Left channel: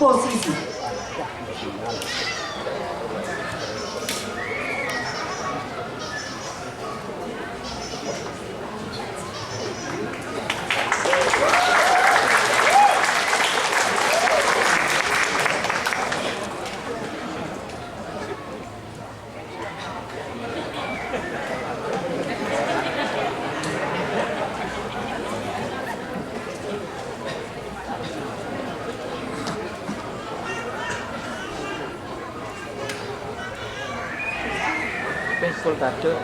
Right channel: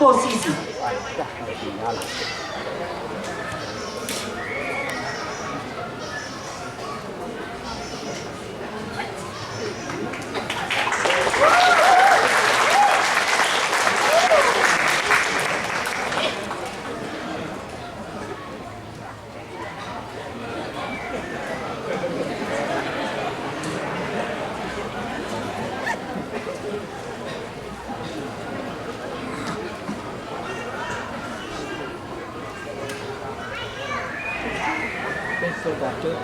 posisi. Soldado.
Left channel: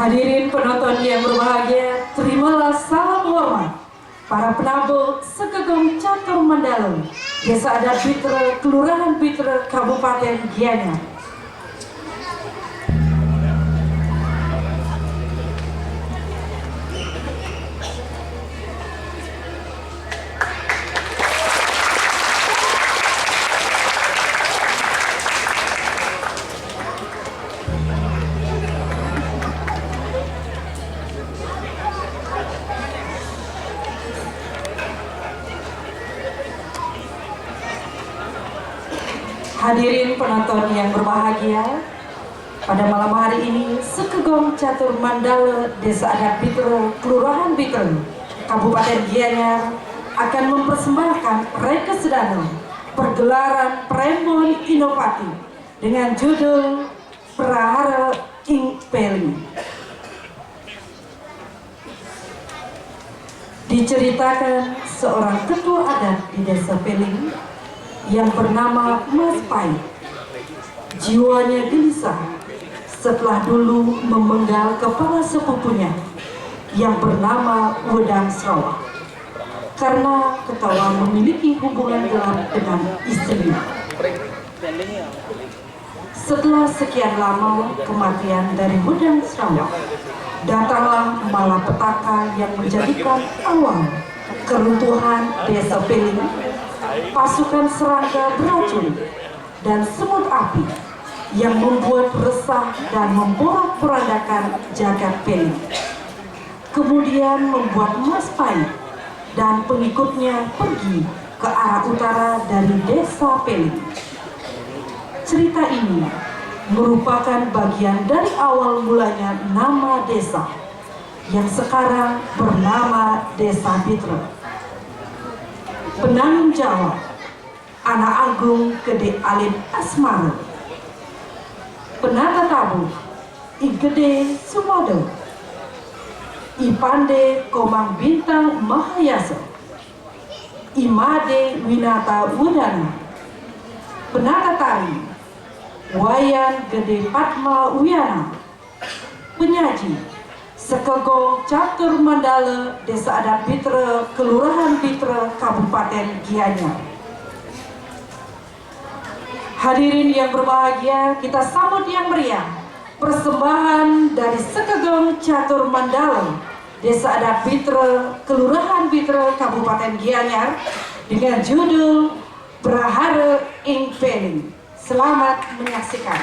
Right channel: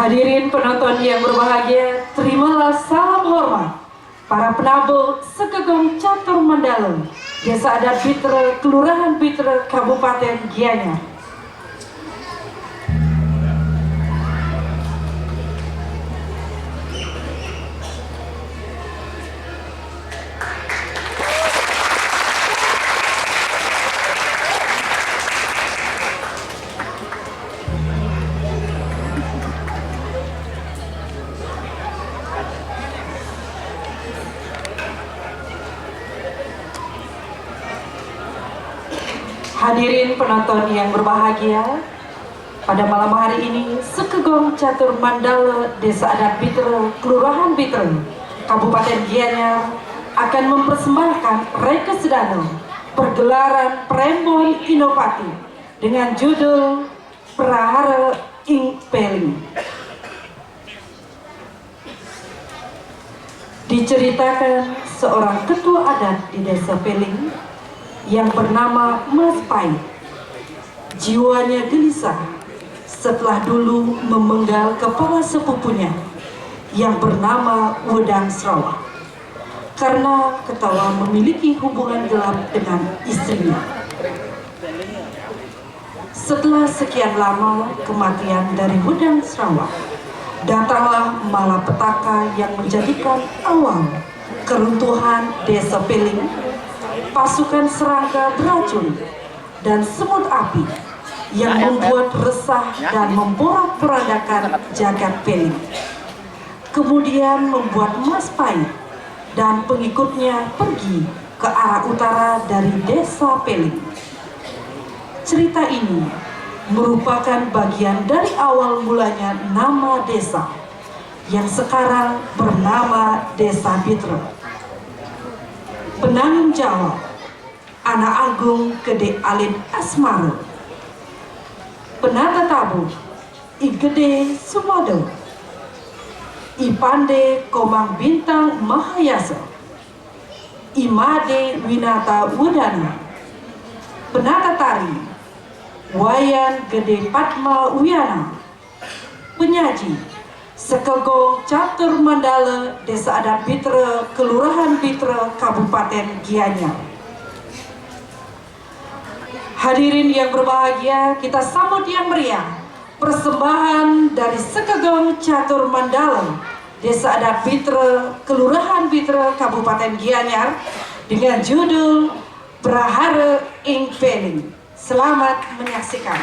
Hadirin penonton yang berbahagia, terimalah salam hormat para penabuh Sekegong Catur Mandala, Desa Adat Bitra, Kelurahan Bitra, Kabupaten Gianyar. Hadirin penonton yang berbahagia, pada malam hari ini Sekegong Catur Mandala, Desa Adat Bitra, Kelurahan Bitra, Kabupaten Gianyar akan mempersembahkan Reka Sedana pergelaran Prembon inovatif dengan judul Prahara Ing Peling. Diceritakan seorang ketua adat di Desa Peling yang bernama Mas Pai. Jiwanya gelisah setelah dulu memenggal kepala sepupunya yang bernama Wedang Sarawak karena ketahuan memiliki hubungan gelap dengan istrinya. Setelah sekian lama kematian dari Wedang Sarawak, datanglah malapetaka yang menjadikan awal keruntuhan Desa Peling, pasukan serangga beracun dan semut api yang membuat resah dan memporak-porandakan jagat Peling. Kemudian membuat Mas Pai dan pengikutnya pergi ke arah utara dari Desa Peling. Cerita ini merupakan bagian dari awal mulanya nama desa yang sekarang bernama Desa Bitra. Penanggung jawab Anak Agung Gede Alin Asmara. Penata tabu I Gede Sumodo, I Pande Komang Bintang Mahayasa, I Made Winata Wudana. Penata tari Wayan Gede Padma Wiyana. Penyaji Sekegong Catur Mandala, Desa Adat Bitra, Kelurahan Bitra, Kabupaten Gianyar. Hadirin yang berbahagia, kita sambut yang meriah persembahan dari Sekegong Catur Mandala, Desa Adat Bitra, Kelurahan Bitra, Kabupaten Gianyar dengan judul Prahara Ing Peling. Selamat menyaksikan.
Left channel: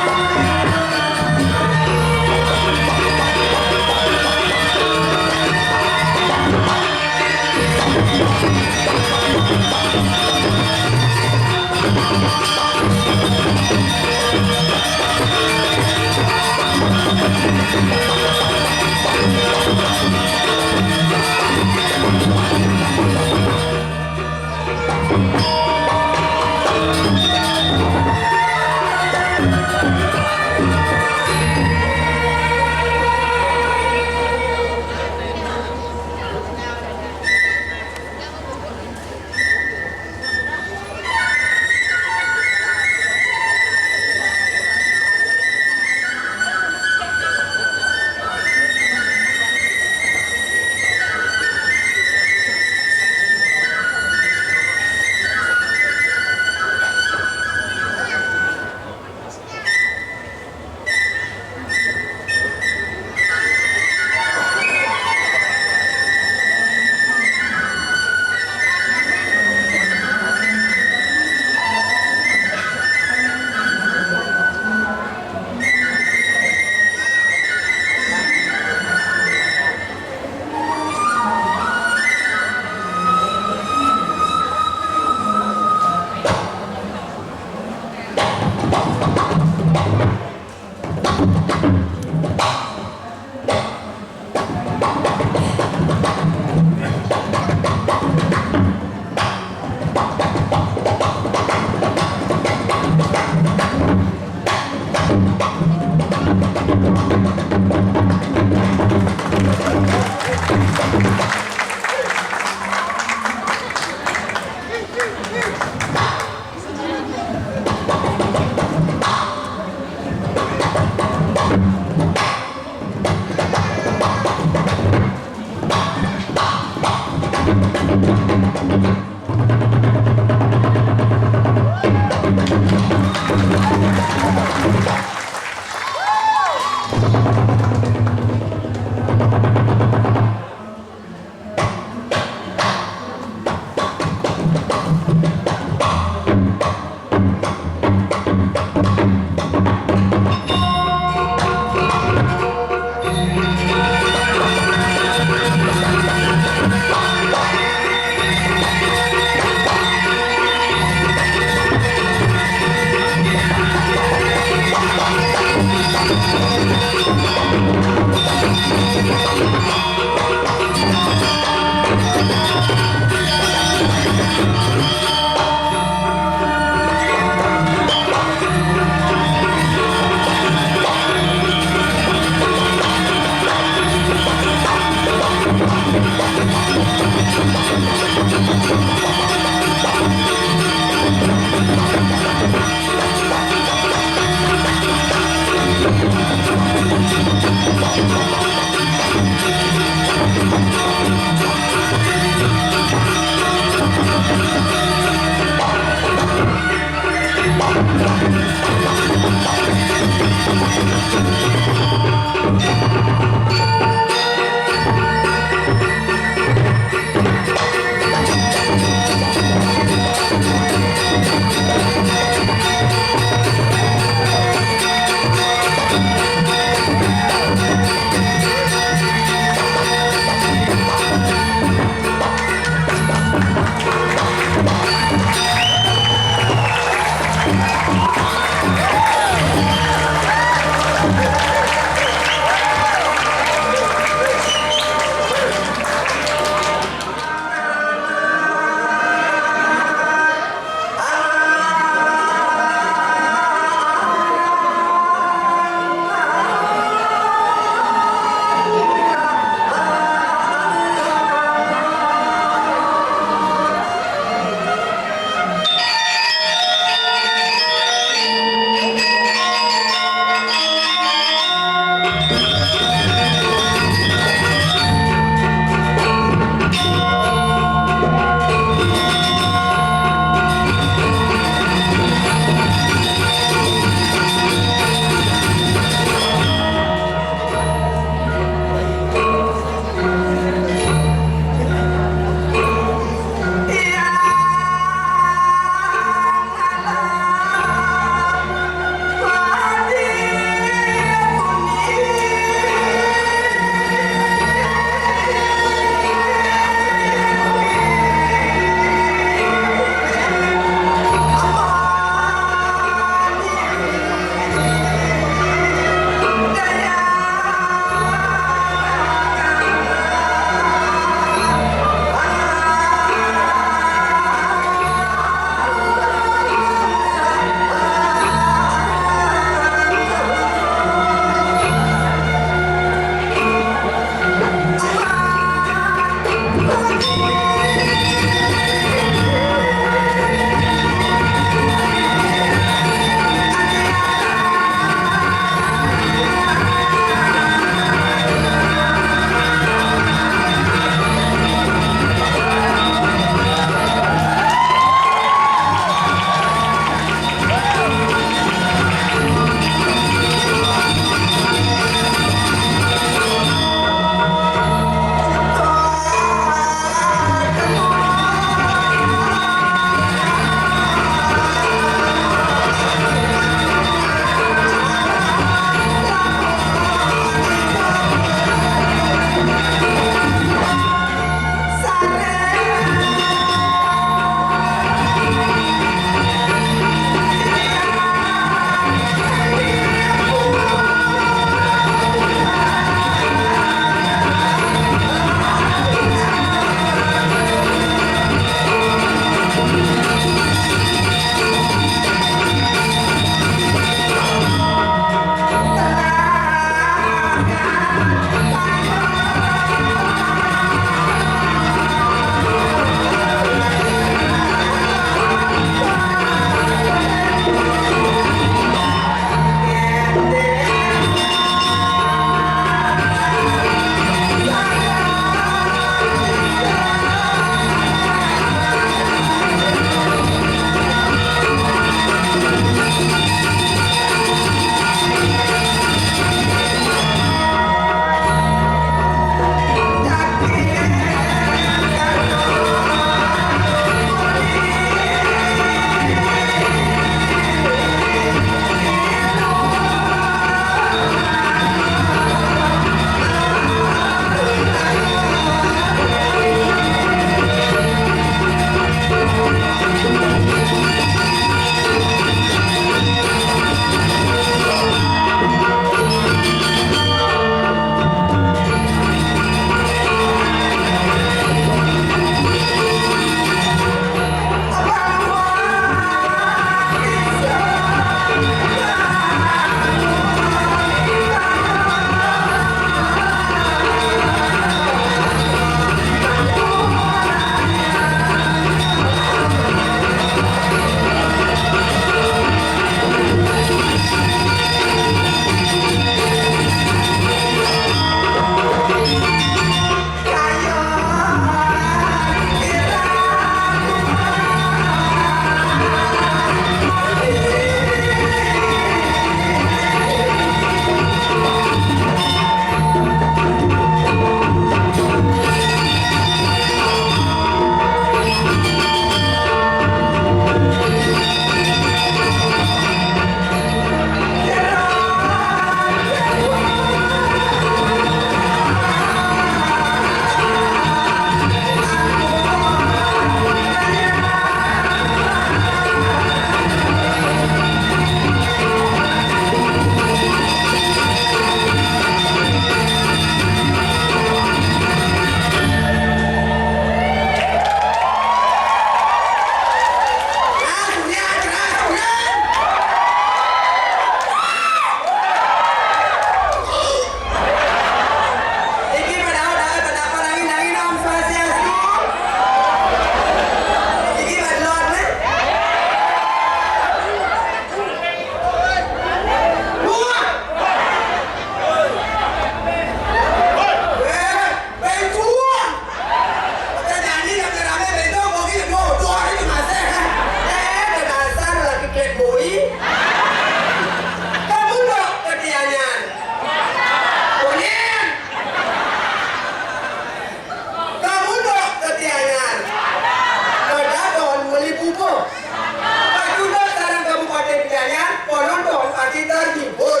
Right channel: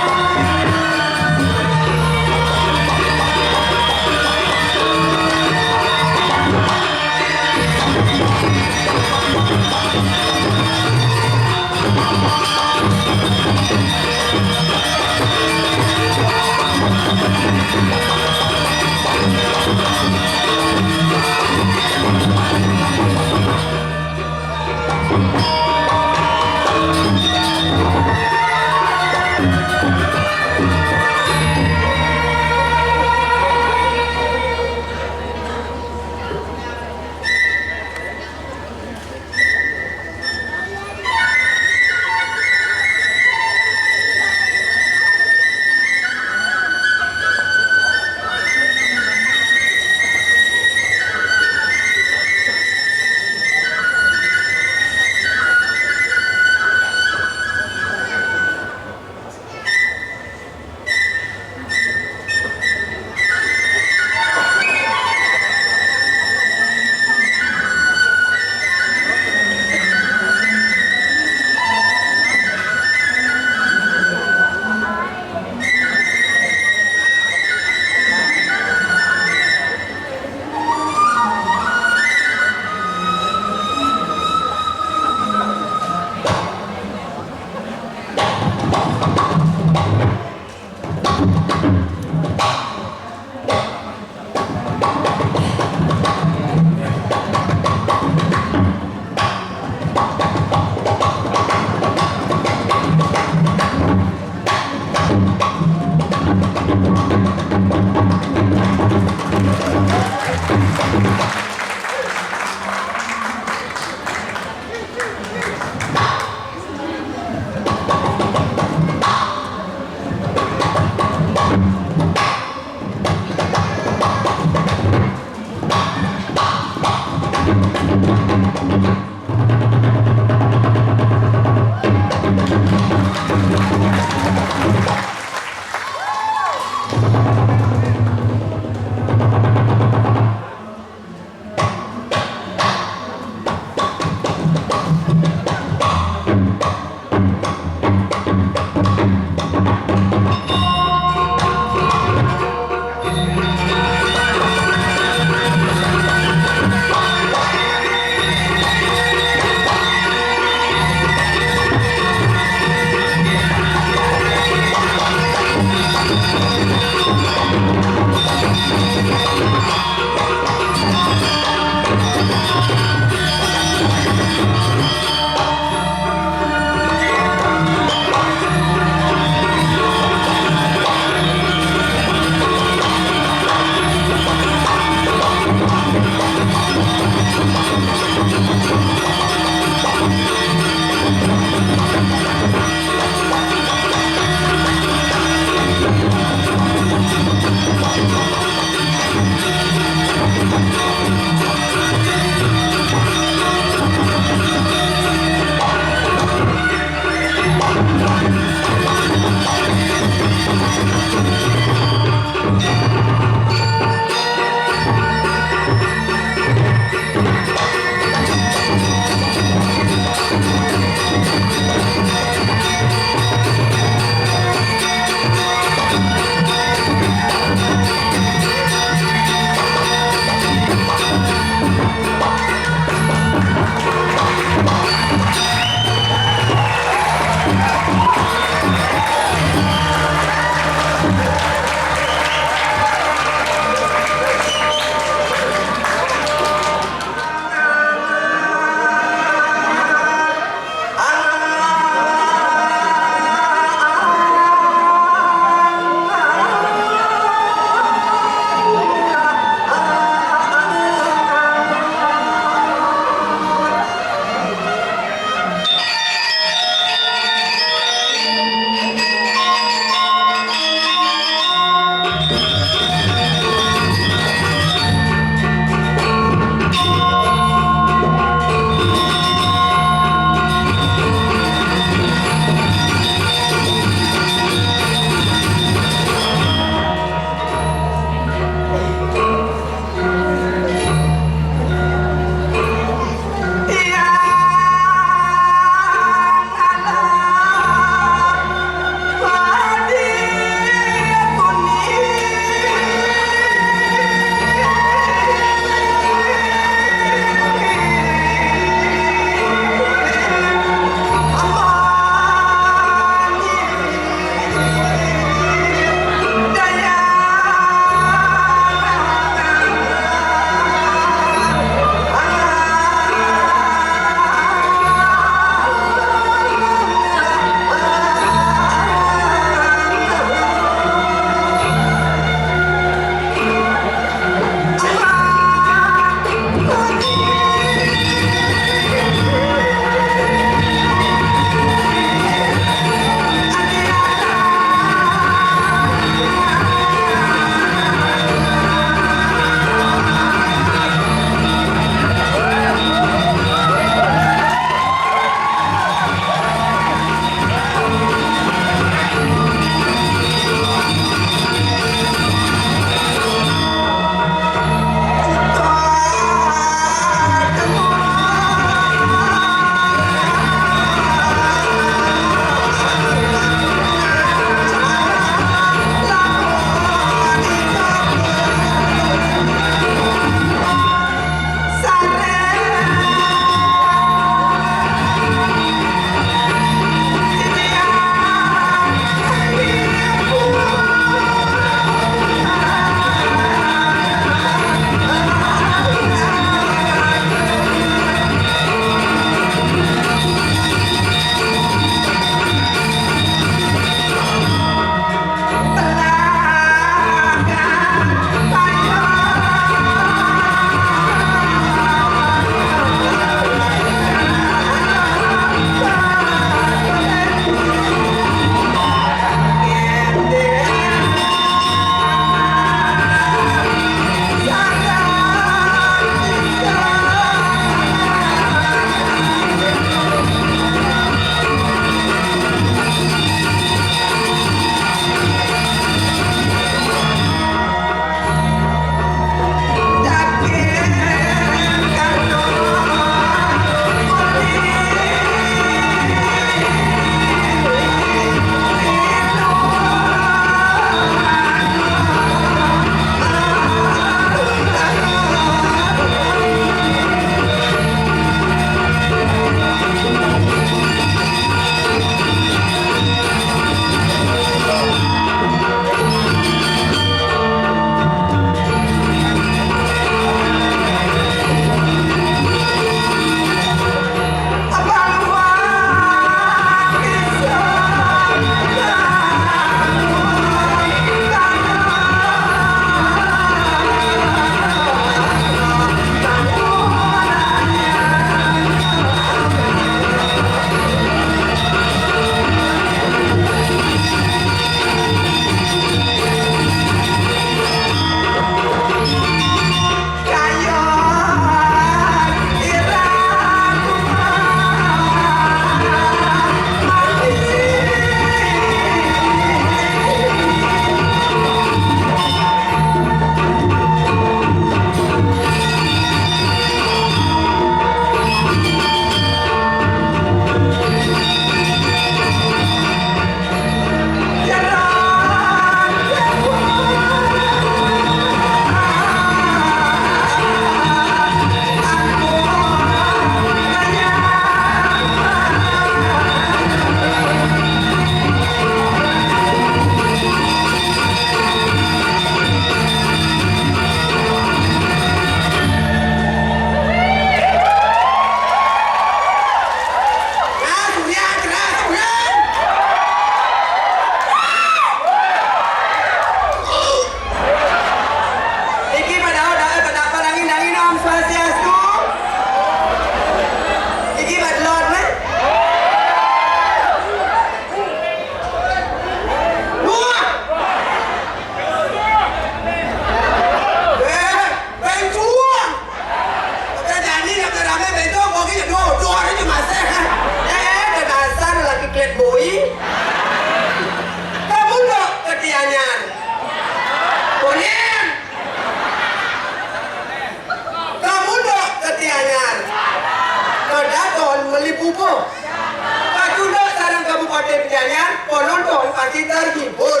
pasti terhibur.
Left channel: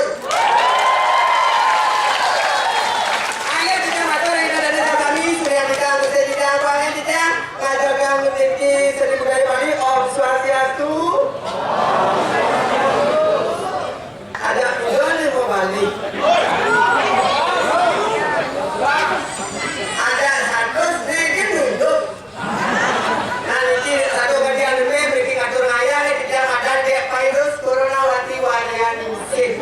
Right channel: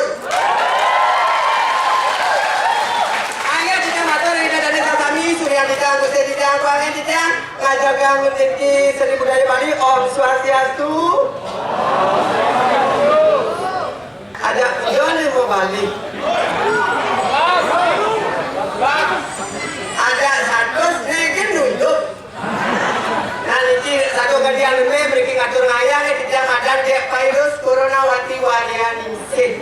Ayo kita matur ina dari kami surya kita Gusti Didang Pangen Didang ngajagang rezeki Sri Budaya Bali Om Swastiastu. Ada video nih mau balik. Ada satu sedikit nunduk. Nah ini satu kalian ini beri ngatur ngayang tidak ada kayak virus corona wati walian insik.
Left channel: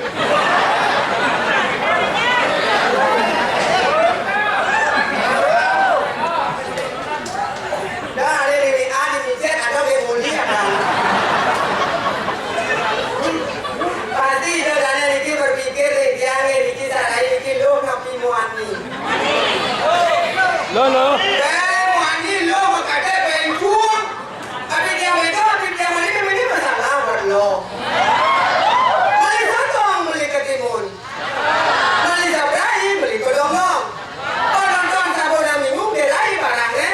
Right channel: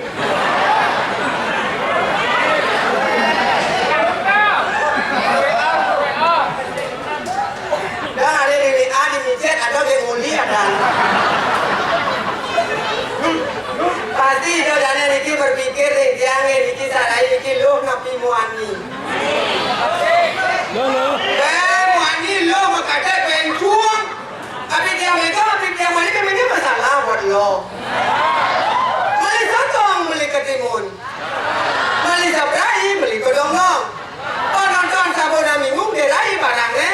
Dan ada di micet ada yang muli ada. Pasti itu dana Riki berpikir yang Riki sarai Riki lo ngapi muani. Lo. Muani lo makanya pencuang. Tapi dia ini masalah buat lo. Beli sotong beli ketimun. Beli sabrai beli kodong-dong. Oh nonton sabona minggu berai barangnya.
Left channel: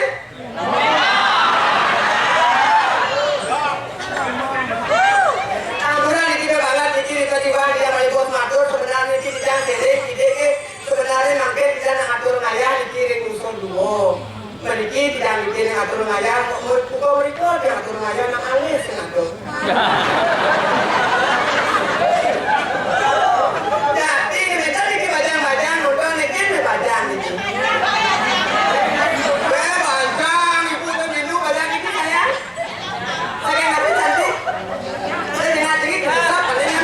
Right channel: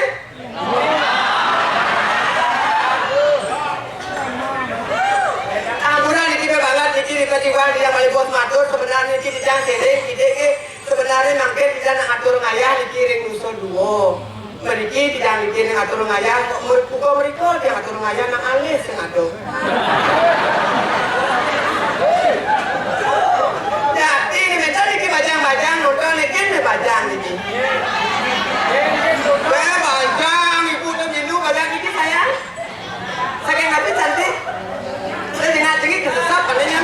Tiba-tiba dia balik bos matur sebenarnya ini tidak sedek ide sebenarnya mangke tidak nak atur ngayah dikirim usul duo meriki tidak dikirim atur ngayah buka mereka dia atur ngayah nak alis ngatur jadi kita ini bajang-bajang nonton ini bajang ini bajang ibu tuh minum bajang ini sayang saya nggak bisa cantik saya tidak sedikit kesesat palingnya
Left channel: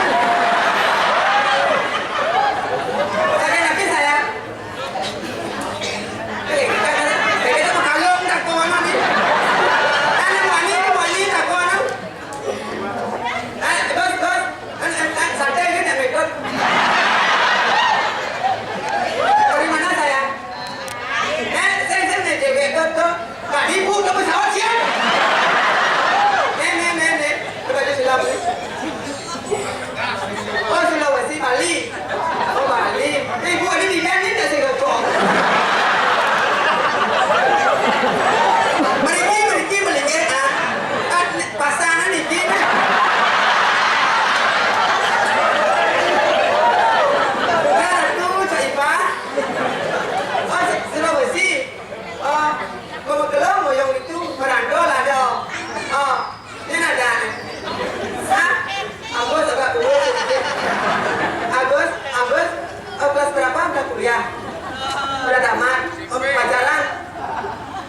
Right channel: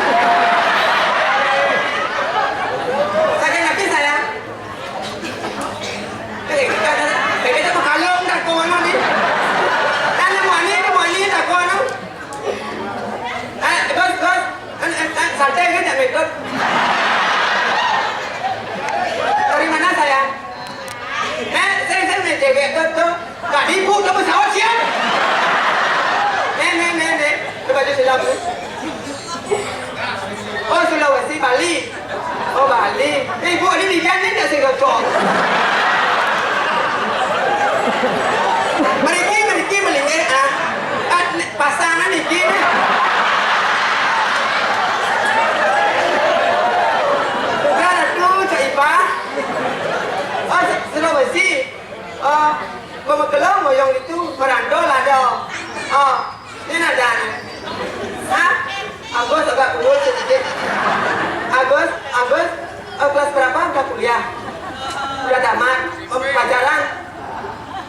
dari mana saya? Saya cewek tuh, nggak ibu tuh pesawat siap. Nih, baju silam nih. Oh Sulawesi, Bali. Oh Bali. Ibu ini di kan ini nasi gocok. Meriki melingkir pasangan ini. Sulawesi, kebetulan moyong itu merandol ada. Ini ada nih. Agus agak dulu sedikit. Agus, kelas berapa udah kuliah? Udah tamat, pacaran,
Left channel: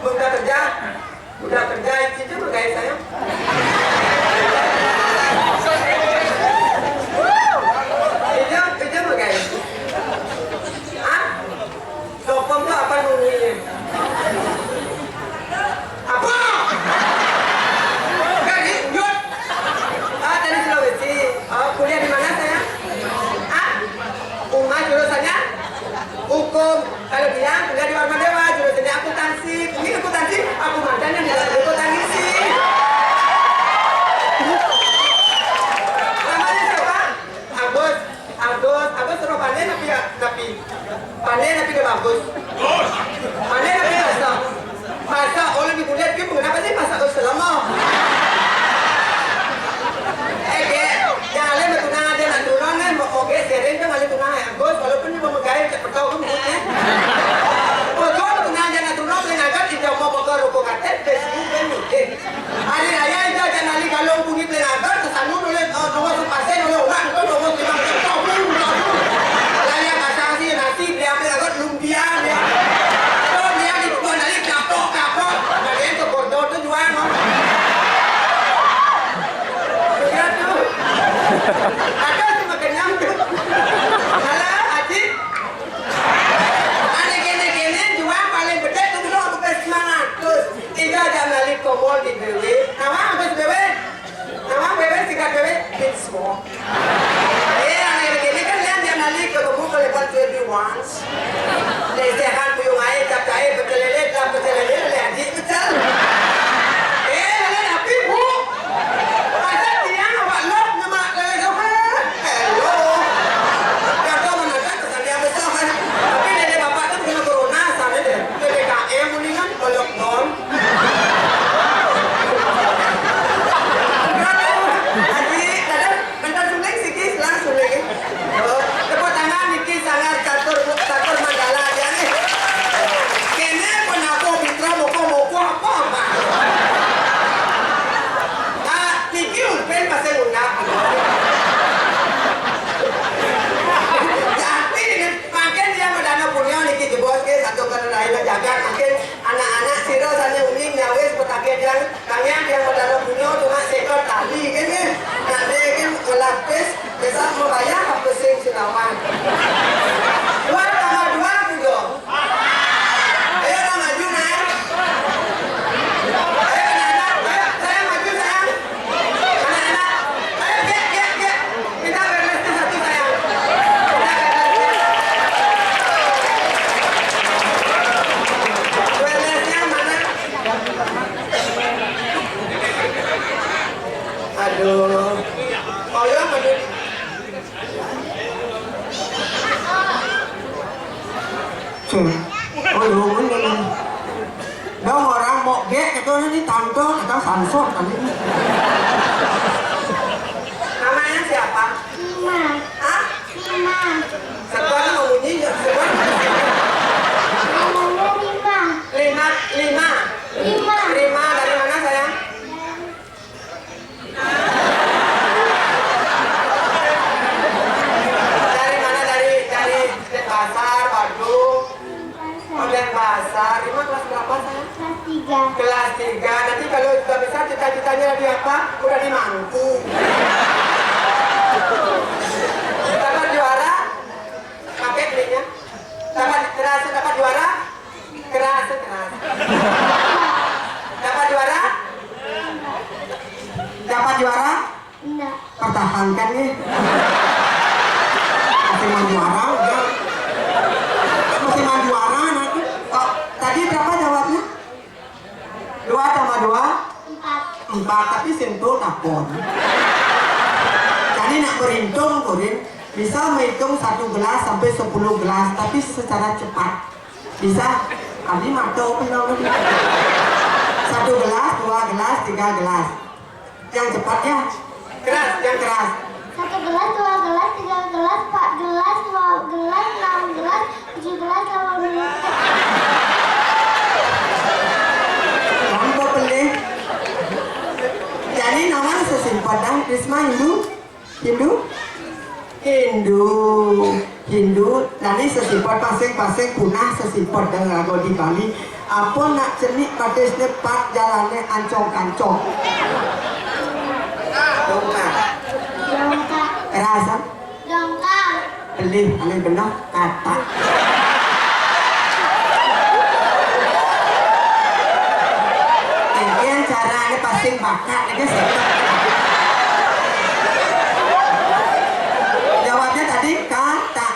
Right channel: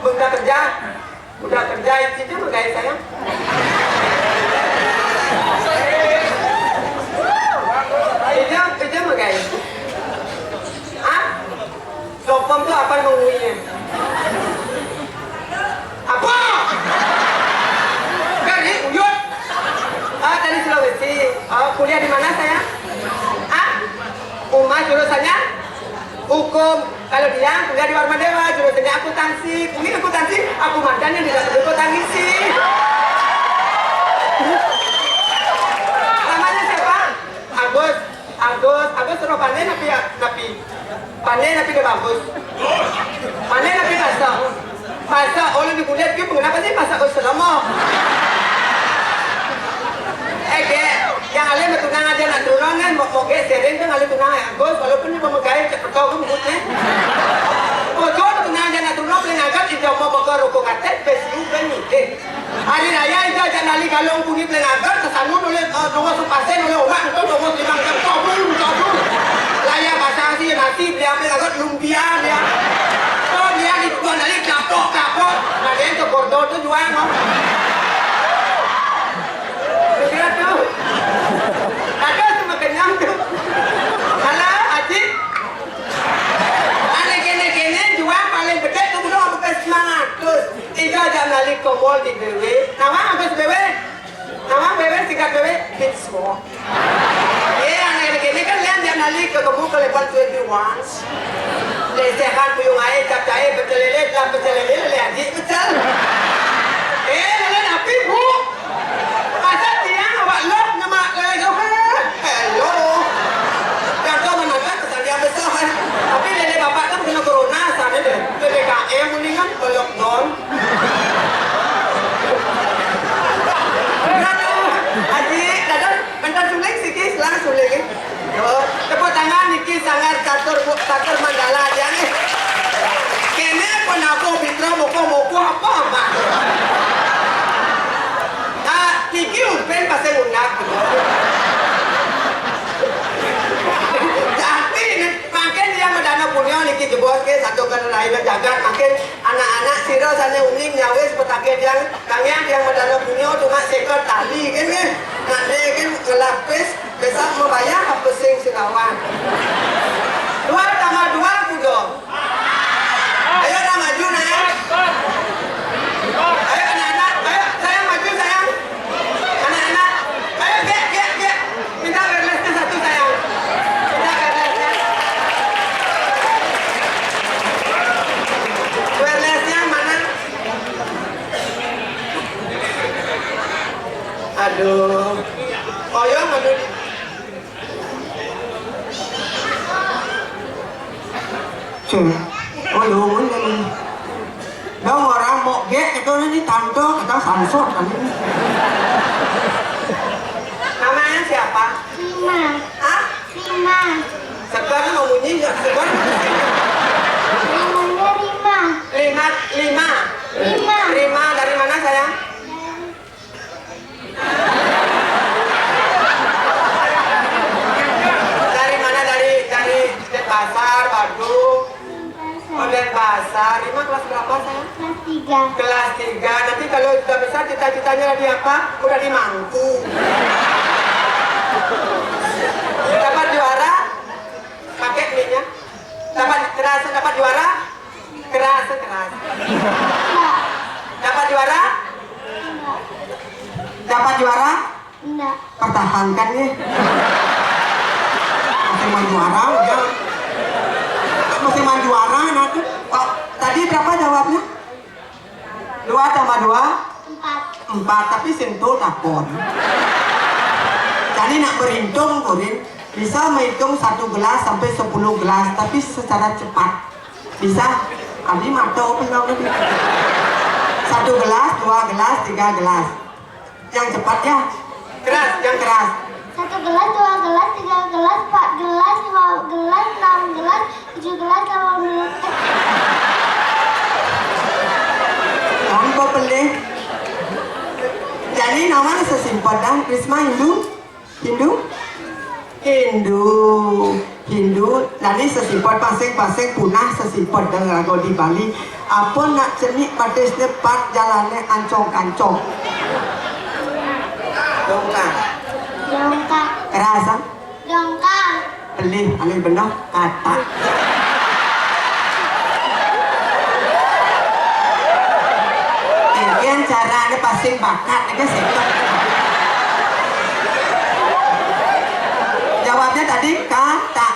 udah kerja itu bergaya saya. Itu bergaya. Lokom tuh apa nungguinnya? Apa? Gak uyut. Dari Sulawesi. Kuliah di mana saya? Umar jurusannya? Hukum. Kalau dia kuliah di Warma Dewa, jurusannya akuntansi. Ini akuntansi, aku mantannya di dalam akuntansi. Namanya siapa? Agus suruh panen tapi panen tapi dia bagus. Panen tapi masak oleh di kuliah dia kenapa sih masak kau selama? Yang alim tunang aja nak turun kan mau sering kan alim tunang Agus walaupun dia memegai kau kan mulutnya. Kau tunang aja nak turun paling agak tidak mau bakar rokok katet besi kan ni. Hari raya itu jangan ali kalau bunyi paling agak kesanu oleh nomor sepasen oleh orang itu nomor 5 tahun. Raya bahasa sih nasi dia paling agak lumpia dia. Oh dia di tuan ali kapok. Nah dia itu bordo tu jual mau. Kira tu. Ada cuma kenyang tu. Halah Haji. Ane kene jual paling gede tu belum aku kasih 900. Tiga jam lali komol di BW. Nama habis BW. Nama BW sikat BW. It's small. Ane kene kan lihat jam lali ke kamu ke lepas 21. Lesehan puyung air cap cair betelele lihat di betul. Lele api bu. Masa dia awak lok nama lele kau kan? Hello. Yang kau menakat kesannya besar. Tapi lele bapak tu kena corona sana deh. PPKM mendingan lockdown. Haji, dadah bentar suling sikit lang suling. agak makin anak-anak siro sana uning nyawes petaket yang madana punya cuma seekor tali kan ya. Nak dia kan ngelapis besok membayar apa sing sirawan. 2 tambah 2 juga. Ayo dah maju nak. Ayo anak-anak, ayo saya maju sayang. Anak-anak, ayo get. Kita berlesnya satu sayang. Kita berlesnya. Berlesnya mana? Aduh. Oh ya maju. Aduh, ini. Đâu orang mau get itu ini tante kita samsung tadi. Namanya siapa? Lima. Hah? Lima. Sekarang mau bunyi nggak? Sekarang Namanya Lima. lima. Lima. Lima dari mana sayang? Dari mana? Dari pasar, Bandung. Oh, dari pasar. Lima kelas berapa sayang? Kelas 3. Kelas 3. Nanti kalau sudah bisa cita-citanya di apa? Udah di mangku. Dapat juara? Pakai belinya? Dapat juara? Keras. Dapat juara? Dapat juara? Enggak. Pertahankan nih. Masih mau juara udah. Masih mau juara nanti. Oh, tadi berapa jawabnya? 2 tambah 2? 4, tapi sentuh takon. Jadi nak berhitung Kurin, bisa menghitung 1 gelas sampai 10 gelas, tapi secara cepat. Bisa? Abdi matau penau nanti. 1 gelas, 2 gelas, 3 gelas. Yang cepat ya? Keras, yang keras. 1 gelas, 2 gelas, 3 gelas, 4 gelas, 5 gelas, 6 gelas, 7 gelas, 8 gelas. Nampak pelih. Jadi namanya sesimpel dah. Risma Hindu. Jadi sesimpel pasang punah sesimpel dengan lagu di Bali. Apa nak cenik pada sepat jalannya ancong-ancong. Dongkang. Kerasan. Dongkang. Pelih, alih benar kata. Yang caranya pasang bakat aja sepat. Jawabnya tadi kata.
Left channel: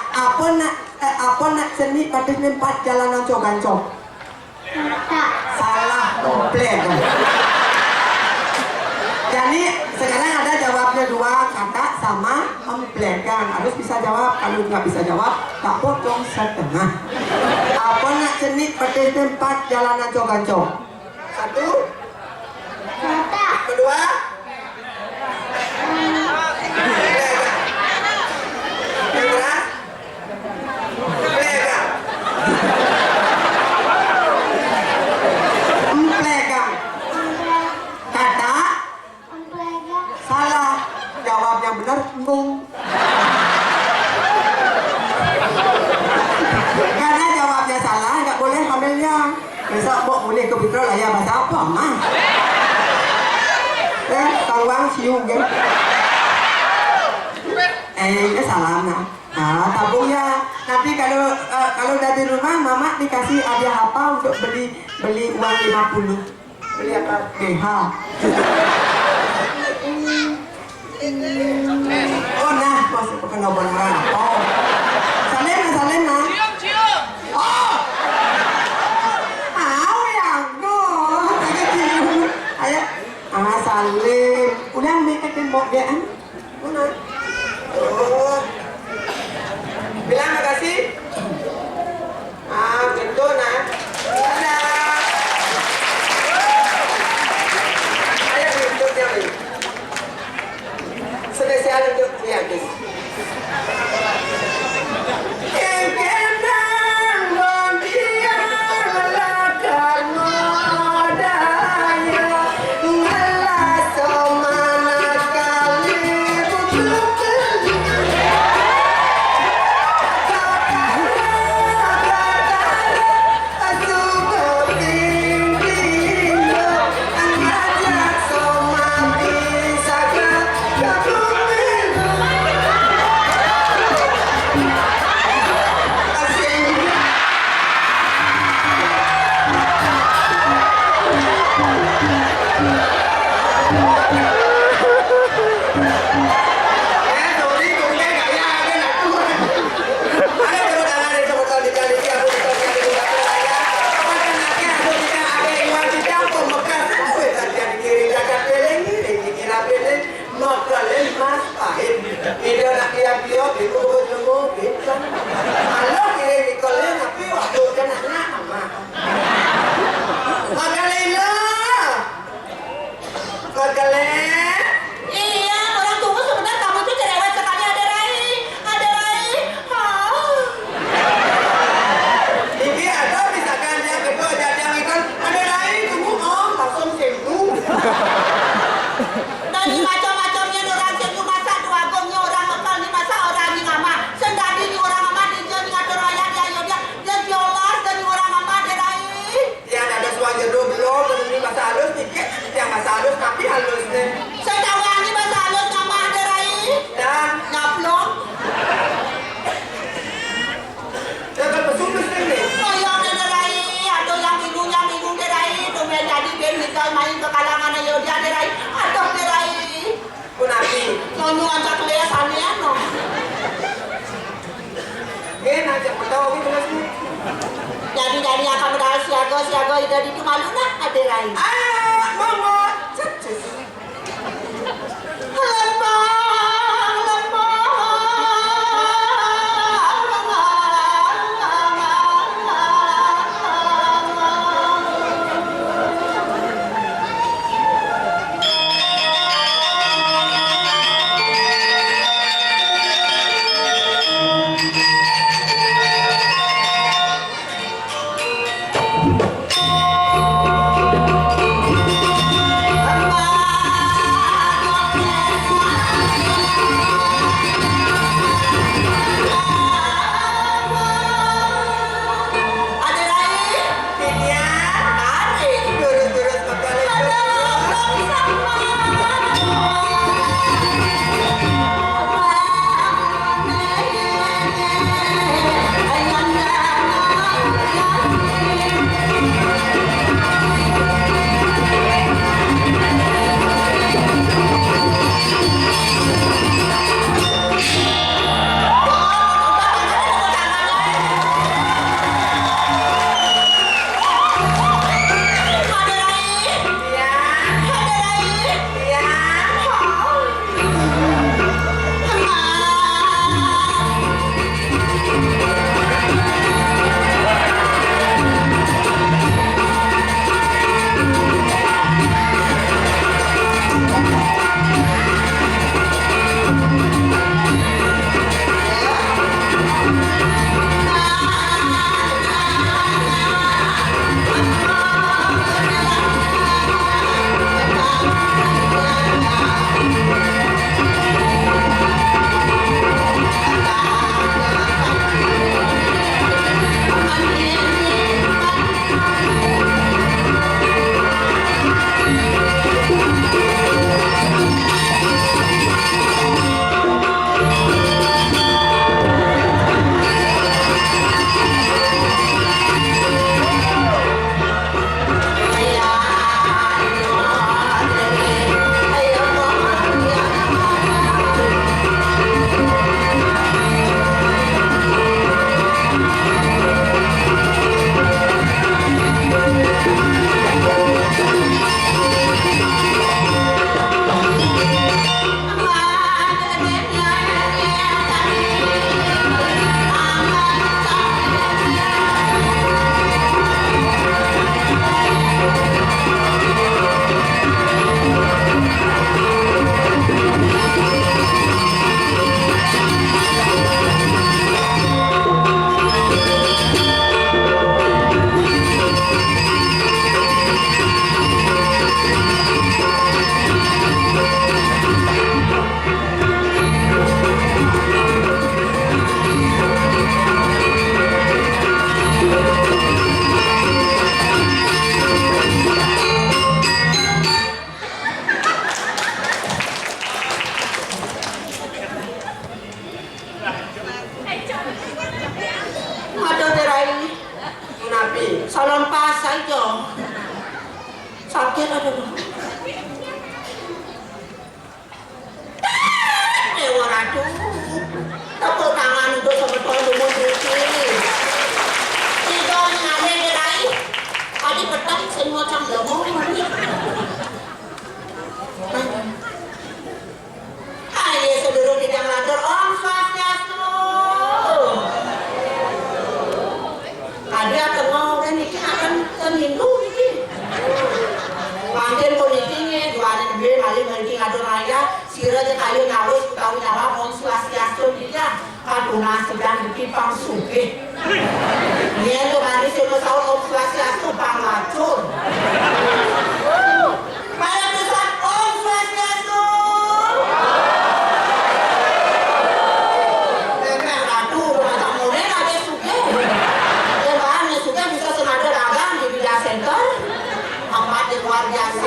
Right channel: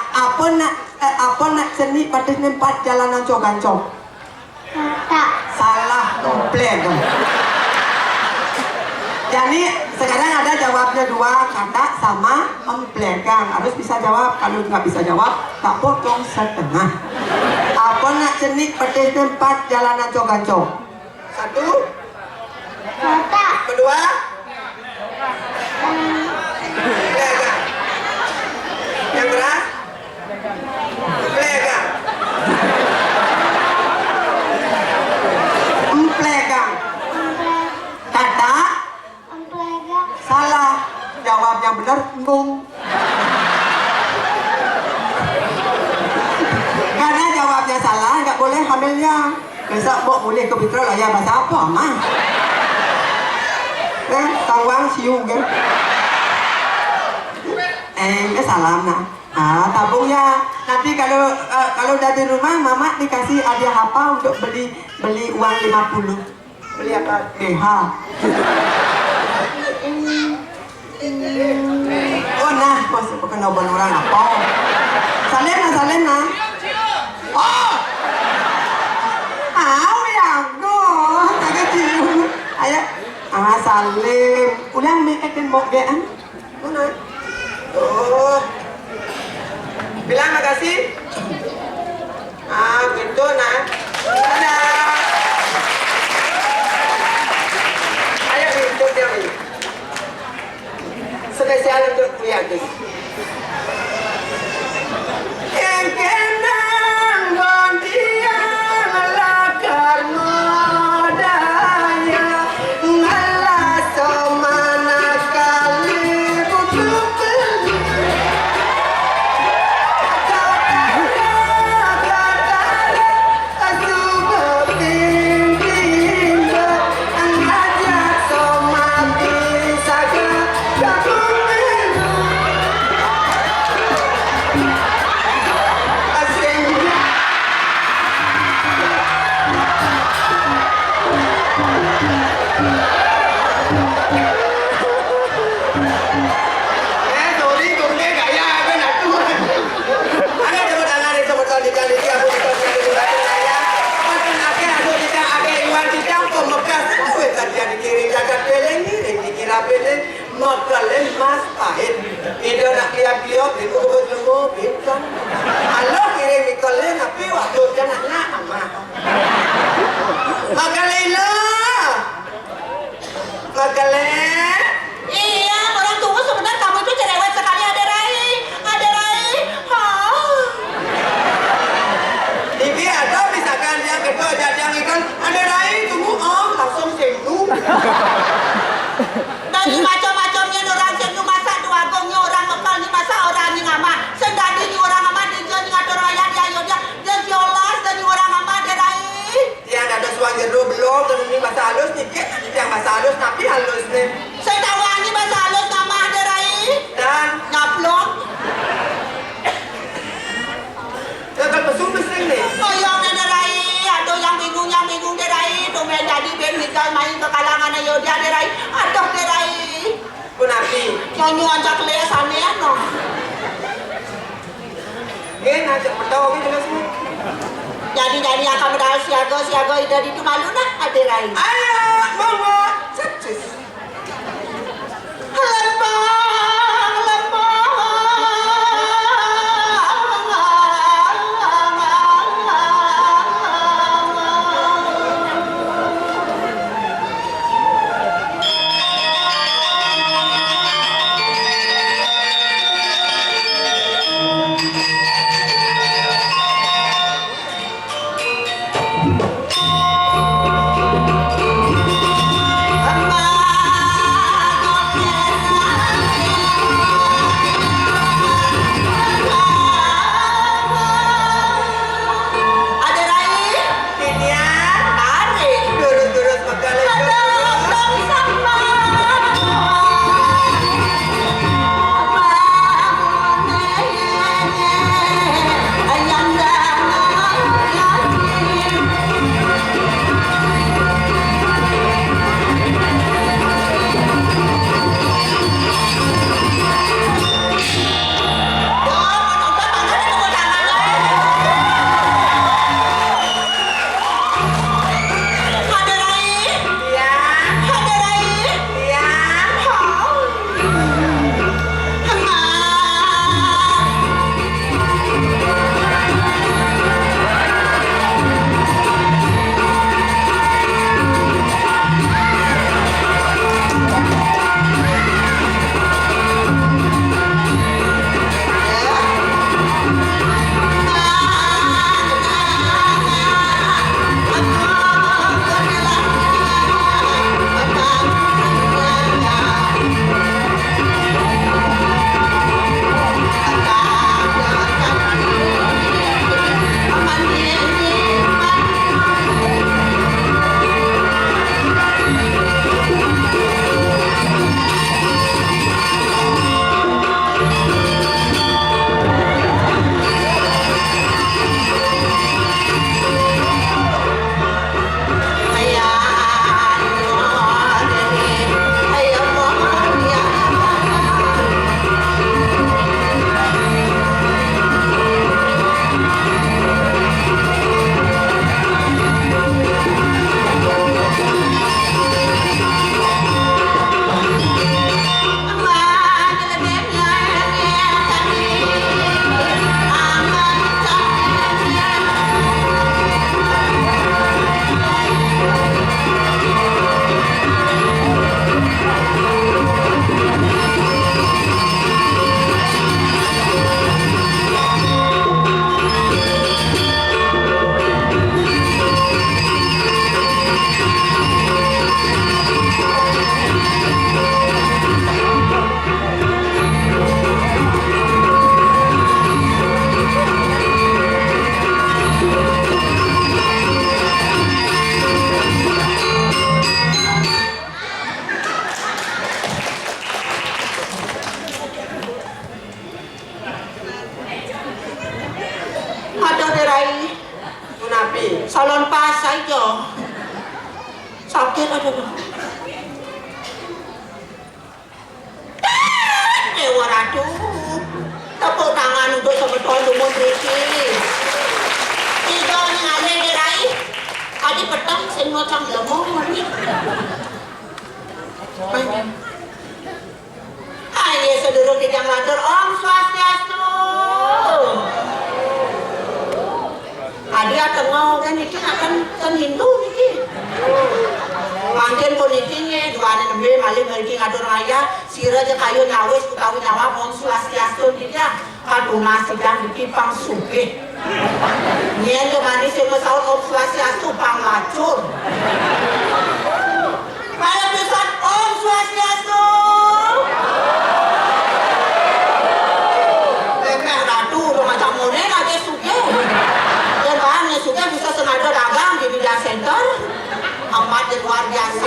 Apa nak cenik pada sepat jalan ancong-ancong. Kata. Salah komplain. Jadi sekarang ada jawabnya 2 kata sama emplekan. Harus bisa jawab. Kalau nggak bisa jawab, tak potong setengah. Apa nak cenik petis tempat jalan ancong-ancong? 1, Kata. kedua. Yang keras. Emplekan. Kata. Emplekan. Salah. Jawab yang benar ngung. Karena jawabnya salah nggak boleh hamilnya. Besok mau boleh ke Fitro lah ya bahasa apa mah? Tawang siung kan? Ini salah nah. Tabungnya nanti kalau udah di rumah mama dikasih hadiah apa untuk beli uang 50. Beli apa? BH. Oh nah, masuk ke kenobon orang apa? Salem nah. Oh, yang go, tak cium. Ayo, Salim. Ulang bikin bogean. Mana? Oh, bilang makasih. Gitu nah. Dadah. Ayo hidup dia ini. Spesial untuk Wiyanti. Ida nak lihat-lihat itu berjemur kan. Allah kirim ikalnya tapi waktu dia nak ama. Magalena. Iya, orang tunggu sebentar, kamu itu cerewet sekali, ada Rai. Ini ada misalkan yang kedua jajang ikan, ada Rai tunggu langsung sembuh. Dari macam-macamnya orang yang masa dua gongnya orang lokal di masa orang yang ama. Sendiri di orang ama di jalan ngatur rakyat dia jolas dari orang ama ada Rai. Yang ada suang jeruk belum, ini masa halus nih, yang masa halus tapi halus nih. Saya tahu ini masa halus nama ada Rai. Dan Nyaplok. dengan pesum mesin nih. Oh yang ada Rai, ada yang bingung ada Rai. Tuh jadi ben nikah main ke kalangan ayo dia ada Rai. Aduh ada Rai. Kunapi. Nyanyi aja kelihatannya no. Gen aja tahu ini dengan semua. Jadi akan modal siaga dari itu malu nah ada Rai. Ayo, monggo. Cus. salon pas aja sakit aduh dewa ratu tepuk tangan untuk sebetulnya lumut riki tiga ngane gerai adi petang sen macam lemong ayo seluruh bidang lantur kan Hindu niki. Manjen politiknya jualan nembe malih mriki ngatur raya sira je kayu nyawis utawi nyawa Om Swastiastu dia kaduna sedang dipipang sugih. Yen yo manis yo saur Om Swastiastu pangacur. Para pisan Om Swastiastu. Memang ratu macam model aja sugih. Dan bahannya sugih bisa sengaja dagang di Media Center. Amat luar biasa.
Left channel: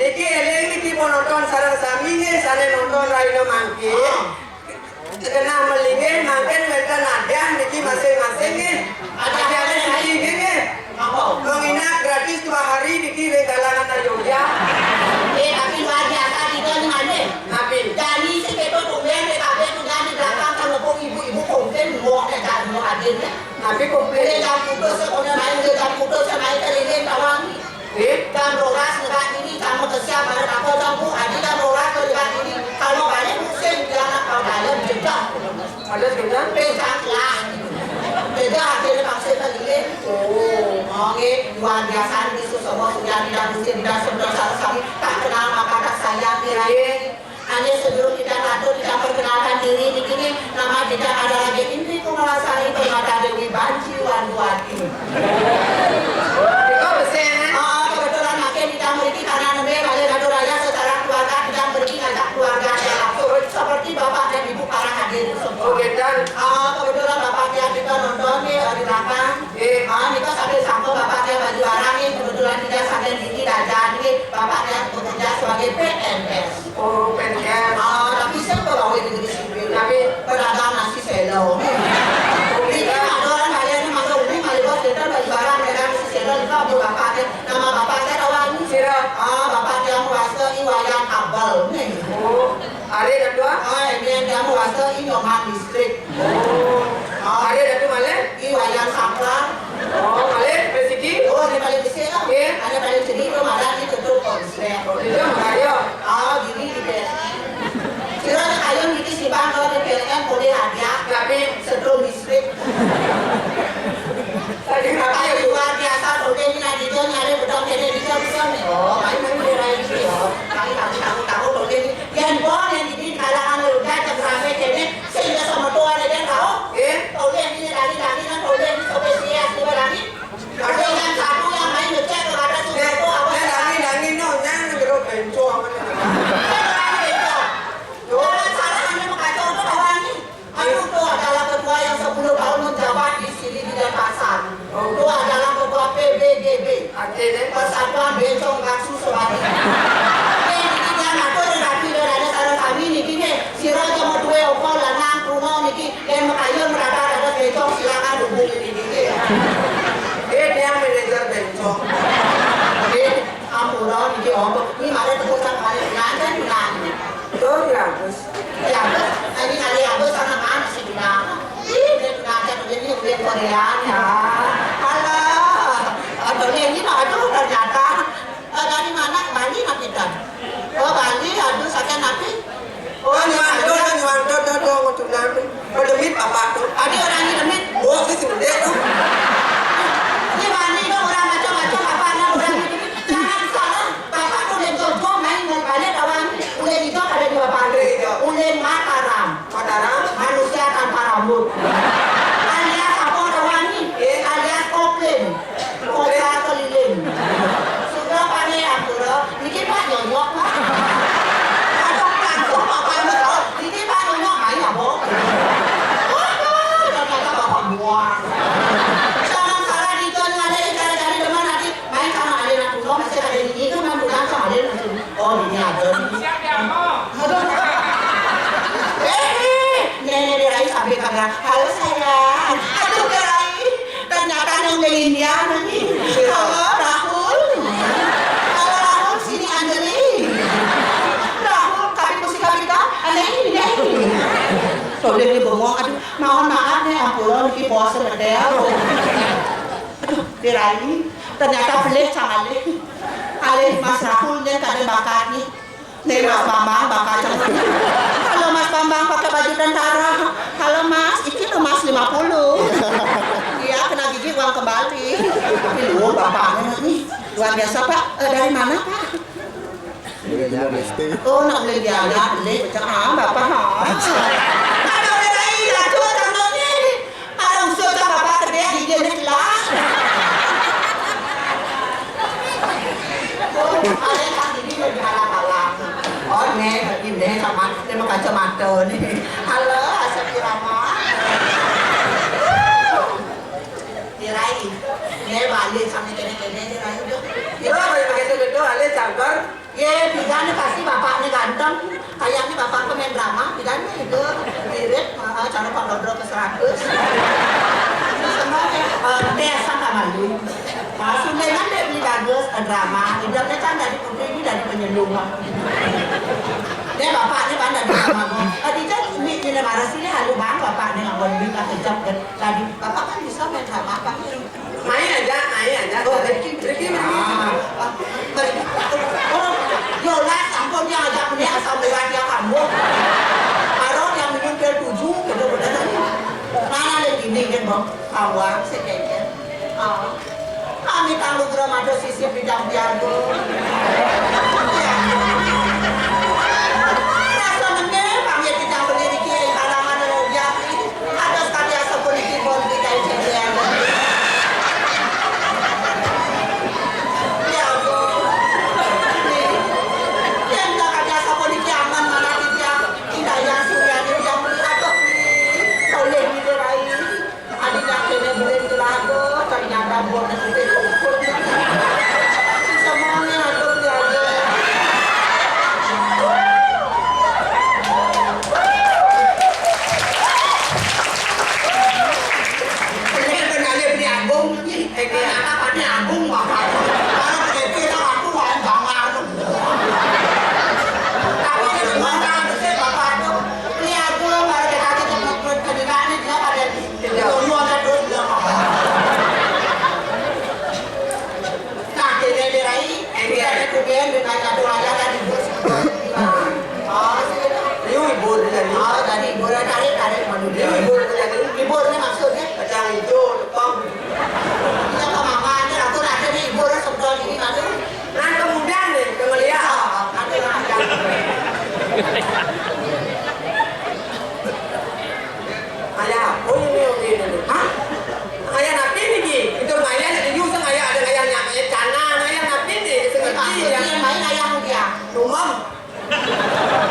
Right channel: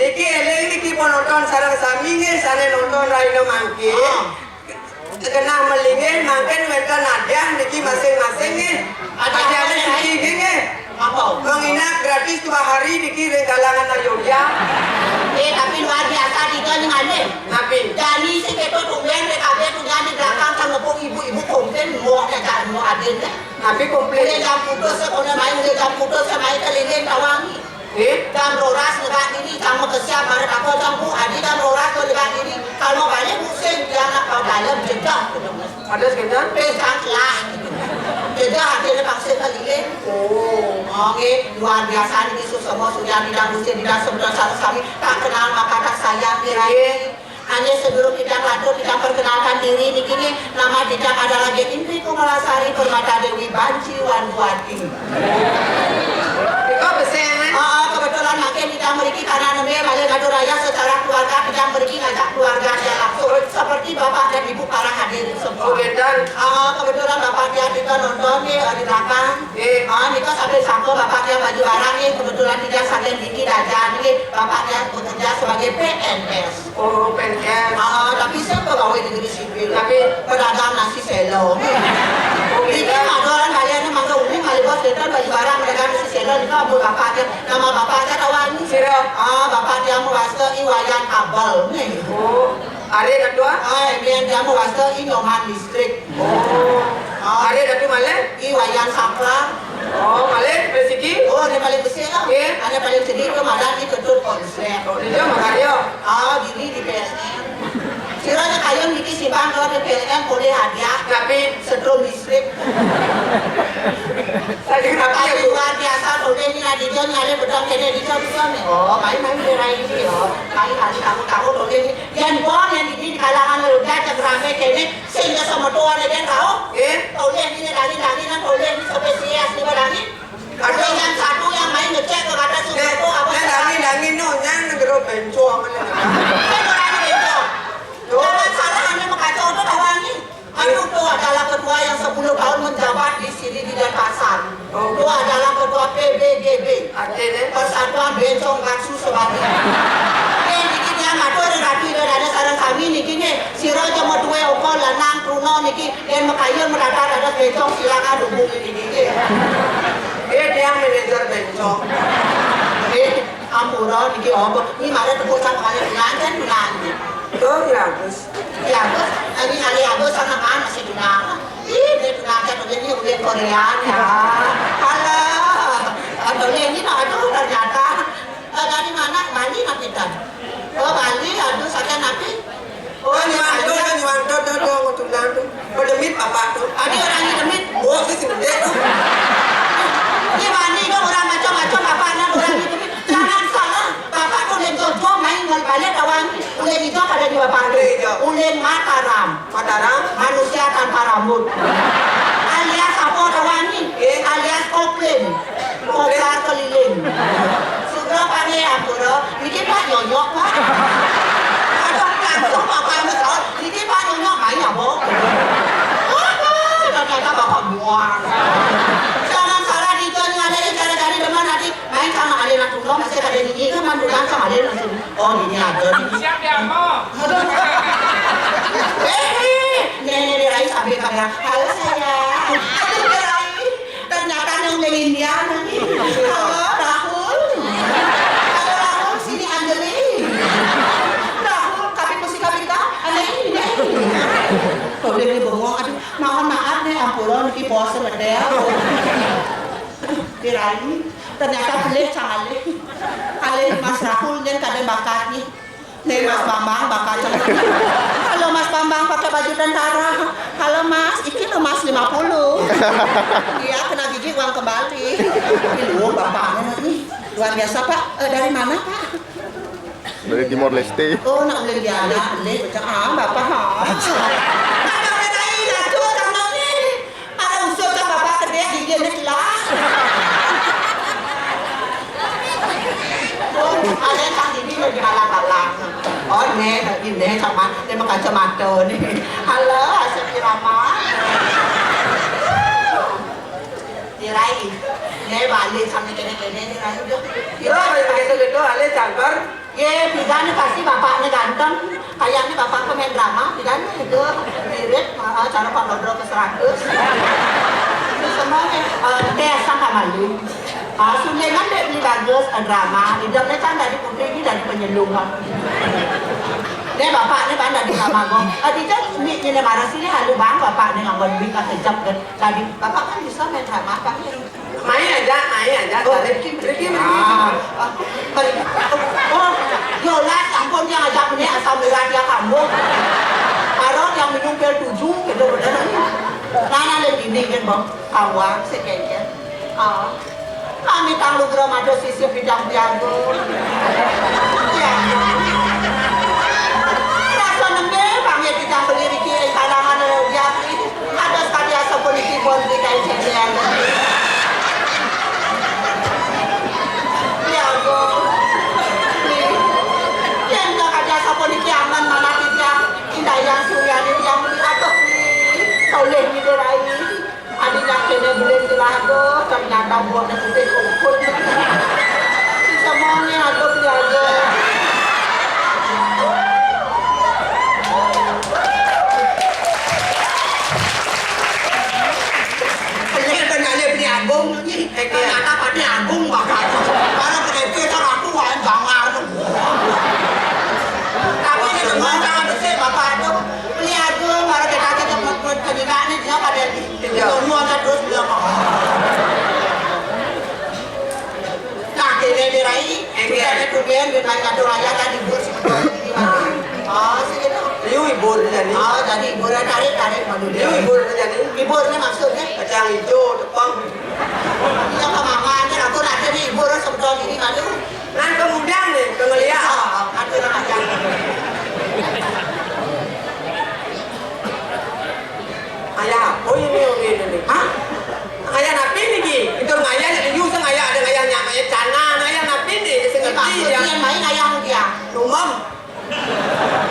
Iki eleng iki penonton sarang sami nge sane nonton Raino mangke. Kena melingin mangken mereka nadang niki masing-masing nge. Ada niki nge. Apa? Menginap gratis 2 hari niki regalangan Ayodhya. Tapi luar biasa di kan ngane. Tapi Jadi si keto tumben PKB tu jadi belakang sama pun ibu-ibu komplain mau jadi mau hadir. tapi komplain. Dia jam putus sekolah main dia jam putus main telingin tawangi. Jam roras dekat ini kamu kesiap pada kakak jambu adi jam roras dekat ini kalau balik musim jangan kau dalam jejak. Ada sekitar? Pejak lah. Jejak akhirnya paksa telingin. Oke, luar biasa ini semua sudah tidak mesti tidak sebenar sekali tak kenal maka tak sayang diraih. Hanya sebelum kita ngatur kita perkenalkan diri di sini nama tidak ada lagi Indri Kumalasari Permata Dewi Banci Wanduati. Iko besen. Kebetulan makin kita memiliki karena namanya banyak ngatur raya secara keluarga kita memiliki ngajak keluarga yang langsung seperti bapak dan ibu para hadir semua. Dan Kebetulan bapaknya kita nonton nih di belakang. Kita sambil sangko bapaknya baju barang nih kebetulan tidak sambil gigi dajan nih bapaknya bekerja sebagai PNS. oh pengen. Tapi saya pegawai negeri sipil. Tapi pedagang nasi selo. Ini ada orang kalian yang masuk umi kali bos kita baju barang pedagang nasi selo itu abu bapaknya. Nama bapaknya Rawani. Sira. Bapaknya merasa iwayan kabel nih. Oh, are kedua. Ini dia merasa Inyoman distrik. Are datu male. Iwayan Saklar. Oh, male resiki. Oh, ini paling besar lah. Ada paling sedih itu malah di tutup konslet. Oh, dia mengario. Gini di PLN. Kiranya kalian ini si bang kalau di PLN boleh hadiah. Tapi Setrum listrik. tadi Kalau tapi luar biasa boleh ini ada dia nyari betul kene di jam-jam. Oh, main-main berai ini ya. Kali-kali tahu boleh ini. Yang bon yang di kalangan udah jam berapa kene sehingga sama tua ada yang tahu. Boleh ini dari kan boleh ini spesies di berani. Ada yang satu yang main ngecek kepada sesuatu apa? Dangi no nyang negero bencong. Jangan salah hanya mengacau itu tawangi. Aku itu adalah ketua yang 10 tahun menjabat di sini di Denpasar. Itu adalah ketua PBGB. Artinya Persatuan Bencong Gaksu Sewati. Niki dia ngatur rapi dari sarang kami niki nih. Siro cuma 2 okol lanang kuno niki dan makayu merata ada bencong silakan hubungi niki. dia manajer bencong. Ampura niki ombak. Ini mana tebusan kalian nanti nanti. Tuh bagus. Ya, terus ini kali aku sana mana sih Duna? Ini Duna aja begini udah Korea ya. Halo, atau ini aduh ternyata dari mana? Bali nanti kan? Oh Bali, aduh saya nanti. Oh nyuanto tuh untuk nanti. Berdemit apa tuh? Ada orang ini demit. Oh sih gede tuh. Ini Bali itu orang macam-macam apa anak orang ini demit. Jangan salah, bapak tuh yang jauh main dari Bali awang. Ulen itu ada di Bapak Ulen Mataram, manusia tanpa rambut. Alias apa Rawani? Alias Koplen, Kopla keliling. Sudah pandai aku loh, bikin Pak Nyonyok Pak. Ada langsung Bapak betul, bikin Pak Nyonyok main apa? Ternyata Bapak buang. Jangan salah di John ada dari depan nanti main sama Adena Tunggu masih ada ini kan mandulan sama Adena Tunggu. Oh ini ada. Siap ya, Mo. Nenek Rai sampai kamera. Halo sayang. Aduh Rai. Ternyata yang Melinda nanti. Halo Rahul. Halo Rahul sini Anjali. Rahul kami musik kami kita. Aneh ini. Tuh dia bengong. Aduh mohon maaf nih ampun di pose medel. Aduh Rai. Ternyata boleh sangat leh. Kali Mas Rahul dan kadang bakat nih. Nih Mas Bambang bakat Halo Mas Bambang pakai baju tentara. Halo Mas, iki lo Mas 50. Iya, kena gigi uang kembali. Lu bapaknya nih. Luar biasa Pak. Dari mana Pak? Dari Timor Leste. Oh, nak beli dia ada, beli macam bapak ha. Ada orang lain dah tu orang ni. Ada usul tak bapak kerja gigi ni lah. Oh, ada kan ini lagi halang-halang. Oh, ni sama dia makan kacamata ni. Halo, Asap Rama. Dirai. Ni balik sampai kene-kene dirai tu. Yo, begitu gitu, ale campur. Ye, pidana pasti bapaknya ganteng. Kayaknya bapak pemain drama, pidana itu mirip cara Pak Lodro ke 100. Itu semua desa Kamalu. Sungai kan dia beli bagus drama, hidupnya kan dari putri ini dari penyelung. Dia bapaknya kan dari Kamagong. Dia ini marah sini halu bang bapaknya ngomong bingkai kejam kan. Tadi bapak kan bisa main drama kan. Main aja. Pergi. Oh, yolah sampun yang ajak ni asal murah dia kamu. Kalau yang minum pil 7 gitu benar. Mana lagi ni kan bang? Awak sekejap. Kami tanggung geram ada sisi bidang biargo. Rasa nengge kami kita beli di kiri kalangan dia. Ada sekali asal politik pun di kain sekian. Ternyata buat nanti kumpul semuanya aku belajar. Ini kenanya beli agung ni, ternyata pada agung bapak. Kalau begitu tak aku wain bangar. Tapi ini semua tak ada bapak tu beli agung baru kita tempat pendidikan ni dia pada semua ada terus bilang. Kemudian dengan kado raya tadi bos. Liu ibur jadi. Jadi ibur tarik manusia. Liu ibur jadi. Ibur ni maksudnya Kacang hijau, tepung. yang kemamannya aku ada ni ibur sebetulnya ini ada. Nah kemudian nih, ngeliat. Ada raya. Ayah, oh ini. Hah? Ayah napi ni, itu ayah jadi usang ayah ada ayah nyamanya cana, ayah napi ni, sengaja Dia main ayam dia. rumam.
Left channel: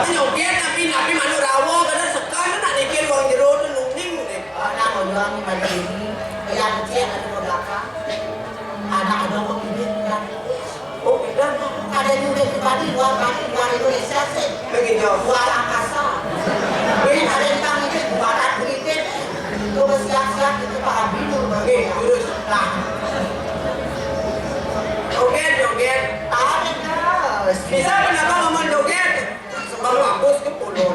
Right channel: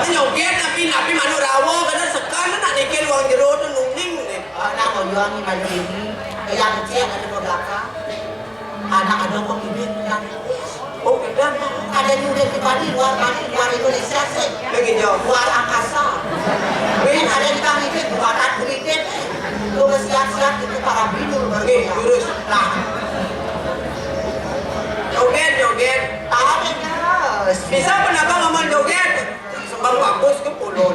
Nyoget napi manu rawa karena sekarang nak nikil uang jeruk tu nungning ni. Nak jual ni balik ini. Ayam kecil ada di belakang. Ada orang bibit dan Oh kita ada juga di Bali luar Indonesia sih. begitu. Luar angkasa. Ini ada di kami itu buatan beritik. Lu siap-siap itu para binul Oke, jurus. Nah, Joget. ada terus. Bisa kenapa ngomong joget? Sebab bagus ke pulau.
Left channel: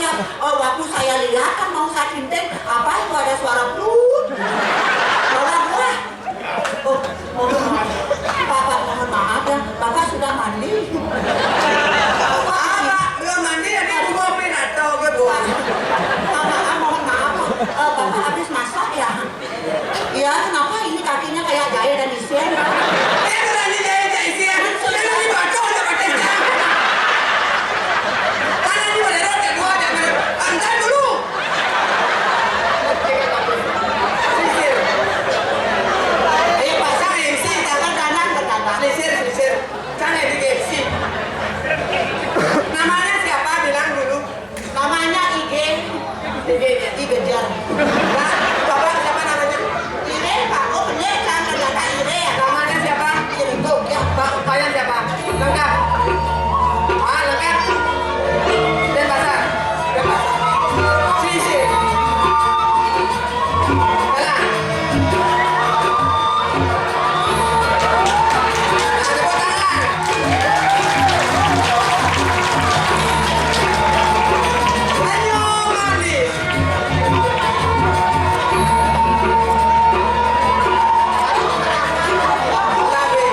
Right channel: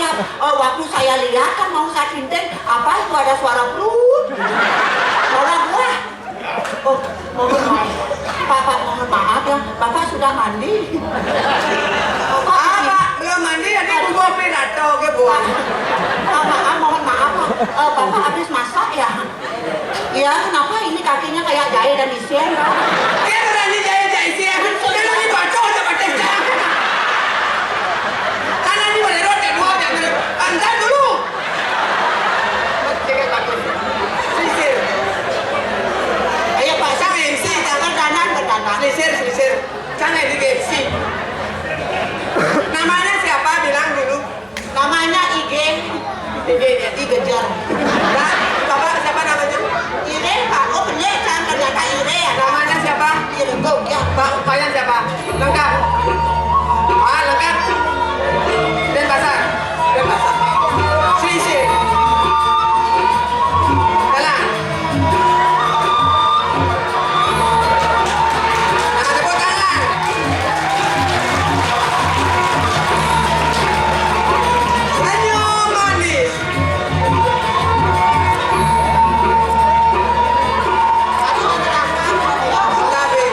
siap. Oh, waktu saya lihat kan mau saya kinting, apa itu ada suara perut. Orang wah. Oh, mohon maaf. Bapak mohon maaf ya, Bapak sudah mandi. Apa? Lo mandi jadi gua pirato ke buah. Maaf, mohon maaf. Bapak habis masak ya? Iya, kenapa ini kakinya kayak jahe dan isian? Dia berani jaya isian. Dia lebih bacot daripada dia. Karena dia boleh rotek gua jangan pantai dulu. Sisir. Ayo Pak, Sang MC jangan kanan ke kanan. Sisir. Sang MC. Namanya siapa? Bilang dulu. Namanya Igejar. Nah, Bapak siapa namanya? Ire, Pak. Oh bener kan, ternyata Ire ya. Namanya siapa? Ire, tuh ya. Pak Upayan siapa? Lengkap. Ah, lengkap. Dan pasar. Sisir. Jalan. Nah, tepuk tangan. Senyum manis. Tapi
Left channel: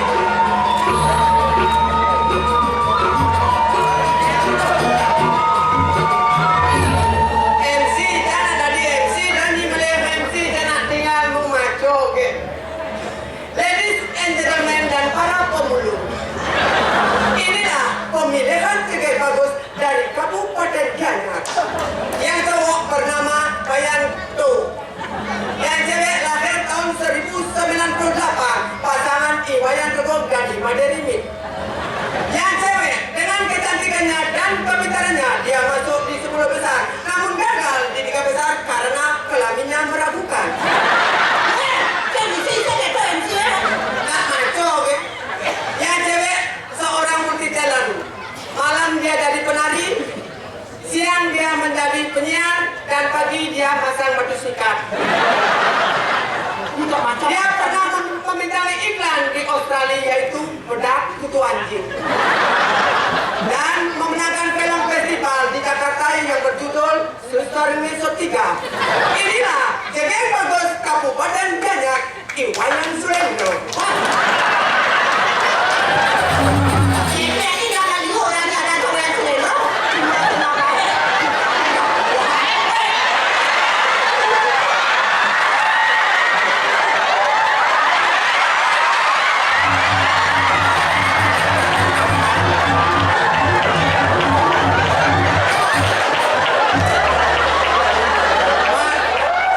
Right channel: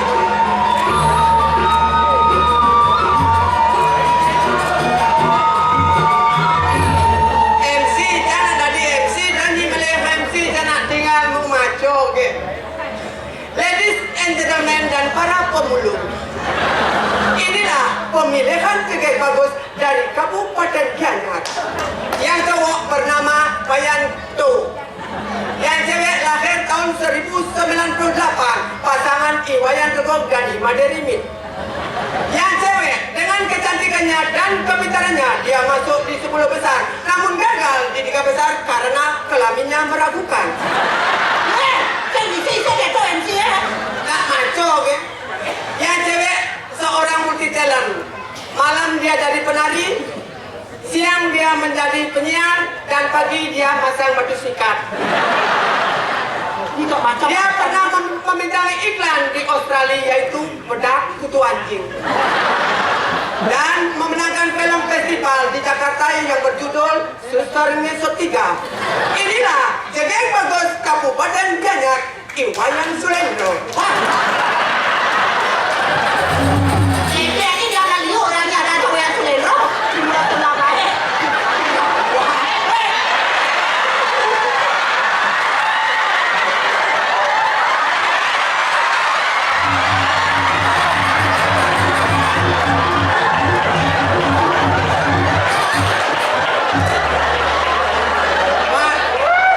MC jangan tadi MC dan di beliau MC jangan tinggal mumaco ke. Ladies and gentlemen dan para pemulung, inilah pemilihan tiga bagus dari Kabupaten Gianyar. Yang cowok bernama Bayan Tu, yang cewek lahir tahun 1998, pasangan Iwayan Regog dan Imaderi Mit. Yang cewek dengan kecantikannya dan kepintarannya dia masuk di 10 besar, namun gagal di 3 besar karena kelaminnya meragukan. Kan bisa saya tuh MC ya. Nah, maco, oke? Yang cewek seorang multi talent. Malam dia jadi penari, siang dia menjadi penyiar, dan pagi dia masang batu sikat. Ini kok macam. Dia pernah memintai iklan di Australia yaitu bedak kutu anjing. Dan memenangkan film festival di Jakarta yang berjudul Suster Ngesot 3. Inilah cewek bagus Kabupaten Gianyar, Iwayan Sulendro. Ini jangan liu orangnya ada cowok yang selero. Kenapa ya?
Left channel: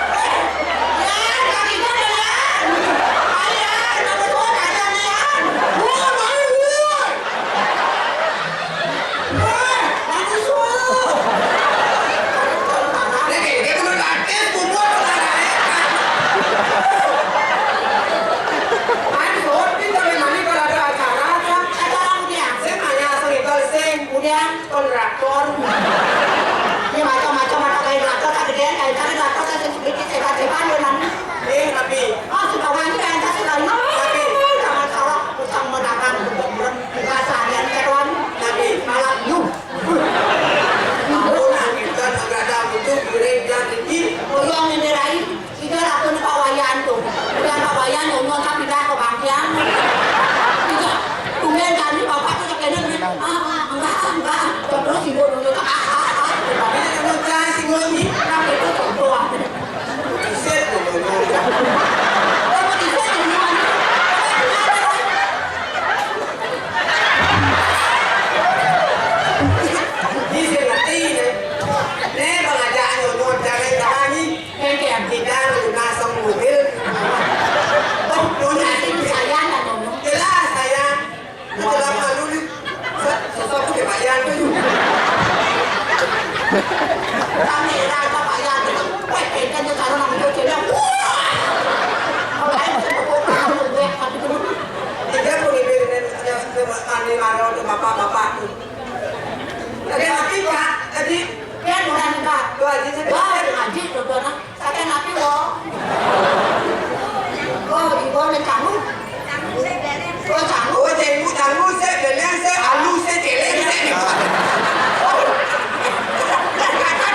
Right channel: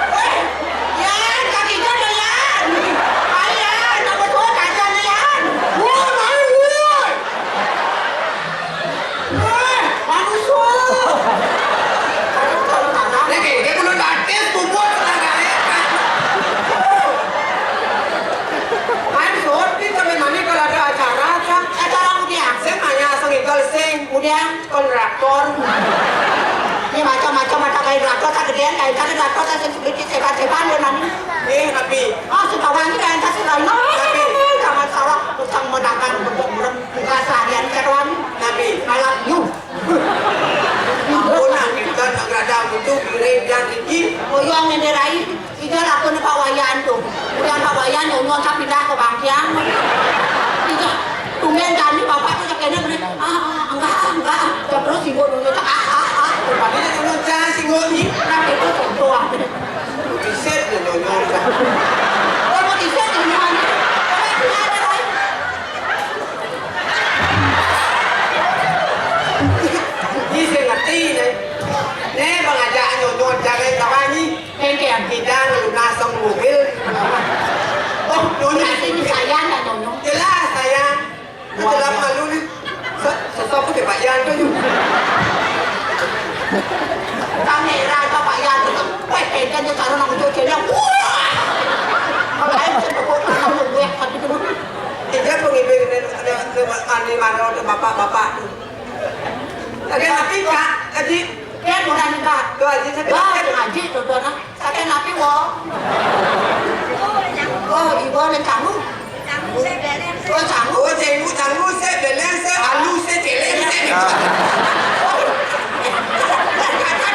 Yan, kakinya na yan! Ayan, nomor 2, kaya na yan! Manusia! Lagi, dia kudu artis bubur Ansur, kita memang kalau ada acara kan, Acara kemudian, saya nanya sengitol sing, kemudian kontraktor. ini macam-macam ada kayak traktor, kegedean kayak traktor, saya sedikit sebat-sebat ya nanti. Tapi Oh, sekarang ini yang kasih lain, sama sarok, usang menakan untuk buka seharian keruan, tapi malam yuk. ampun kita nggak ada butuh gereja tinggi. Yang ngenderai, itu aku nih Pak Wayan tuh. Udah Pak Wayan nyon saya pindah ke Bangkiang. Itu tumben kami bapak tuh kayaknya beli, enggak. Terus ibu dulu Tapi itu jangan singgung ni. Kenapa itu contoh? Set dulu. Kamu bisa temuan. Ni saya ngerti ni. Ni bangajak nyon jangan kawan ni. Kengkeng. Kita lunas mobil. Oh, dunia Nanti ini sayang dan nyonya. jelas saya. Dalam malu ni. Sesuatu ke Pak Yan tu. Kami rasa Pak Yan itu, kengkeng itu kalau nak cuci dia. Kalau lain saya gue mati dulu. Dia pengibir ni mana bapak-bapak tu. Tapi napi kak, jadi Dia mudah nikah. tu aja saya. Wah, ngaji tuh tuh nah. Sakit napi wo. Oh, ibu ni kamu. Oh, kamu. Oh, tanggu saya belen saya alu saya celeng saya ni. Kata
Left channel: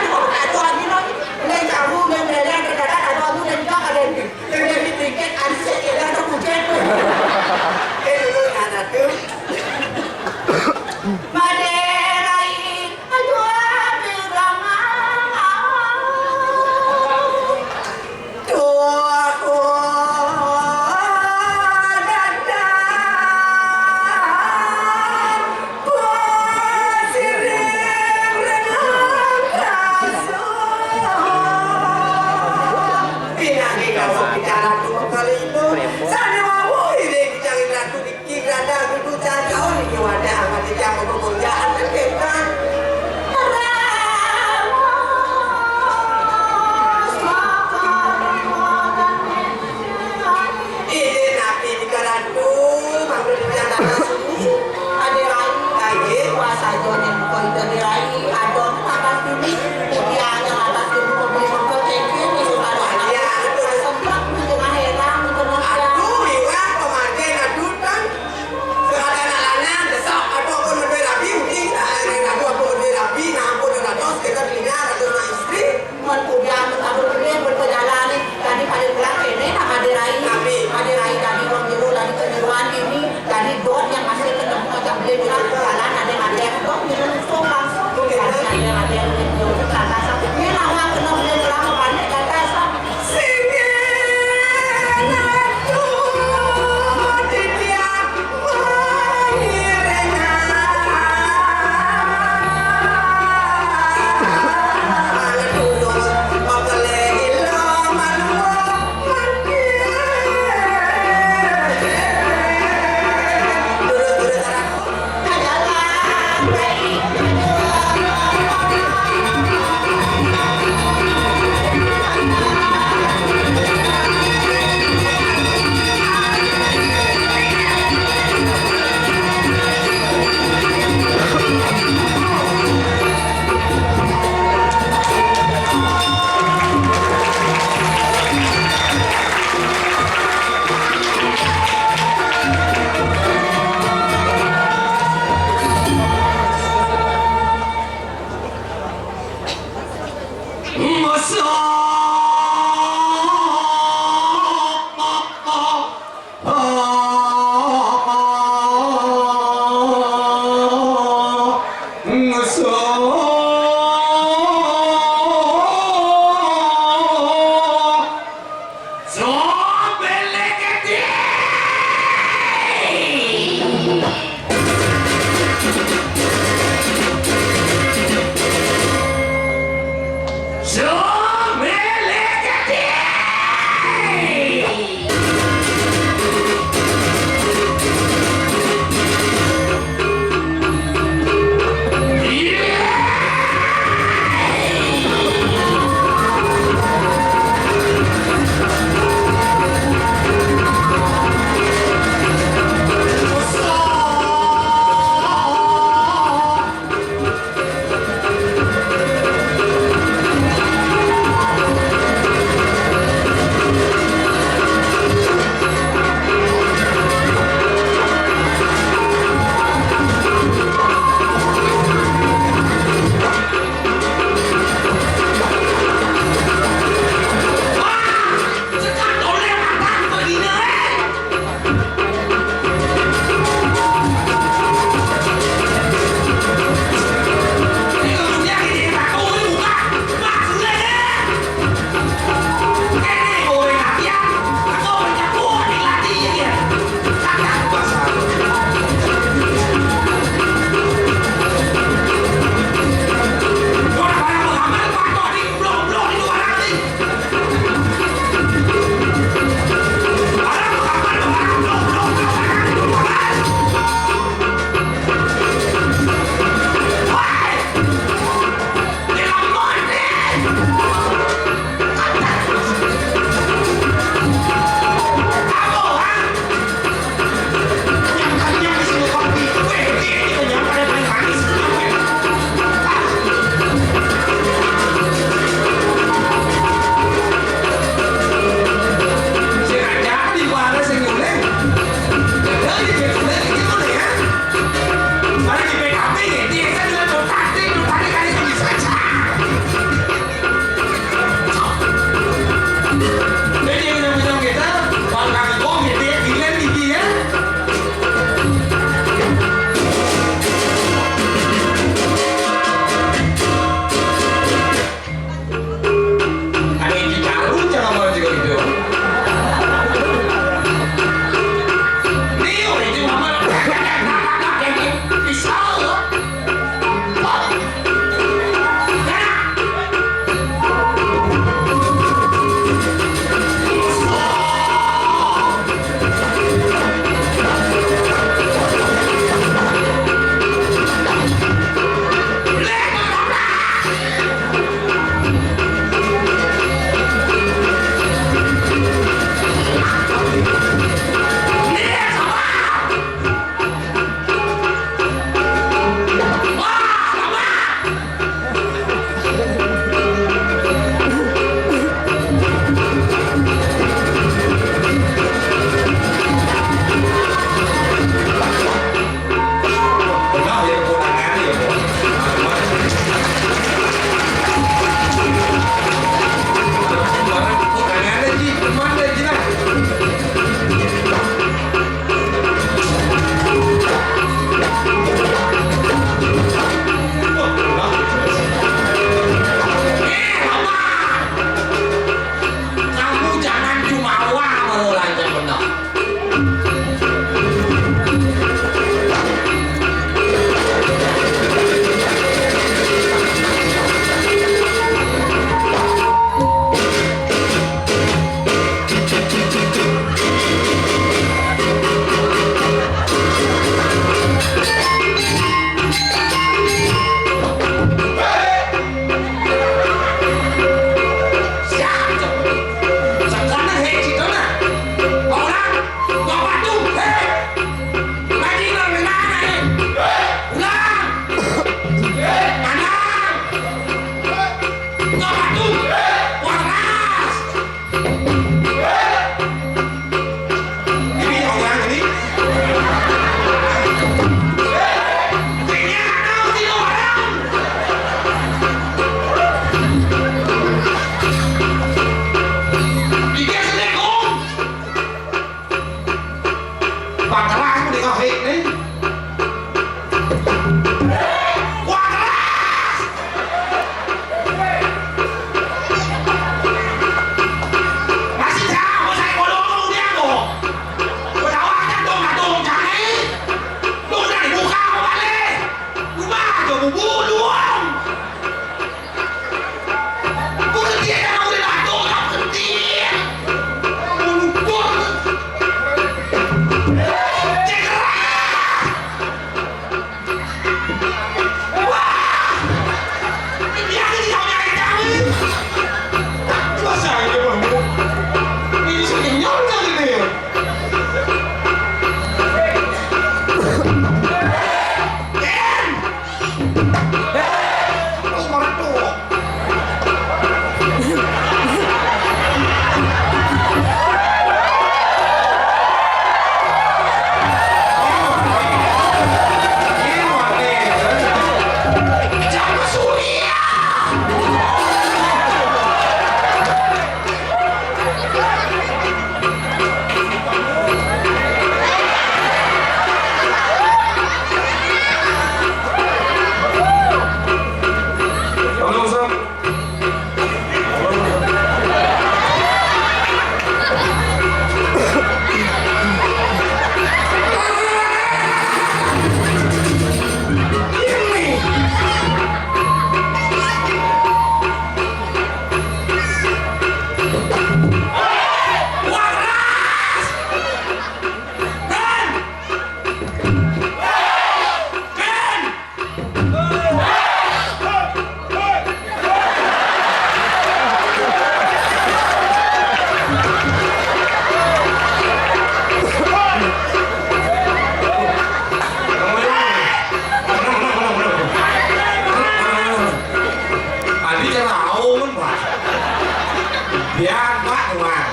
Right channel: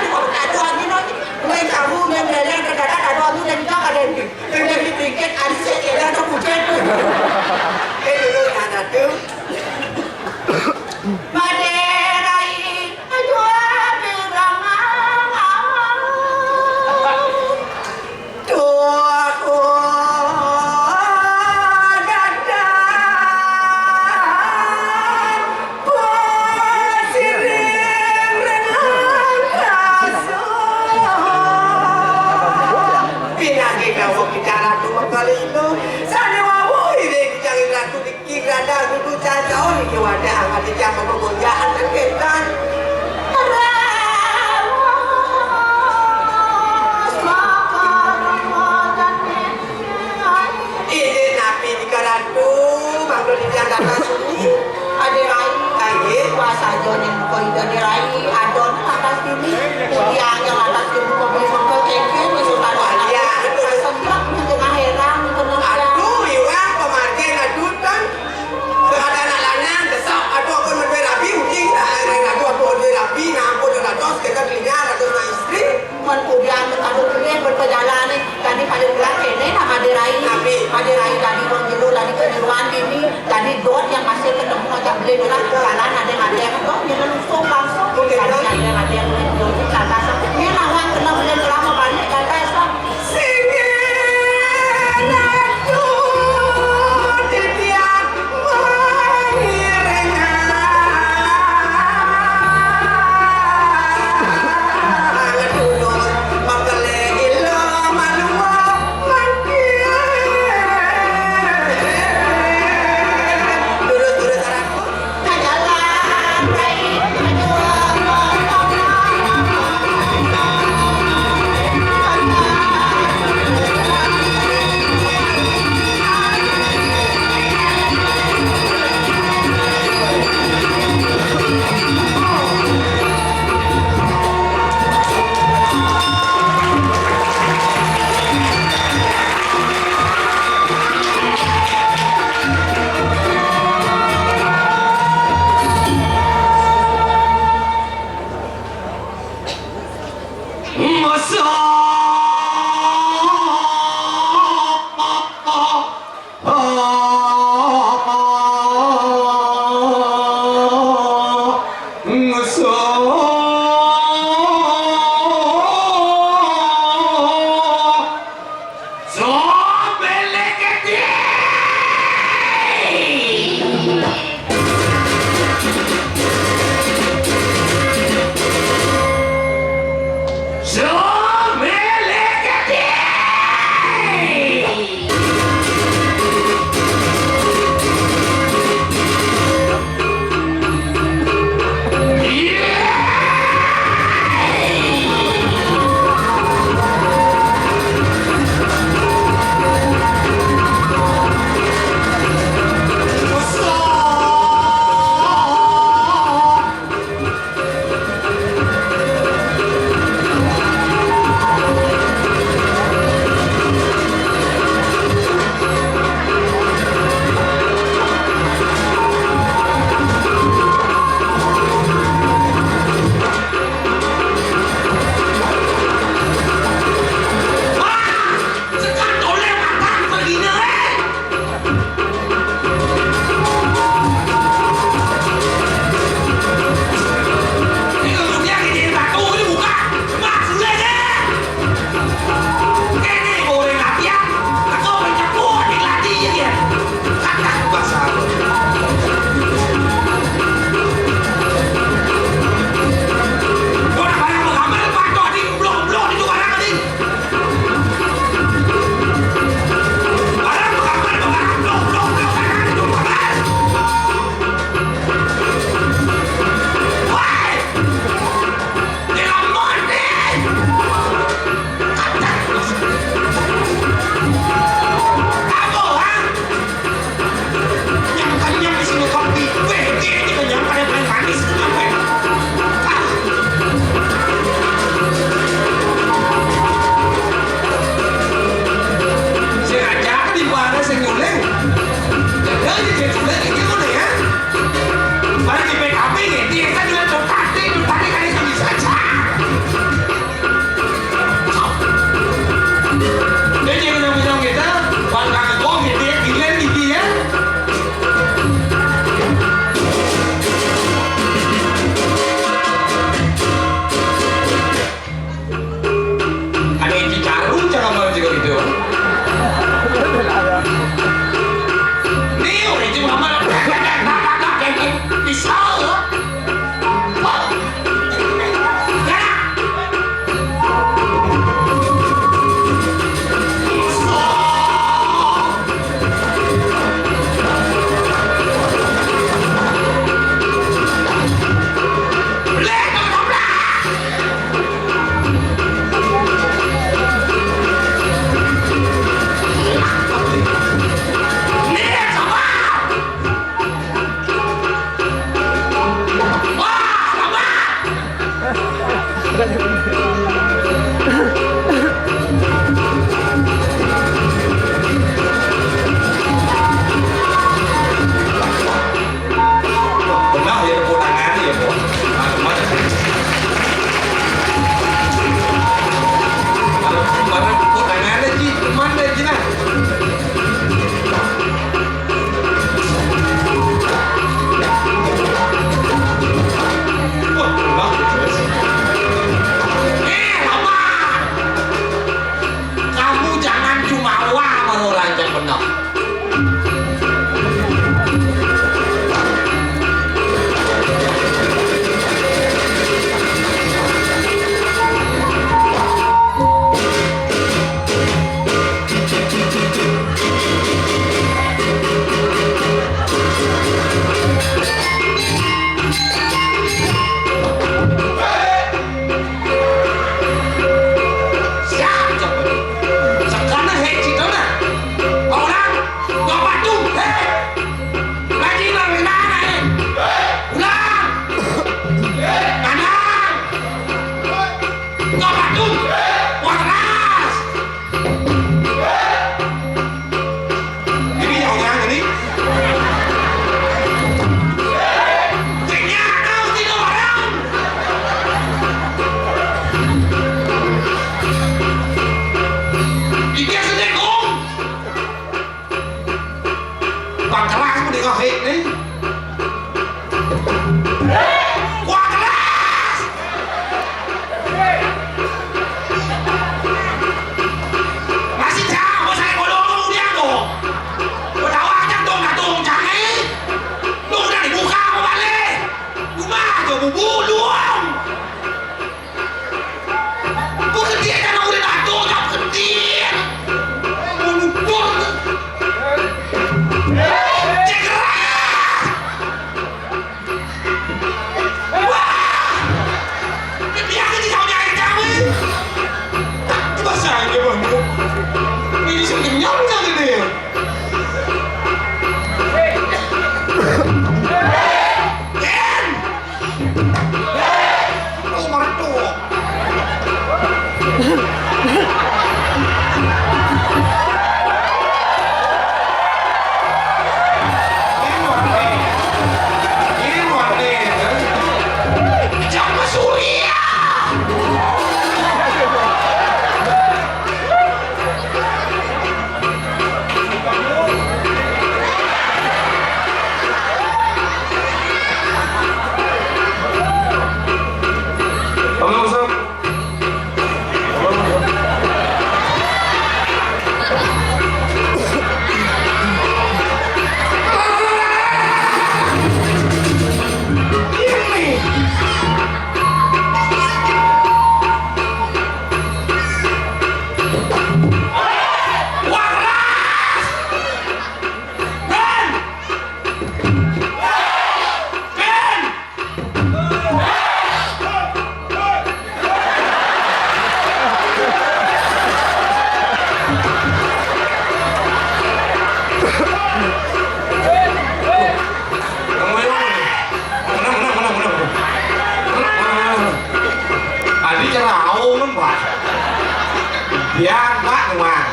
Biar mak rumah.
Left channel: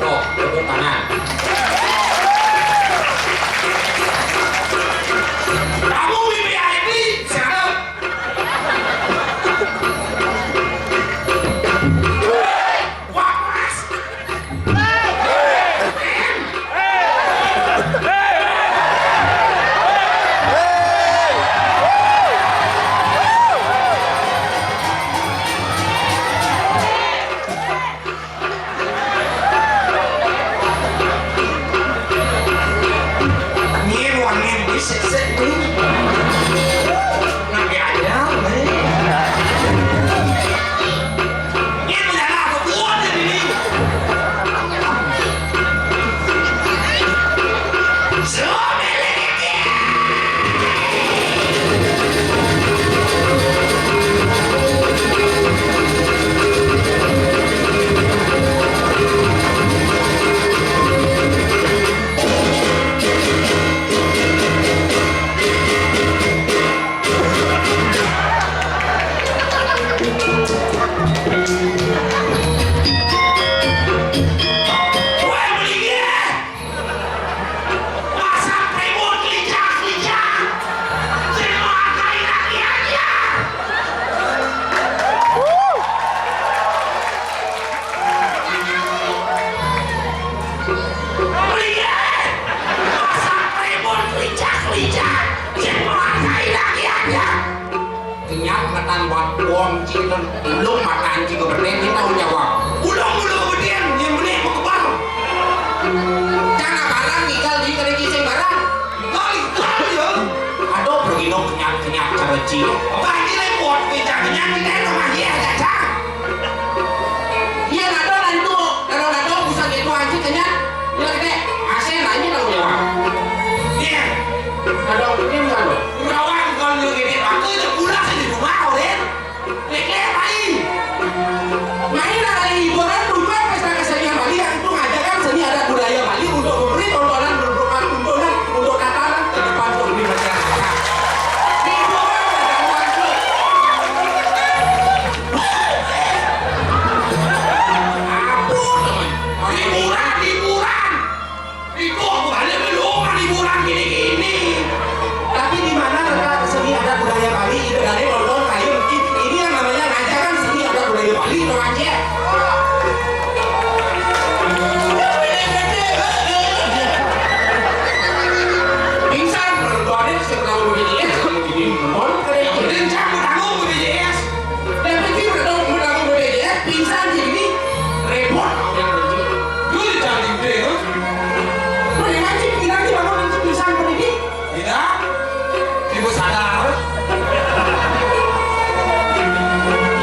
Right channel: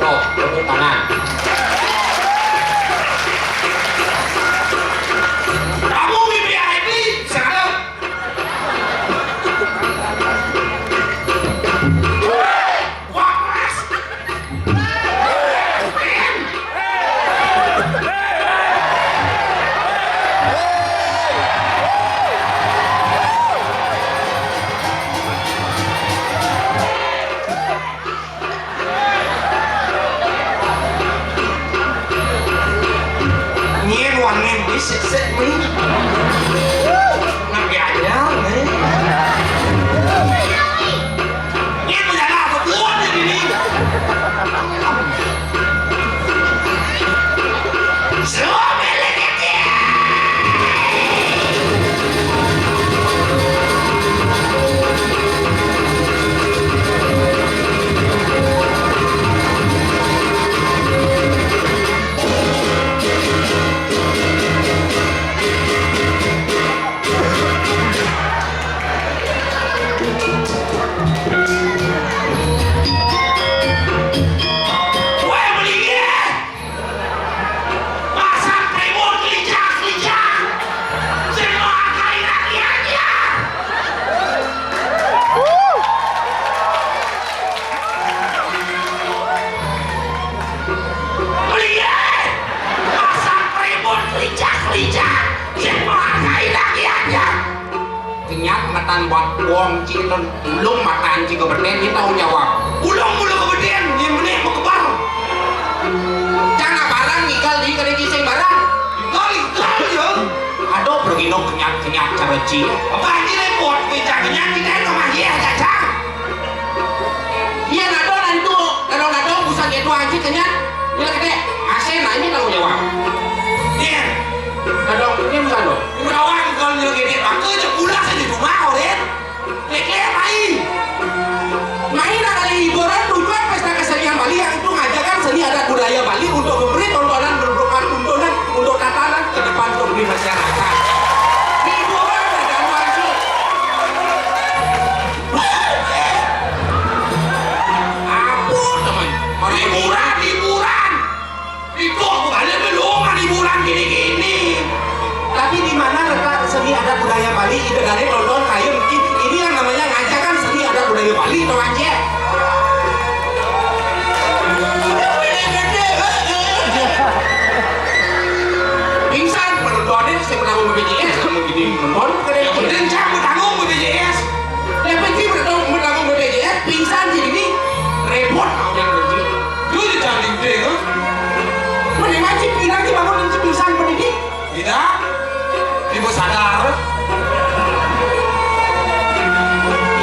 Tuh, tepuk tangan. Kamu VIP sekarang. Wah, mas. Sik nih. Nggak ada nih. Ini menjadi apa buat ini? Semua milik dia. Wong cinta ulung makan jika berdeng kita jawab ulung kemudian yang benih mau kebal jangan barang igal di kena kisah barang igal ya aduh bergino kenyak cara cio apa ini repot bicara kenyak kita rumah dia aja iya nado bisa gitu aja kenyak ya kayak asal nanya tahu jawab iya nado ini bukan lo kawan kalau yang gini aku udah pulang di rumah orang main kali hiburan tujuan pesta kesenian Bali yang itu ngajarkan seni adat budaya Bali untuk memberi tontonan untuk tatanan ke depan publik masyarakat. Hiburan dan masuk. Ampun teman, hiburan. Itu aku balik belum hiburan gini. Tapi di mana letak seni adat budaya Bali itu dari nonton kayu mungkin ini yang namanya ngajarkan seni adat budaya Bali itu aja. Pingsan penontonnya sebenarnya BPJS kamu gini menonton kemudian kamu tanggung BPJS dan pergi menanggung BPJS pingsan jadi repot yang berarti dulu jangan gede kan menikah cip bilang di bangun dan pingsan pendidik tidak ibu sadar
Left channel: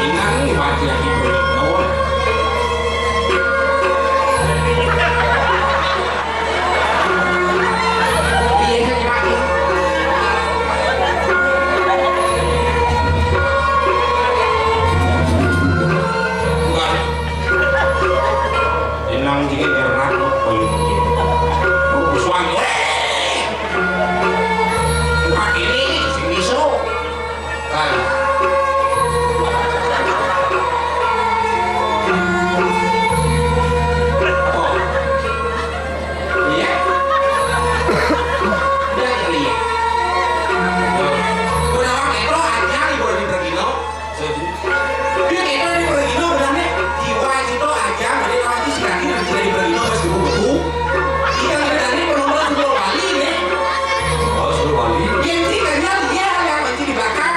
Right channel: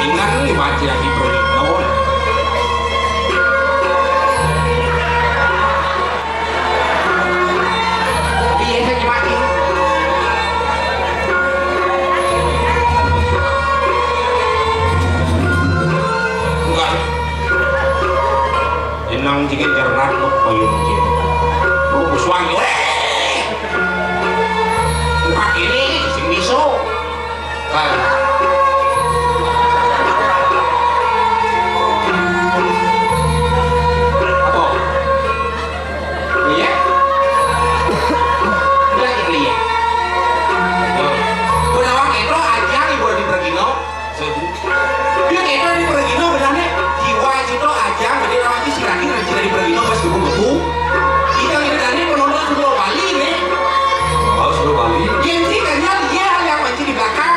ingat nih baca lagi beritahu iya saya mati enggak inang jika jerat lo bayu oh suami ini sing miso kan oh iya udah iya udah waktu itu aja ibu di Pergino dia kayak di Pergino benar jiwa itu aja jadi orang itu sih di Pergino pas betul kita benar penonton seluruh Bali nih seluruh Bali yang sih kayaknya dia yang mancing di belakang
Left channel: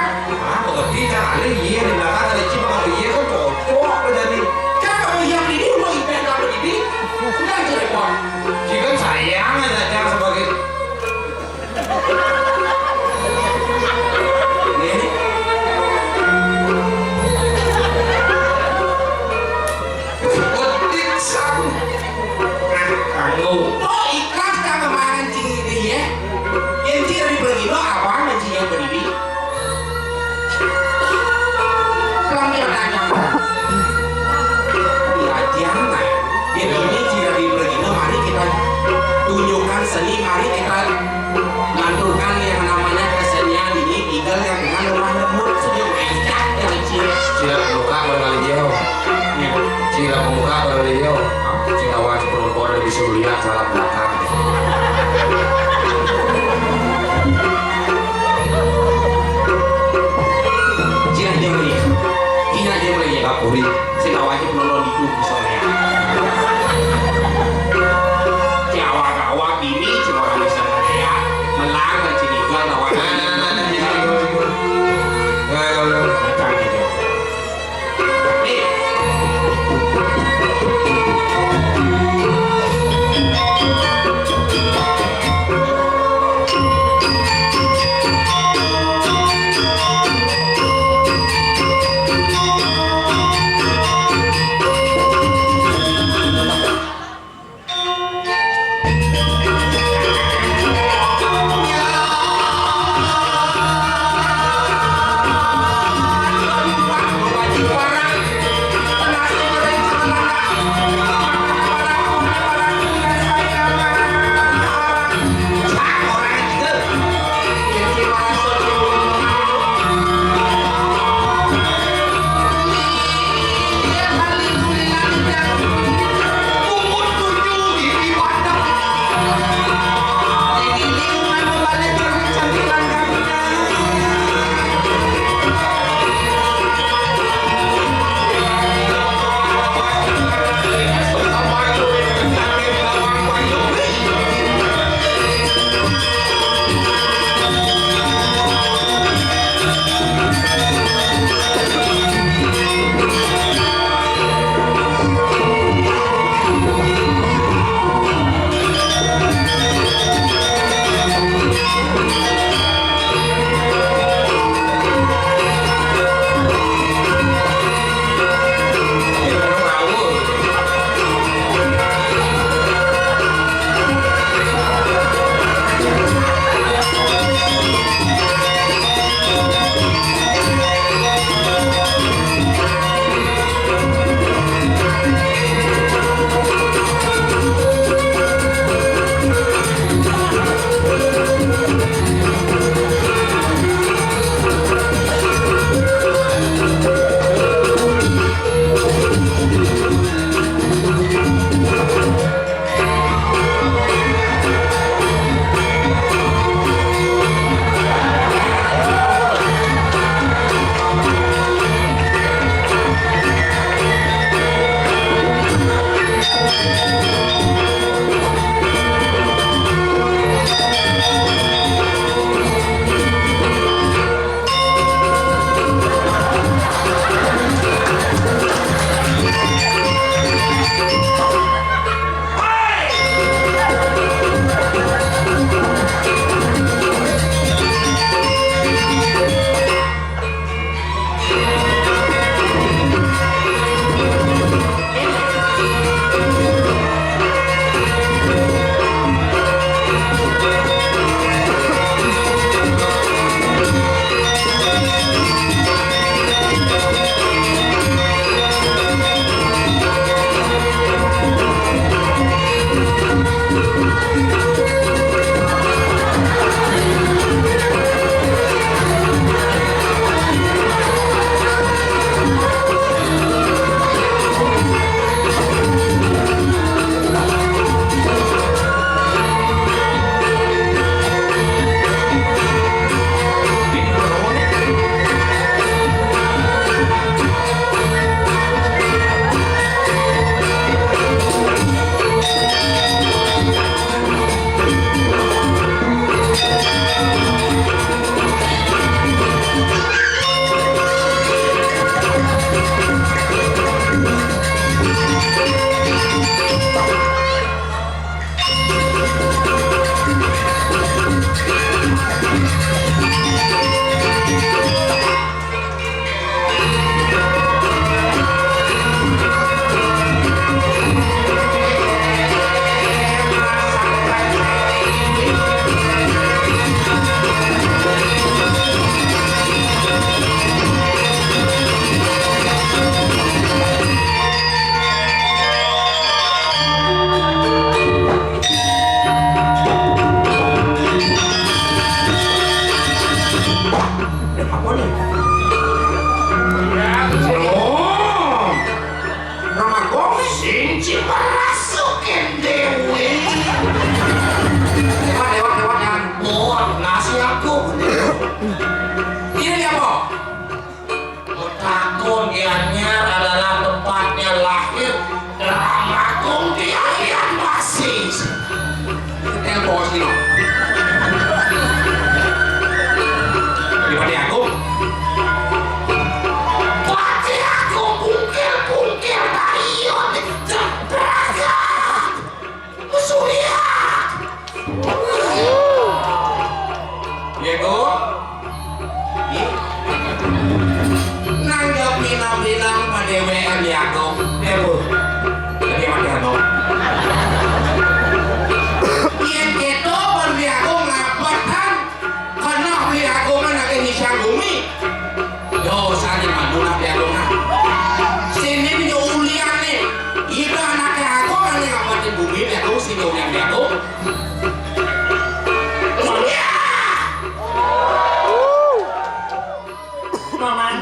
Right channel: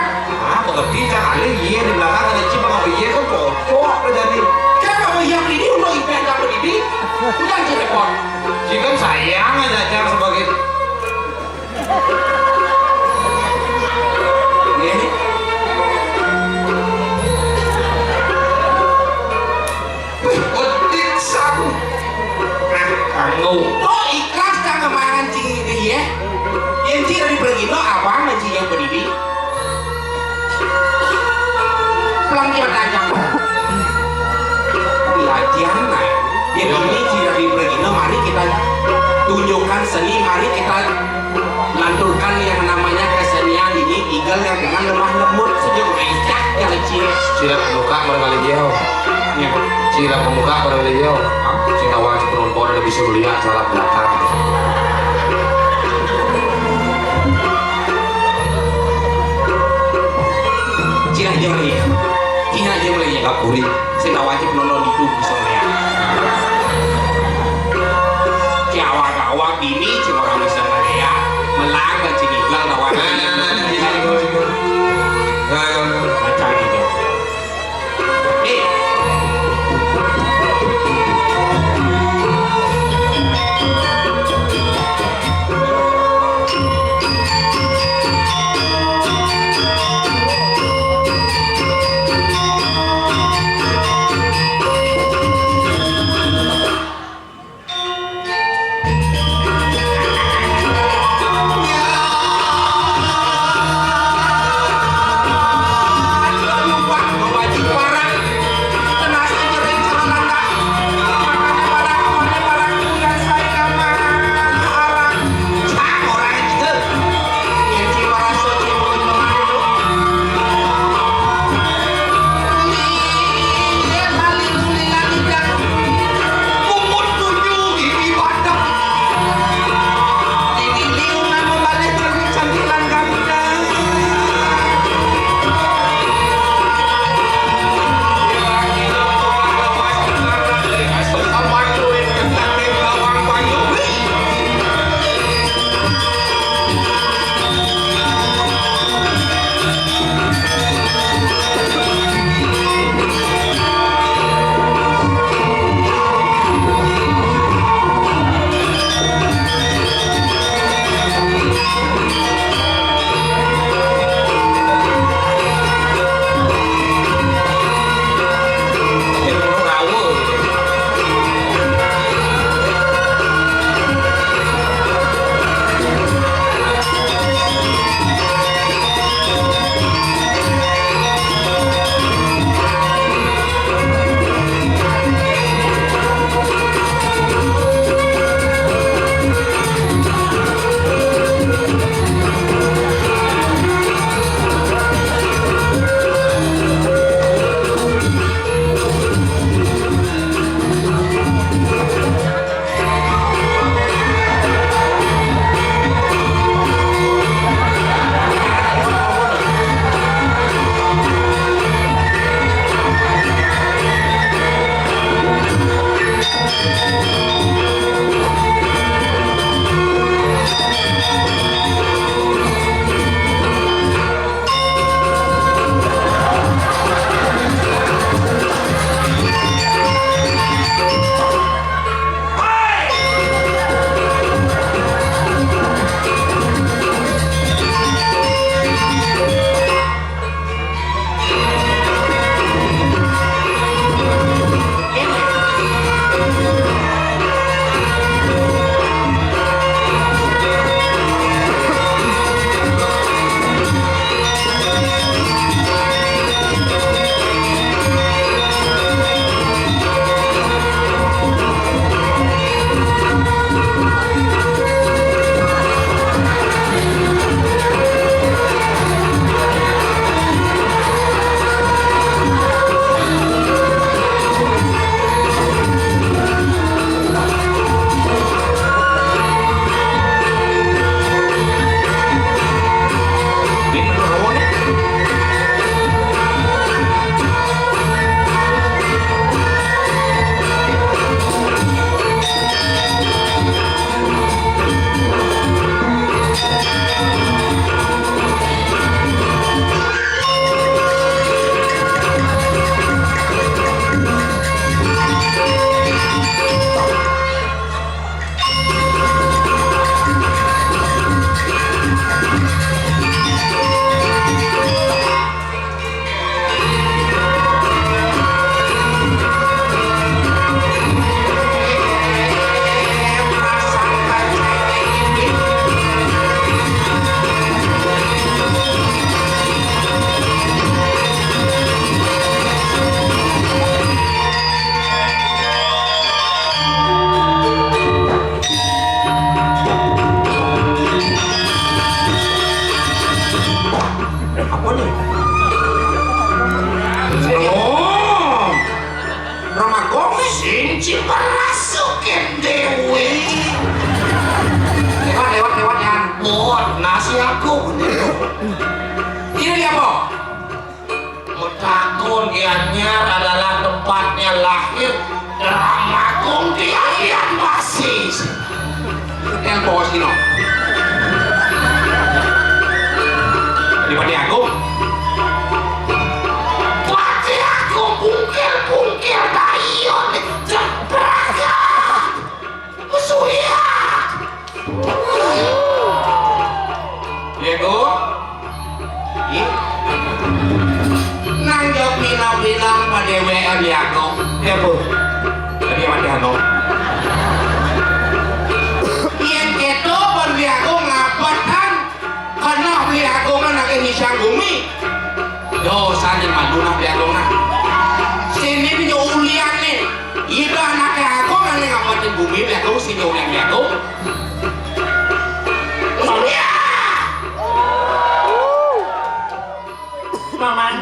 pengerti caranya iya di belakang ada cip sama iya kan cocok jadi kan kalau yang ini udah event kalau ini udah aja repot jika sayang aja cara sebagai ini kutik sabu kamu oh ikhlas kan kemarin ciri ya yang ciri dari Pergino abang dan ciri yang pendidik pelang dia tanya diajar nah yang ini ciri dari Pergino mari kita tunjukkan seni mari kita lanturkan yang namanya kesenian ini igal yang dengan lemah lembut sejauh ecak yang ciri siap luka berkali jauh mukanya. Sila pemuka kalau beliau, sila wajib perempuan lebih bisa lihat salah belakang. Sila dia lagi, kina dia lagi kapuri. Sila wajib nonton itu misalnya. Awak ini cuma orang misalnya ya, melanggar cinigal tawanan. Macam itu. Ramakun Gianyar adalah tempatnya lahir Ramakun Gianyar Basis. Yang bos ini. Di Pati Agung. Pati Agung bungkil dayun cepraga Surya. Diego. Nang jauh bilang pada WA di Agung. Diego. Jadi Pati Agung. Yang itu berdi Agung ngapatan karena di Agung kan ada Hisang Bumi. Dosa di Maduna di Agung. Sini punya ulian nih. Itu anaknya Agung yang ngapatin bumi di Agung. Sini ulian di Agung. Surya. Paman,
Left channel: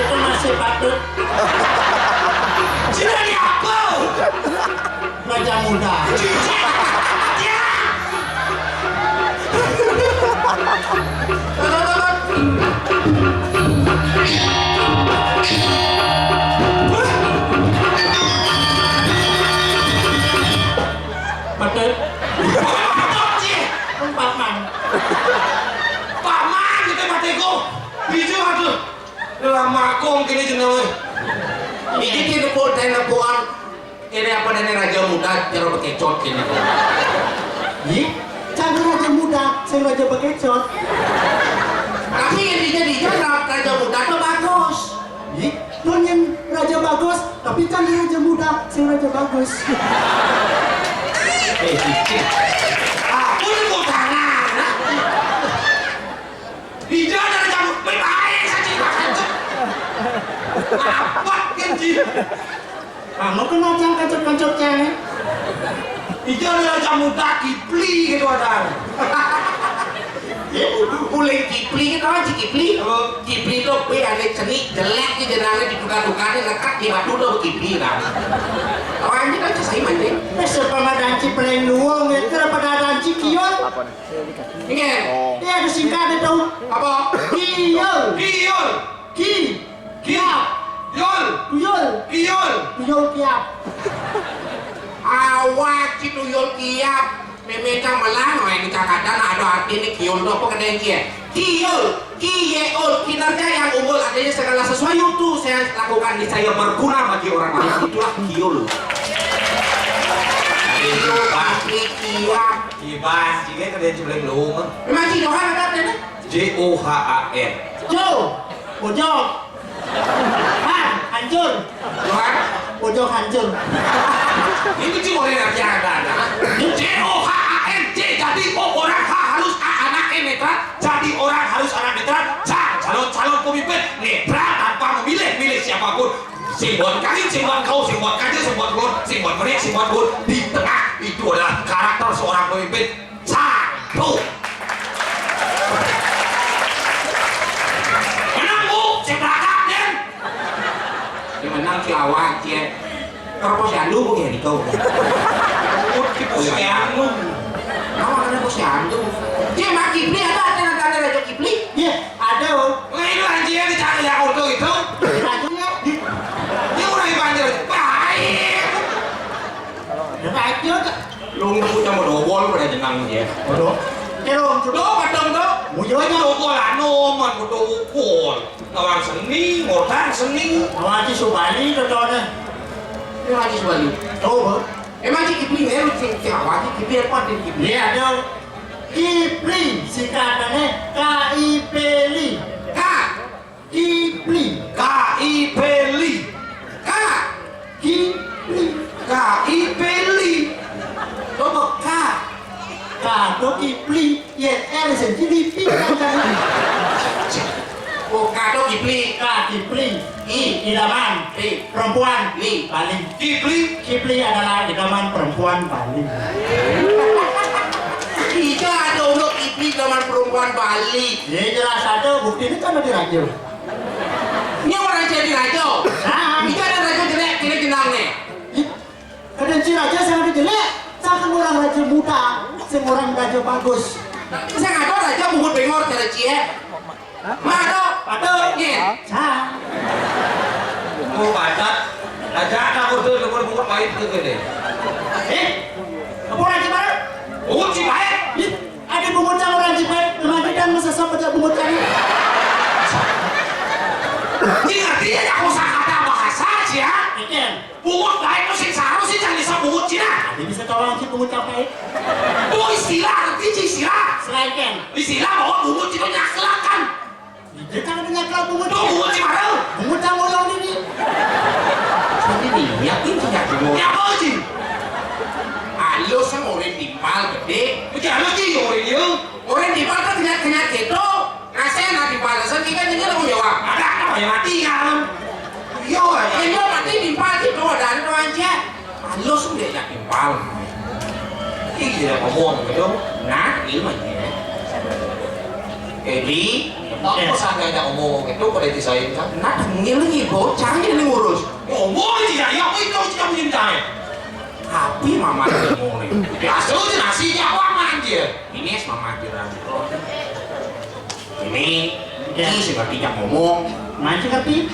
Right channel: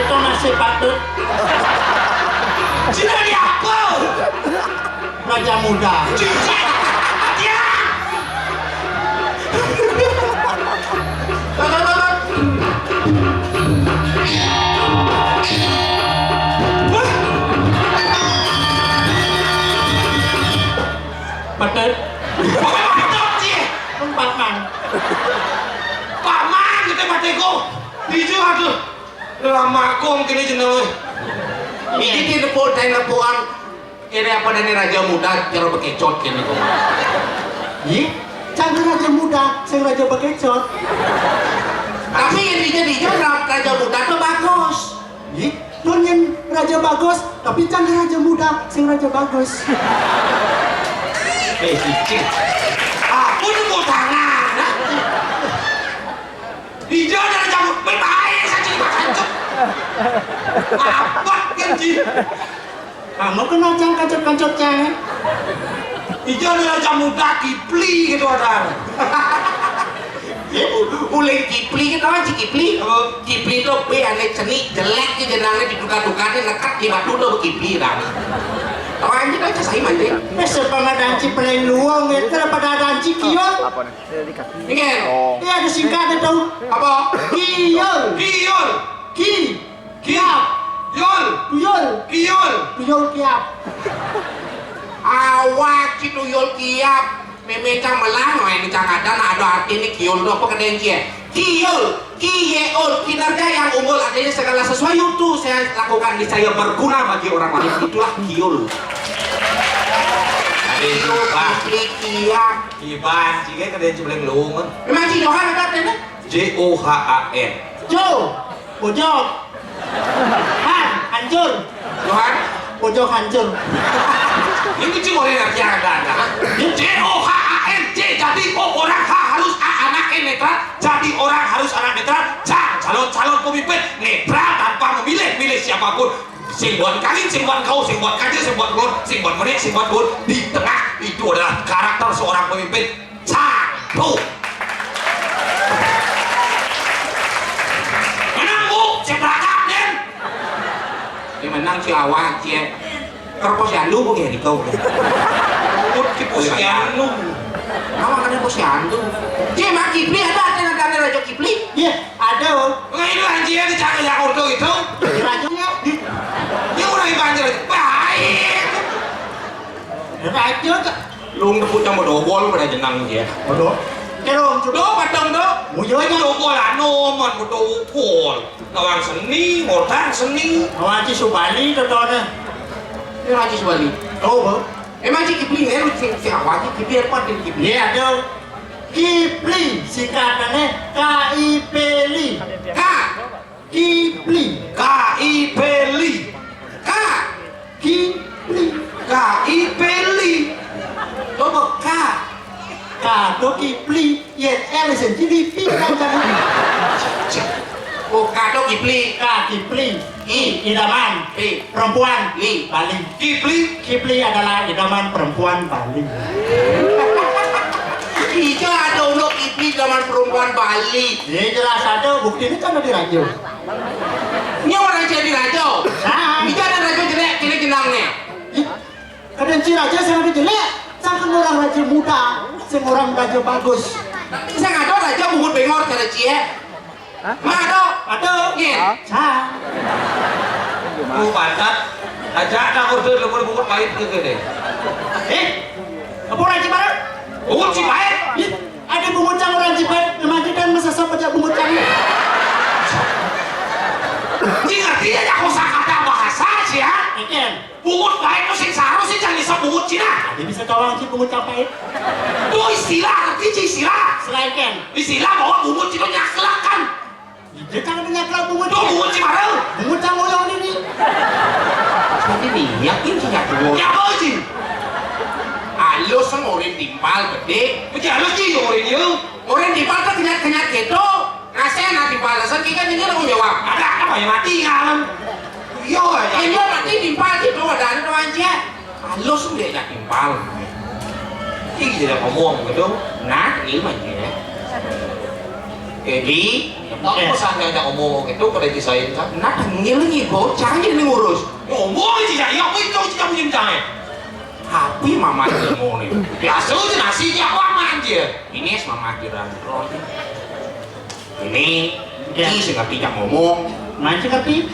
itu masih patut. Sudah di apa? Raja muda. Patut. Paman. Paman kita patiku. Biju aduh. Lama kong kini jeneng. Ini kita pun telepon. Ini apa dari raja muda cara bekecot kini. Ih, jangan raja muda, saya raja bekecot. Tapi yang dijadikan raja muda itu bagus. Ih, yang raja bagus, tapi jangan raja muda, saya raja bagus. Aku nemu tangan. Hijau dan raja muda berbahaya saja macam. Apa kenci? Kamu kenal jangan kacot-kacotnya. Hijau dan raja muda Kipli gitu ada. Mulai Kipli kita apa Kipli? Kipli itu pe ada cenik jelek di jenangnya ditukar-tukarnya nekat di batu tuh Kipli dah. Orang ini kan saya mandi. Besok pengadaan Cipreng luang itu pada danci kion. Apa nih? Ini Dia ada singkatnya tahu. apa? Kion. Kiol, Kiap. Yol, Tuyul. Kiol. Tuyul kiap. Awak itu Yol kiap. Memang melang, ini cakatan ada arti ini kiol itu apa kadang kia? Kiol, kinerja yang unggul artinya segala sesuatu itu saya lakukan di saya berguna bagi orang lain, itulah kiol. Itu pasti kiap. Kibas, jika kadang cuma luang. Memang si Johan ada apa? Johan. Jo. Pojok. Hancur. Johan, Pojok hancur. ini cuma orang yang ada. Johan, jadi orang harus anak netral, jadi orang harus anak netral, calon pemimpin netral tanpa memilih siapapun. Sing buat kalian, sing buat kau, sing buat kaji, sing buat gue, sing buat mereka, sing buat gue. Di tengah itu adalah karakter seorang pemimpin. Satu. Menang bu, saya berangkat den. Dia menang si awak cie. Kalau posyandu mungkin di kau. Posyandu. Nama ada posyandu. Dia mak Kipli ada Raja Kipli. Iya, ada om. Ini anjingnya dicari yang untuk itu. Rajanya. Dia orang yang banjir. Baik. Raja. Lung tu cuma dobol pada jenang dia. Bodoh. Kerong Do kadang do. Mujonya. Dobol anu man dobol. Orang seni, orang seni. Awak Subali contohnya. Ini lagi sebalik. Oh, Emang si Kipli ni lu si awak Kipli apa dia Kipli? dia ada Kipli, singkatannya KIPLI. Kipli. K.I.P.L.I. Kipli. K.I.P.L.I. Coba K. Kado Kipli. Ya, sendiri pindah kan. Oh, Kado Kipli. Kipli. Idaman. Perempuan. Bali. Kipli adalah idaman perempuan Bali. Iya ada untuk Kipli zaman perempuan Bali. Ya jelas ada, bukti ini kan ada di radio. Ini orang jadi raja. Nah. Ini ada raja jelek, ini jenang nih. Kadang si raja saya ada jelek, saya orang raja muda, saya orang raja bagus. Saya nggak tahu raja bungut bengor cara cie. Mado. Patok. Nye. Sa. Oh padat. Aja nak order lebar bungut pahit ke gede. Apa orang Ciparai? Bungut si pahit. Ih, ada bungut cang orang Ciparai. Kemarin kan masa sama aja bungut cang. Ji ngerti aja kosakata bahasa sih ya. Ikan. Bungut pahit tuh sing seharusnya jangan disebut bungut Cina. Dia bisa tolong si bungut cang pahit. Itu istilah, ngerti Ci istilah. Selain Ken. Istilah bahwa bungut itu nyaklak kan. Dia kan ada nyakal bungut. Itu bungut Cimareu. Bungut cang ngoyong ini. Jadi nih, yakin sih nggak bungut. Ya apa sih? Halus sama orang timpal gede. Macam halus sih orang dia. Orang timpal kan kenyat gitu. Ngasih nanti balasan kita jadi orang jawab. Ada apa yang mati kan? Yo, ini mati timpal gitu ada aja. Halus dia jadi timpal. Ini jadi ngomong gitu. Nah, ini macam. Jadi, Apa sangat ada ngomong itu kalau disain kan? nah tengil lagi bocah ini ngurus. Ngomong aja ya, apa itu sih kamu cintai? Tapi mama dia mau nih. Biasa aja nasinya apa aja. Ini mama kira. Ini sih ngerti yang ngomong. Macam tapi.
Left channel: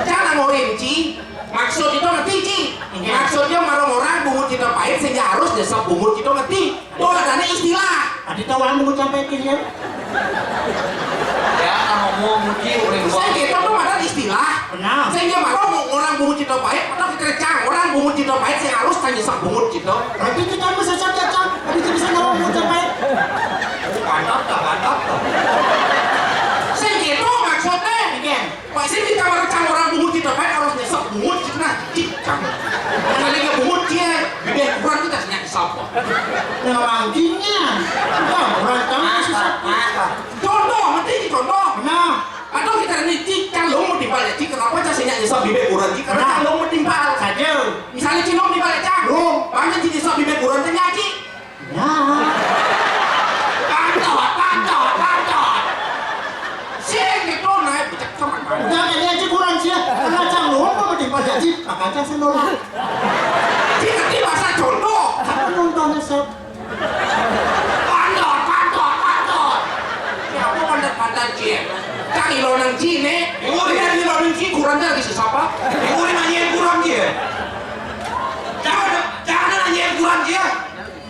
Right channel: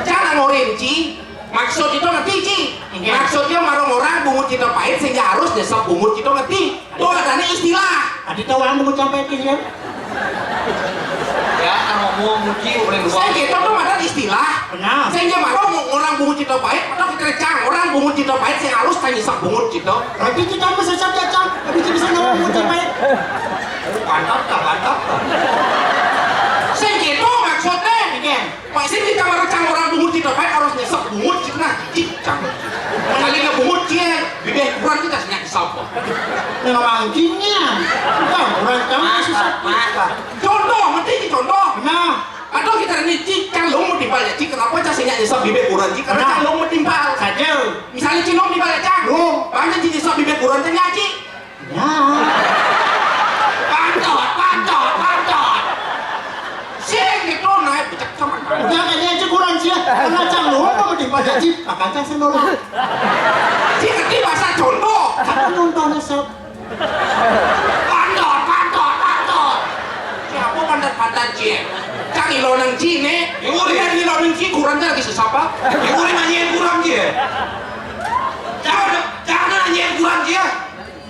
Jangan ngorin Ci. Maksud itu ngerti Ci. Maksudnya orang-orang bungut kita pahit sehingga harus desap bungut kita ngerti. Itu ada istilah. Ada tahu orang bungut cang pahit kan? Ya, ngomong mungkin oleh Saya luar. kita tuh ada istilah. Benar. Sehingga orang bungut kita pahit atau kita cang orang bungut kita pahit sehingga harus tanya desap bungut kita. Tapi kita bisa saja cang. Tapi kita bisa ngomong bungut cang pahit. Mantap tak, mantap tak. Sehingga itu maksudnya. Ikan. Pak sih kita baru cang orang bungut kita pahit harus nyesap bungut kita nah cang. Mengalihnya bungut dia bibir kurang kita senyak desap. Memang gini. Kita orang cang susah. Contoh, ngerti ini contoh. Nah. Atau kita ini cik calong mau dibalik cik kenapa cak senyak nyesap bibir kurang cik karena calong mau timpal. Saja. Misalnya cilong dibalik cak. Bangsa cik nyesap bibir kurang tanya cik. Ya. Pantot. Sing gitu naik becek sama. Jangan dia aja kurang sih. Karena cang lu mau dipas jadi. Akan cang senol. Cik ngerti bahasa contoh. Aku nonton sob. Pantot. Siapa pantat cik? Cang ilo nang cik nih. Ilo nang cik kurang lagi sesapa. Ibu nanyain kurang dia. Jangan nanyain kurang dia.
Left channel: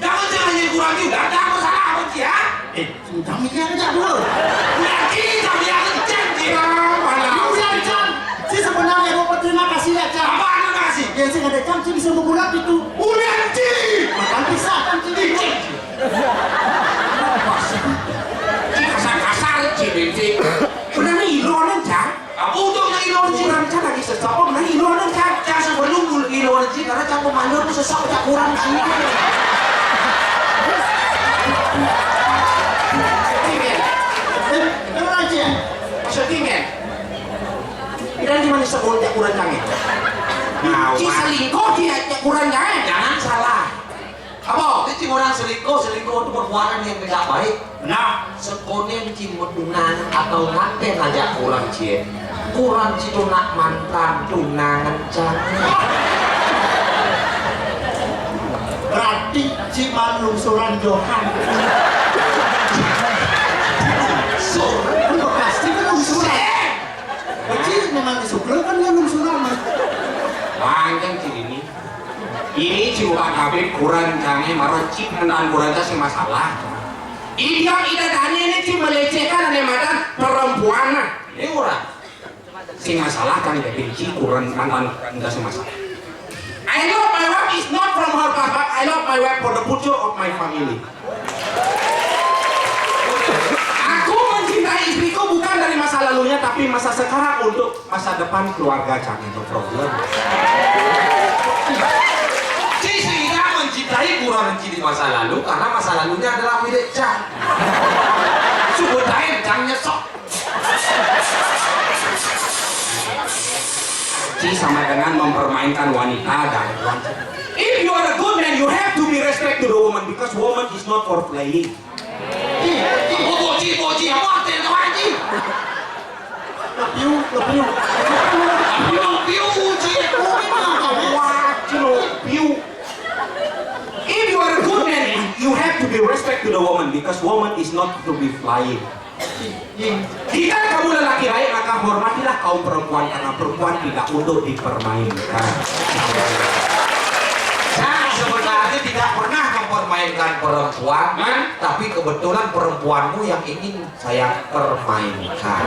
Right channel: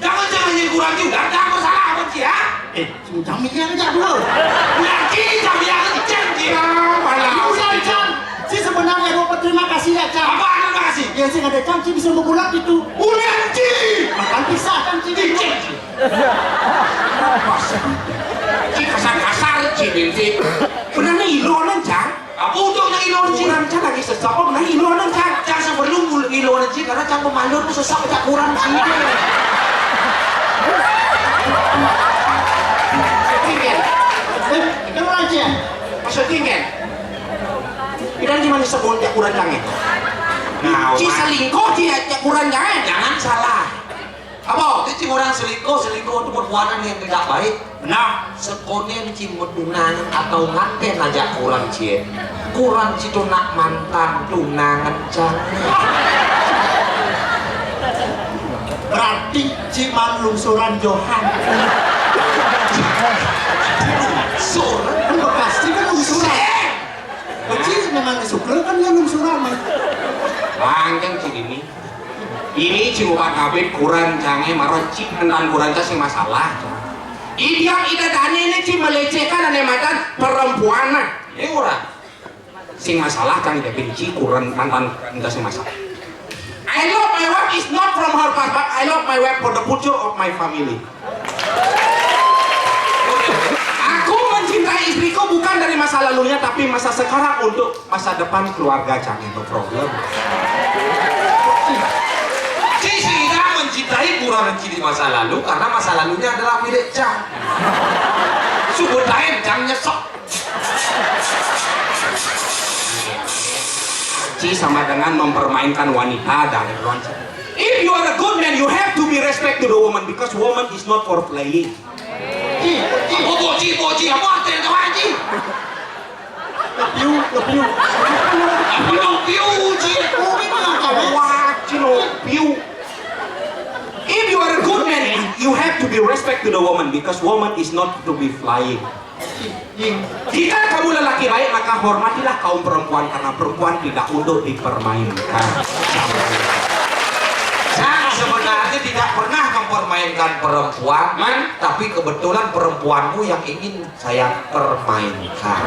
Jangan nanyain kurang dia. Udah jangan salah apa cik ya? Sudah mikir aja dulu. Nanti kami akan cek dia. Mana? Udah cang. Si sebenarnya mau berterima kasih ya cang. Apa anda kasih? Ya sih ada cang sih bisa membulat itu. Nanti. Makan pisah kan sih. Cik kasar cik binti. Benar nih ilonan cang. Apa untuknya ilonan cik? Kurang cang lagi sesak. Oh benar ilonan cang. Cang sebelum ilonan cik karena cang pemandu tuh sesak cak kurang sih. Kamu aja. Maksudnya kan? Kita cuma disebut cak kurang cang itu. Cik selingkuh cak kurang cang. Jangan salah. Apa? Itu orang selingkuh itu perbuatan yang tidak baik. Nah, Sekonen cimut tunangan atau nganten aja kurang cie. Kurang citu nak mantan tunangan jangan. Berarti ciman lungsuran Johan. Lungsuran? Kan pasti kan lungsuran. Kecil memang disukur kan dia lungsuran mah. panjang cik ini. Ini cimukan Habib kurang canggih marah cik tentang kurang kasih masalah. Idiom idadanya ini cik melecehkan dan matan perempuan. Ini kurang. Sing masalah kan dia benci kurang mantan kasih masalah. I love my wife is not from her past, but I love my wife for the future of my family. Aku mencintai istriku bukan dari masa lalunya, tapi masa sekarang untuk masa depan keluarga. Jangan itu problem. Sehingga mencintai kurang mencintai masa lalu karena masa lalunya adalah milik Cang. Subut lain Cang nyesok. Ci sama dengan mempermainkan wanita dan wanita. If you are a good man, you have to be respect to the woman because woman is not for playing. Boci, apa artinya kau Ci? Lepiu. Piu, Ci. If you are a good man, you have to be respect to the woman because woman is not to be flying. Jika kamu lelaki baik, maka hormatilah kaum perempuan karena perempuan tidak untuk dipermainkan. Saya sebenarnya tidak pernah mempermainkan perempuan, tapi kebetulan perempuanmu yang ingin saya permainkan.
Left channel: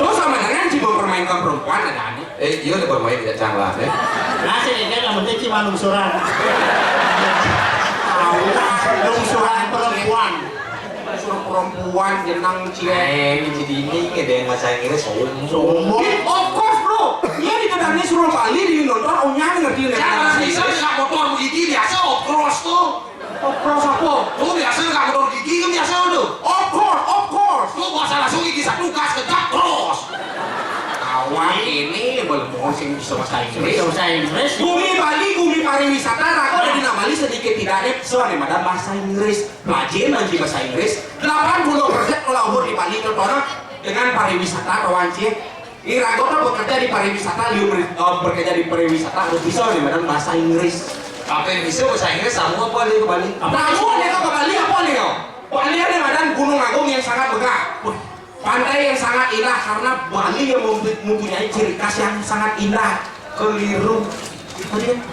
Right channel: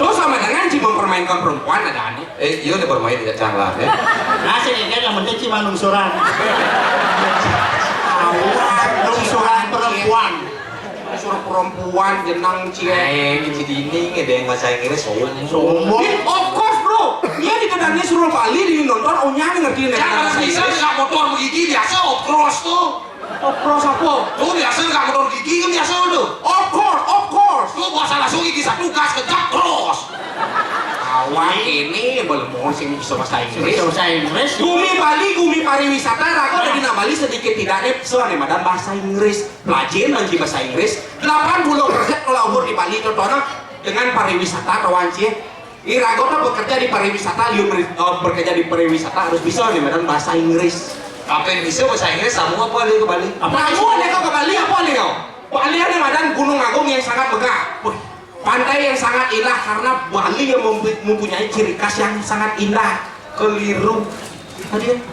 Lo sama dengan si mempermainkan perempuan ada aneh. Iya nih bermain tidak canggah ya. Nasi ini yang penting cuma lungsuran. Lungsuran perempuan. Suruh perempuan jenang Ini jadi ini ada yang bahasa Inggris Sombong. Of course bro, dia di kedangnya suruh Bali di nonton onyanya ngerti nih. Jangan bisa nggak motor gigi biasa of course tuh. Of course apa? Tuh biasa nggak motor gigi kan biasa tuh. Of course. Tuh bahasa langsung gigi satu gas kejap terus. Kawan ini belum mau sih bisa bahasa Inggris. Bahasa Inggris. Gumi Bali, gumi pariwisata, raga udah di Bali sedikit tidak soalnya madam bahasa Inggris. Pelajin nanti bahasa Inggris. 80% kalau umur di Bali contohnya dengan pariwisata kawan sih. Ini raga udah bekerja di pariwisata, bekerja di pariwisata harus bisa nih madam bahasa Inggris. Apa yang bisa bahasa Inggris sama apa dia ke Bali? Kamu ada kau ke Bali apa nih kau? Bali ada madam Gunung Agung yang sangat megah. Pantai yang sangat indah karena Bali yang mempunyai ciri khas yang sangat indah. Keliru.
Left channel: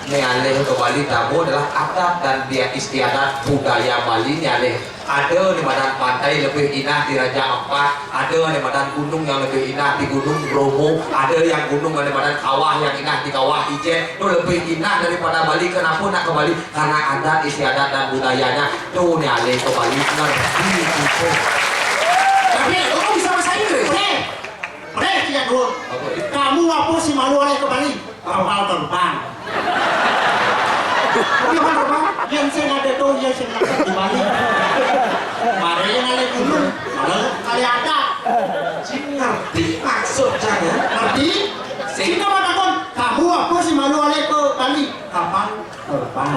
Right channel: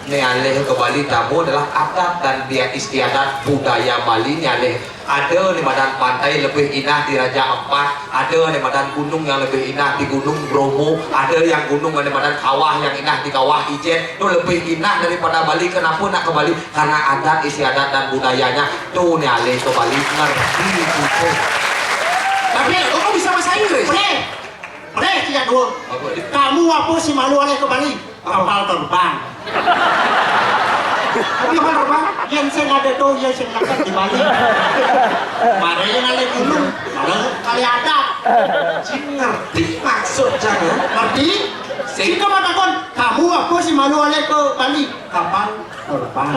Ini alih ke Bali tamu adalah adat dan dia istiadat budaya Bali ini alih. Ada di badan pantai lebih indah di Raja Ampat, ada di badan gunung yang lebih indah di Gunung Bromo, ada yang gunung di badan kawah yang indah di Kawah Ijen. Itu lebih indah daripada Bali. Kenapa nak ke Bali? Karena adat istiadat dan budayanya. Tuh nih alih ke Bali ngerti gitu. Tapi kamu bisa bahasa Inggris? Tidak dulu. Kamu apa sih malu oleh ke Bali? Kapal terbang. Kapal terbang? Yang saya ada tuh, yang saya nakal di Bali. Mari yang ada gunung, malah kali ada. Ngerti maksud jangan? Ngerti? Sehingga mengatakan, kamu apa sih malu oleh ke Bali? Kapal terbang.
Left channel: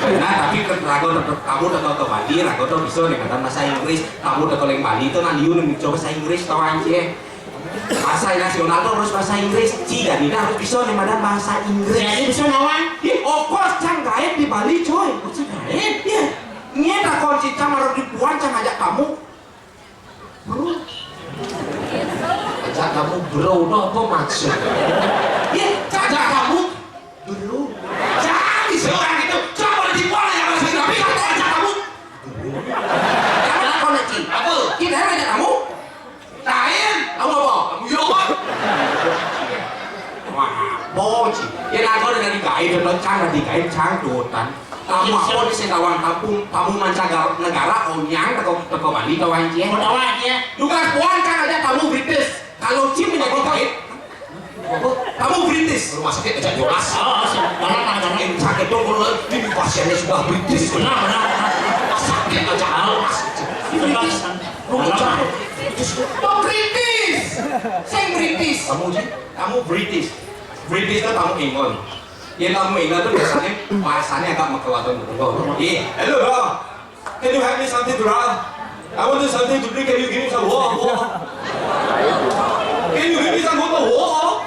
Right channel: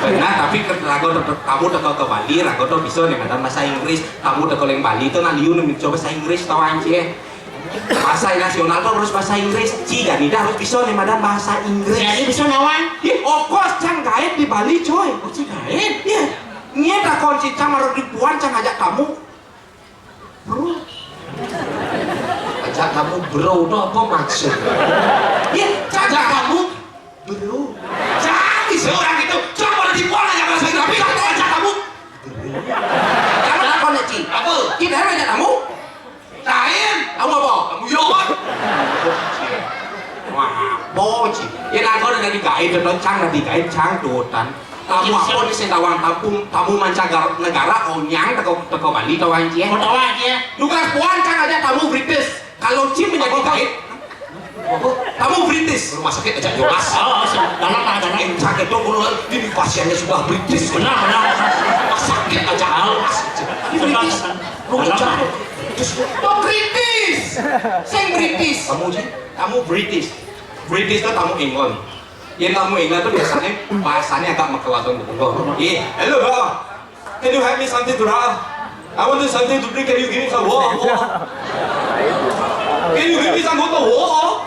Benar, tapi kamu udah ke Bali, rago tuh bisa dengan bahasa Inggris. Kamu udah ke Bali itu nanti you mencoba bahasa Inggris tahu anjir. Bahasa nasional tuh harus bahasa Inggris. Jika tidak harus bisa nih madam bahasa Inggris. Jadi bisa nawan? Ya, of course, cang gaet di Bali coy. Cang gaet? Iya. Nyeta kunci cang harus ribuan cang ajak kamu. Bro. Ajak kamu bro, itu apa maksud? Iya, cang ajak kamu. Dulu. Jangan bisa orang itu. Coba dibuang yang bahasa Inggris. Tapi kalau ajak kamu. Kamu nak koneksi. Apa? Kita harus ajak kamu. Lain. Kamu apa? Kamu yuk. Wah, boci. Ya nak kau dengan digait, dan cang dan digait cang dotan. Kamu apa di Sentawang kamu mancanegara onyang teko Bali tahu anjir. Mau tahu aja. Lukas puan cang aja kamu British. Kalau Cim menjadi digait, kamu British. Rumah sakit ajak jelas. Oh, dalam. Yang sakit dong kalau ini pasiennya sudah British. Benar. Rumah sakit ajak jelas. Oh British, saya British. Kamu British. British itu kamu England. Ya kamu England tuh biasanya bahasanya agak makewatan gitu. Iya, hello, can you help me something to drink? I want something to drink. Can you give me some water? Can you give me some water?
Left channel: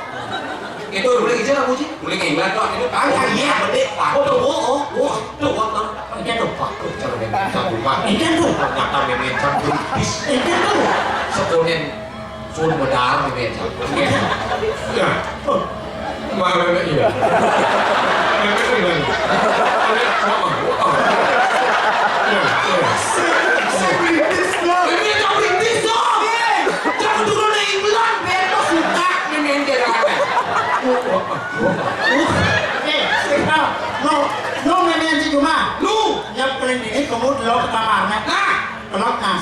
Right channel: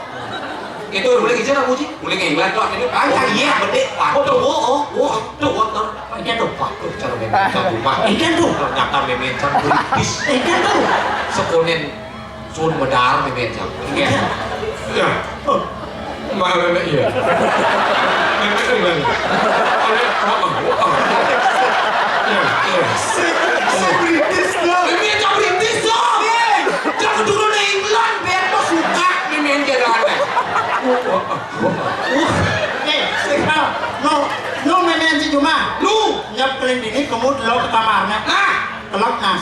Itu boleh kerja kamu sih? Boleh ke England tuh? Ini panjang iya, bedek. Water. Ini tuh pak, cara memencan rumah. Ikan tuh. Ternyata memencan British. Ikan tuh. Sekonen sun medar memencan. Ya. Mana iya. Saya British loh. Memencan British dong. Jangan turun ke England. Biar lo suka memencan dengan No memang si cuma. lu. Nhập lên ini kamu lock kamarnya. Lock nas.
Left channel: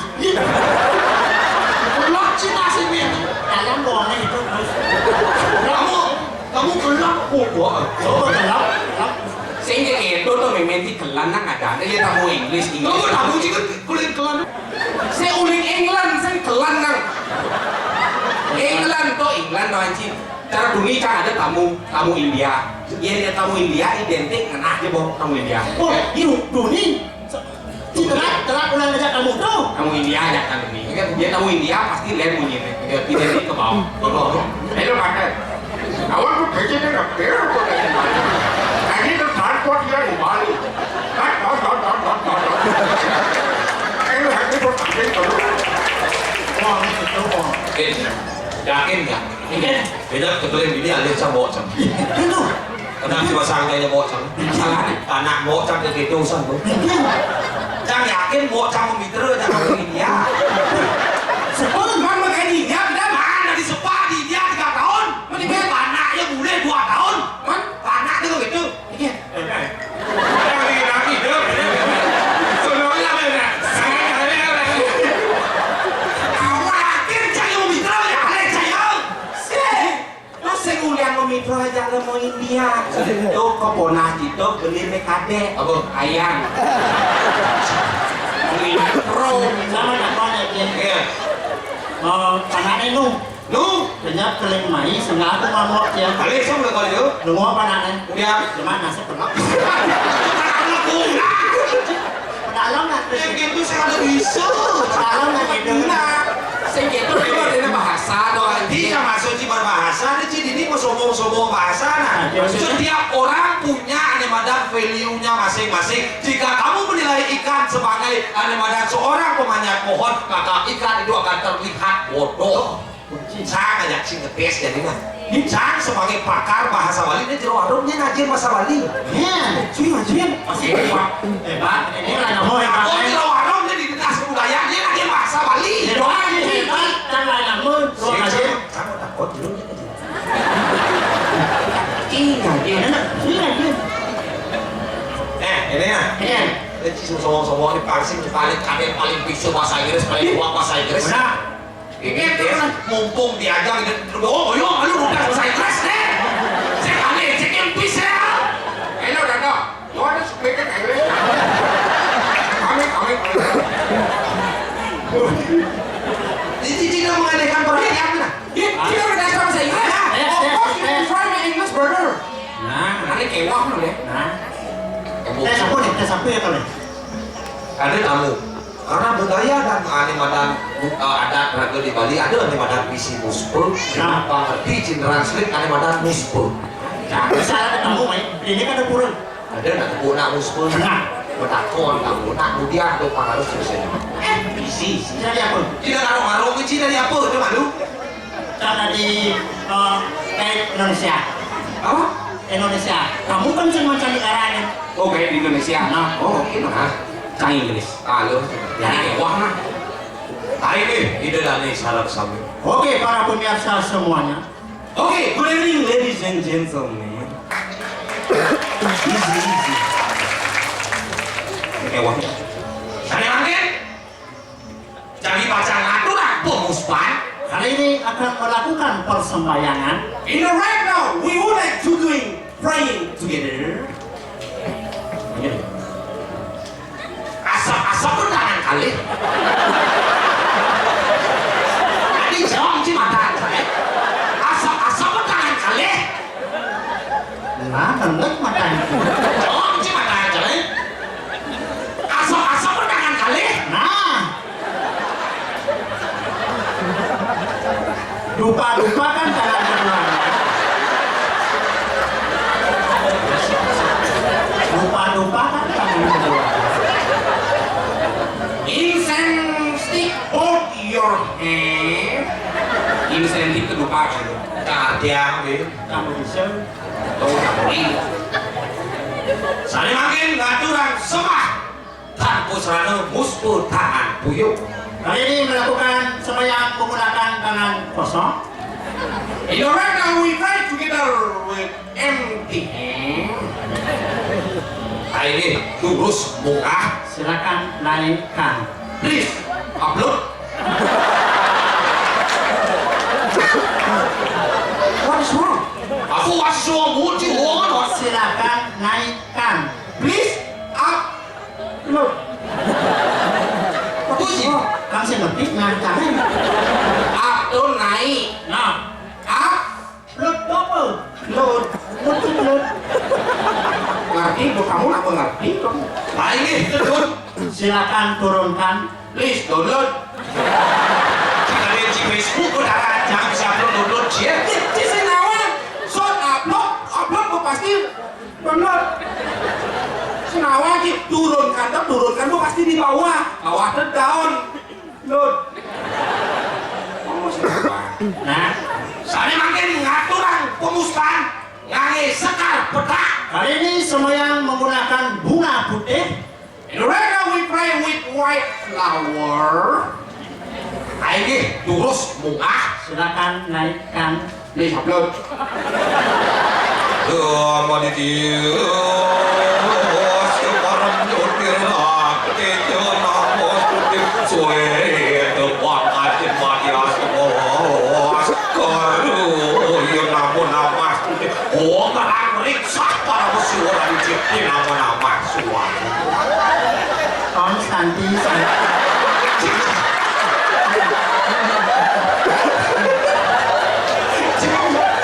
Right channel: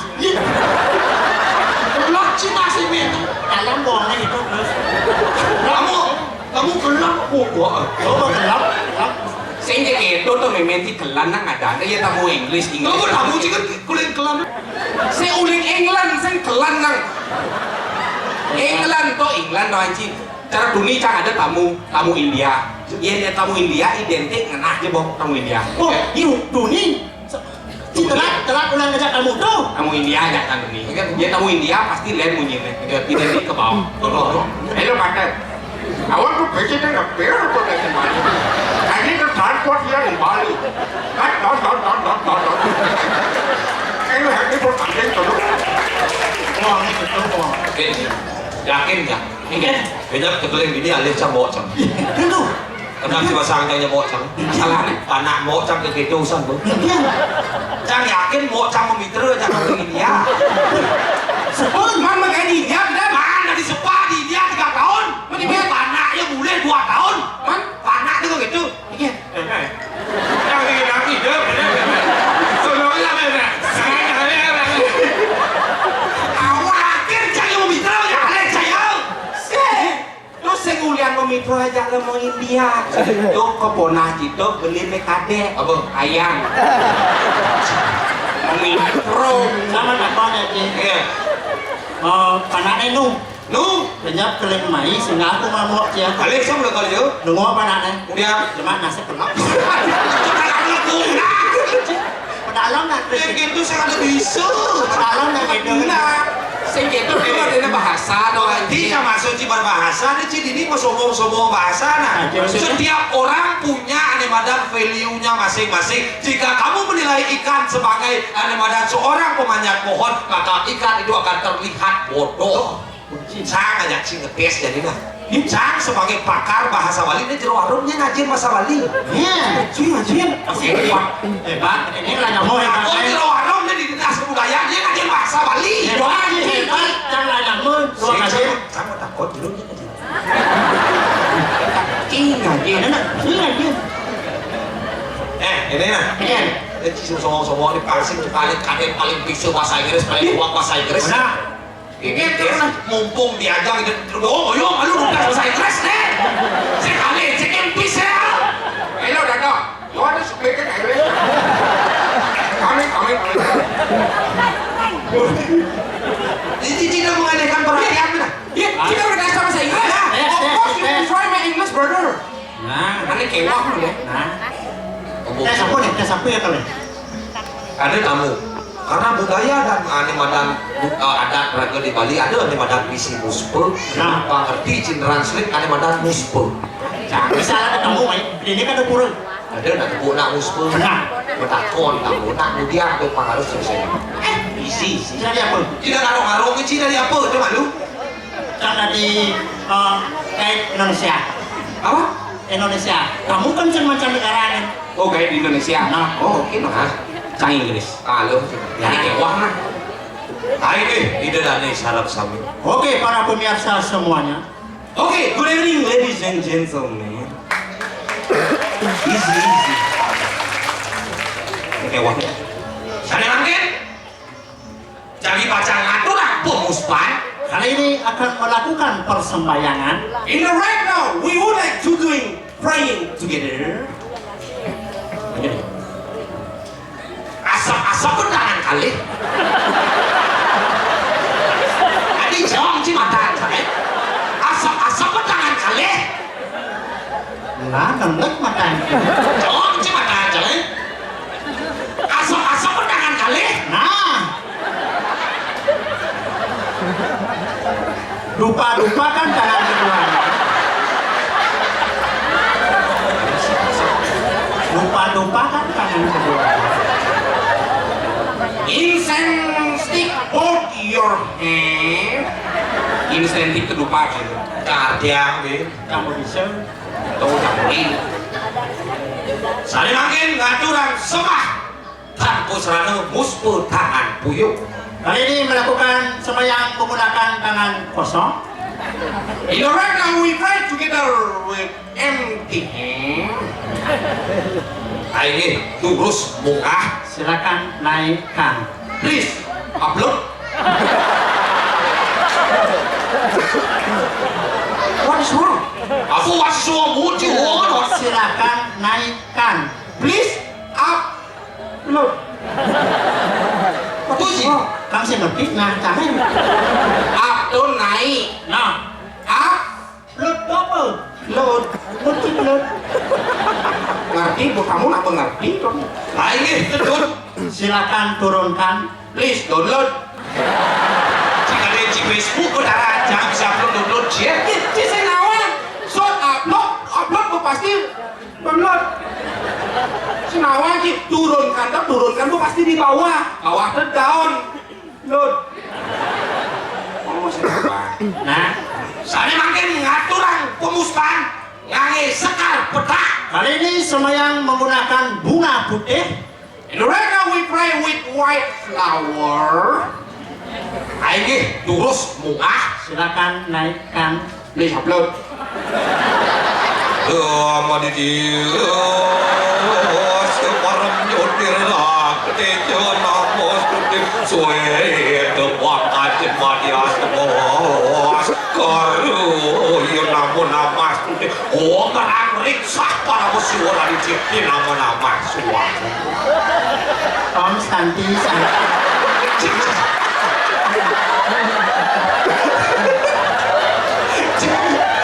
Lock cita sih men. Dalam bohongnya itu. Kamu gelap gua. Coba gelap. Sehingga itu tuh mementi kelan nang ada ya tamu English. Kamu tamu juga kulit kelan. Saya uling England, saya kelan nang. England tuh anjing. Cara dunia kan ada tamu India. Ya tamu India identik dengan aja boh tamu India. Oh, ini dunia. Telat ulang ngajak kamu tuh. Tamu India ajak tamu ini. Dia tamu India pasti lihat bunyinya. Identik ke bawah. Hello partner. I want to visit an affair for the Bali. I need to transport here in Bali. Can you help me for something to do? Wah, ini betul kok. Yakin nggak? Yakin. Kayaknya betul yang ini alih sama bawa cang. Itu. Kenapa sih pasangnya bawa cang? Salahnya anak bawa cang ke gitu san bu. Cang yakin bawa cang memitra jangan begini ya. Sepuluh man pakai di dia tidak. Mana di sepa di dia 3 tahun? Mending panaknya boleh 2 tahun. Man, panak itu gitu. Iya. Yang bikin aku hidup. Soalnya apa ya? Yakin cang yang memitra ya alih saya. Lo sengulian memikro aja ke mau India. Tuh kepona gitu beli mekade. Apa? Ayam. Mikro sama dapat aja. Iya. Panaknya nu. Nu, Banyak keling mai sehingga aku mau dia. alih sama kalau itu. Nunggu panaknya. Dia Cuma nasi pelak. guna. Pedalong nak. Yang gitu saya ada bisa. Pedalong nak gitu. Saya gitu itu ada bahasa doang. Tidak masuk di berbahasa, di sini mau sombong-sombong bahasa. Nah, setiap orang punya animadan value-nya masing-masing. Jika kamu menilai ikan sebagai animadan seorang pemanjat pohon, maka ikan itu akan terlihat bodoh. Cang ngajak sing ngetes jadi mah. Cang sebagai pakar bahasa Bali ini jero warungnya ngajin bahasa Bali. Ya, Cuy ngajin. hebat. Ini lah kamu hebat. Oh jero warungnya di dinas kebudayaan dia ngajin bahasa Bali. Hebat, hebat. Jangan kamu. Dua kali. Kamu takut dulu. Ini nak. Ini lagi. Ini ya. Ini. Jadi sombong-sombong ini paling bisu bahasa Inggris, paling kuat bahasa Inggris. Nah. Ini mumpung diajak gitu. Oh, yo, lu udah bahasa Inggris deh. Saya kali cek impis ya. Hello Dado. Lo ada speaker kayak Kami. Jadi tidak mengalihkan perhatian mana? Kita udah bahasa Inggris. Of course you can try my English brother. Nah. Nanti kewah lu ya. Nah. Tes apa ya kalian? Ada tamu. Karena budaya dan animadan adat raga di Bali ada animadan misi muspe. Nah. Pengerti cin translate animadan muspe. Jangan salah ketemu, ini kan ada kurang. Ada nak guna muspe. Nah. Betakon kamu nak mudia tuh pengaruh selesai. Isi. Jadi apa? Tidak ngarung-ngarung ini dari apa? Itu malu. Karena di Indonesia. Apa? Indonesia. Kamu kan cuma cari negaranya. Oh kayak di Indonesia. Nah. Oh oke nah. Cang Inggris. Halo. Jadi kewah mah. Hai nih, ide dan nih sarap sami. Oke, para pemirsa semuanya. Okay, good evening ladies and gentlemen. Easy. Kewah. Sana mangkin. Jadi baca ngatur pemuspan. Kali ini akan melakukan persembayangan. In the right now, we would like to doing praying together. Asap-asap pun tangan kali. Tadi jawab sih mata saya. Asap-asap pun tangan kali. Nah, kendek matanya. Jawab sih mata saya. Asap-asap pun tangan kali. Nah. Dupa-dupa kan tangan kedua. Dupa-dupa kan tangan kedua. Incense stick, hold your hand. Incense stick kedupa gitu. Kadiang nih. Kamu bisa. Tahu tak boleh. Sari mangkin ngaturang sembah. Tanpa serana muspu tangan puyuh. Kali ini melakukan sembahyang menggunakan tangan kosong. In the right now, we pray together with empty hand. Nah ini lurus muka. Silakan naikkan. Please upload. What is wrong? Aku masih semua muci wono. Silakan naikkan. Please upload. What is wrong? Kamu sih ngerti ngancamnya. Upload naik. Nah, Upload double. load. Load. Ngerti? Bu kamu apa ngerti? Nah ini turun. Silakan turunkan. Please download. Jika ada di Facebook udah jangan bisa download ya. Di Senawan, shot upload bu pasti download. Senawan turunkan bu pasti di bawah ke down load. Nah, Saya makin ngaturang pemustan ngange sekar petak. kali ini sembahyang menggunakan bunga putih. In the reggae we pray with white flower. Aige durus mungah. Silakan naikkan. Nih upload. Konstanti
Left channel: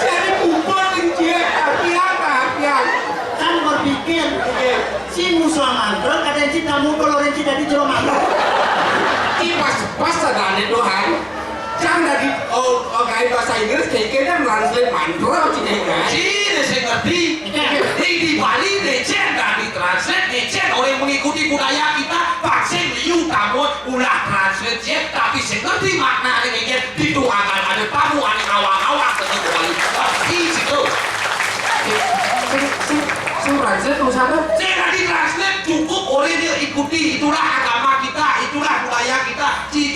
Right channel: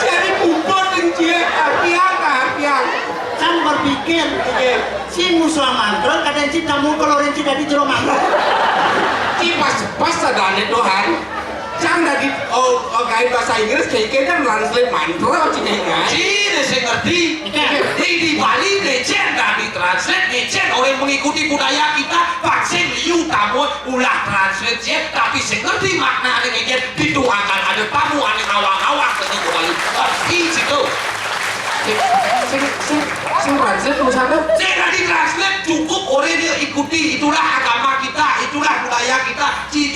Jadi bubur dia apian. kan berpikir si musuh mantra kadang si tamu kalau renci dari jero mantra. Pas sadane Tuhan. Jangan dari kayak bahasa Inggris kayak kan translate mantra cina enggak. Cina saya ngerti. Di Bali legend dari translate legend orang mengikuti budaya kita vaksin liu tamu ulah translate jet tapi saya ngerti makna dari legend dituangkan ada tamu ada awang-awang ke Bali. Pasti situ. Saya translate tulisannya. Saya tadi translate cukup orang dia ikuti itulah agama kita itulah budaya kita.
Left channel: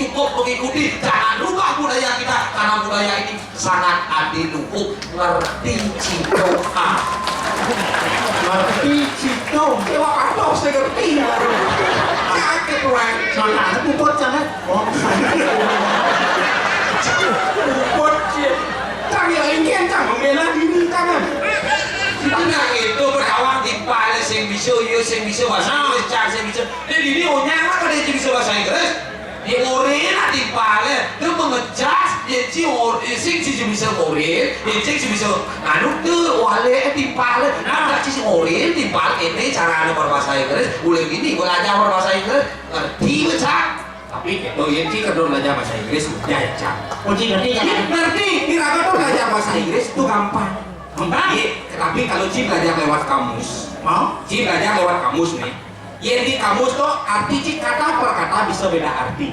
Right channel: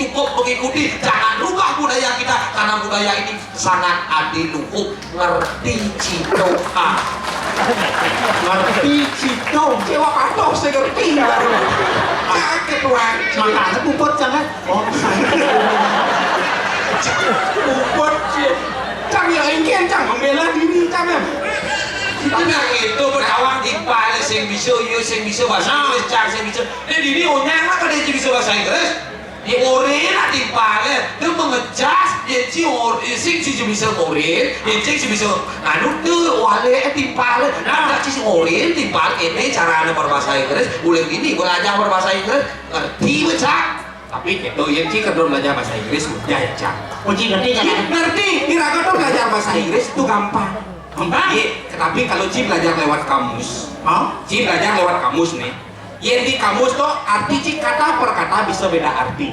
Cukup mengikuti jangan rubah budaya kita karena budaya ini sangat adiluhuk ngerti citoha Ngerti cito. sewa kartos saya ngerti kaget tuan Makanya bubur jangan. Oh, buat cang ya ingin cang membela diri cang tenang itu berkawan di Bali yang bisa bahasa Inggris cang yang bisa jadi ini onyang lah kalau dia bisa bahasa Inggris di orena di Bali dia mengejas dia sing bisa oren dia sing bisa anu tuh wale di Bali ada sing oren di Bali ini cara anu berbahasa Inggris boleh gini belajar berbahasa Inggris ngerti baca tapi itu yang sih kedua belajar bahasa Inggris mudah ya cang uji ngerti jangan. ngerti kira-kira tuh belajar bahasa Inggris itu gampang tapi kalau Ci belajar lewat kamus Ci belajar lewat kamus nih yang di kamus tuh arti Ci kata per kata bisa beda arti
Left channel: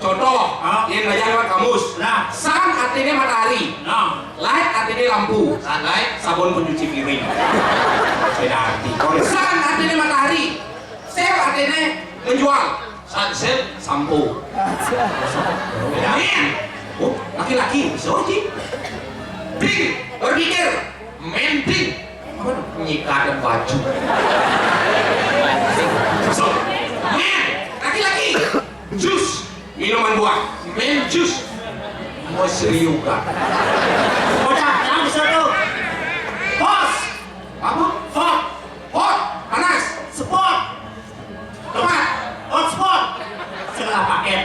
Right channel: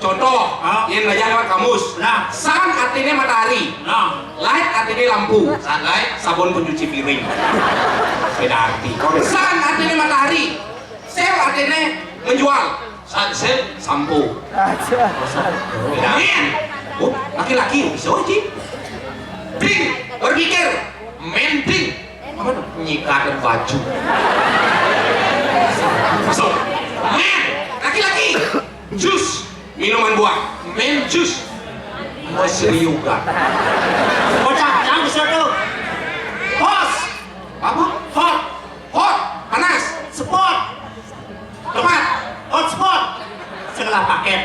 contoh yang belajar lewat kamus sun artinya matahari light artinya lampu sunlight sabun pencuci piring beda arti sun artinya matahari sale artinya menjual sunset sampo beda laki-laki bisa Ci Bing, berpikir, mending, apa tuh? Nyikatin baju. So, men, laki-laki, jus, minuman buah, men jus, mesriukan. Udah, yang bisa tuh. Hot, Apa? Hot, panas, spot, tepat, hot spot. Segala paket.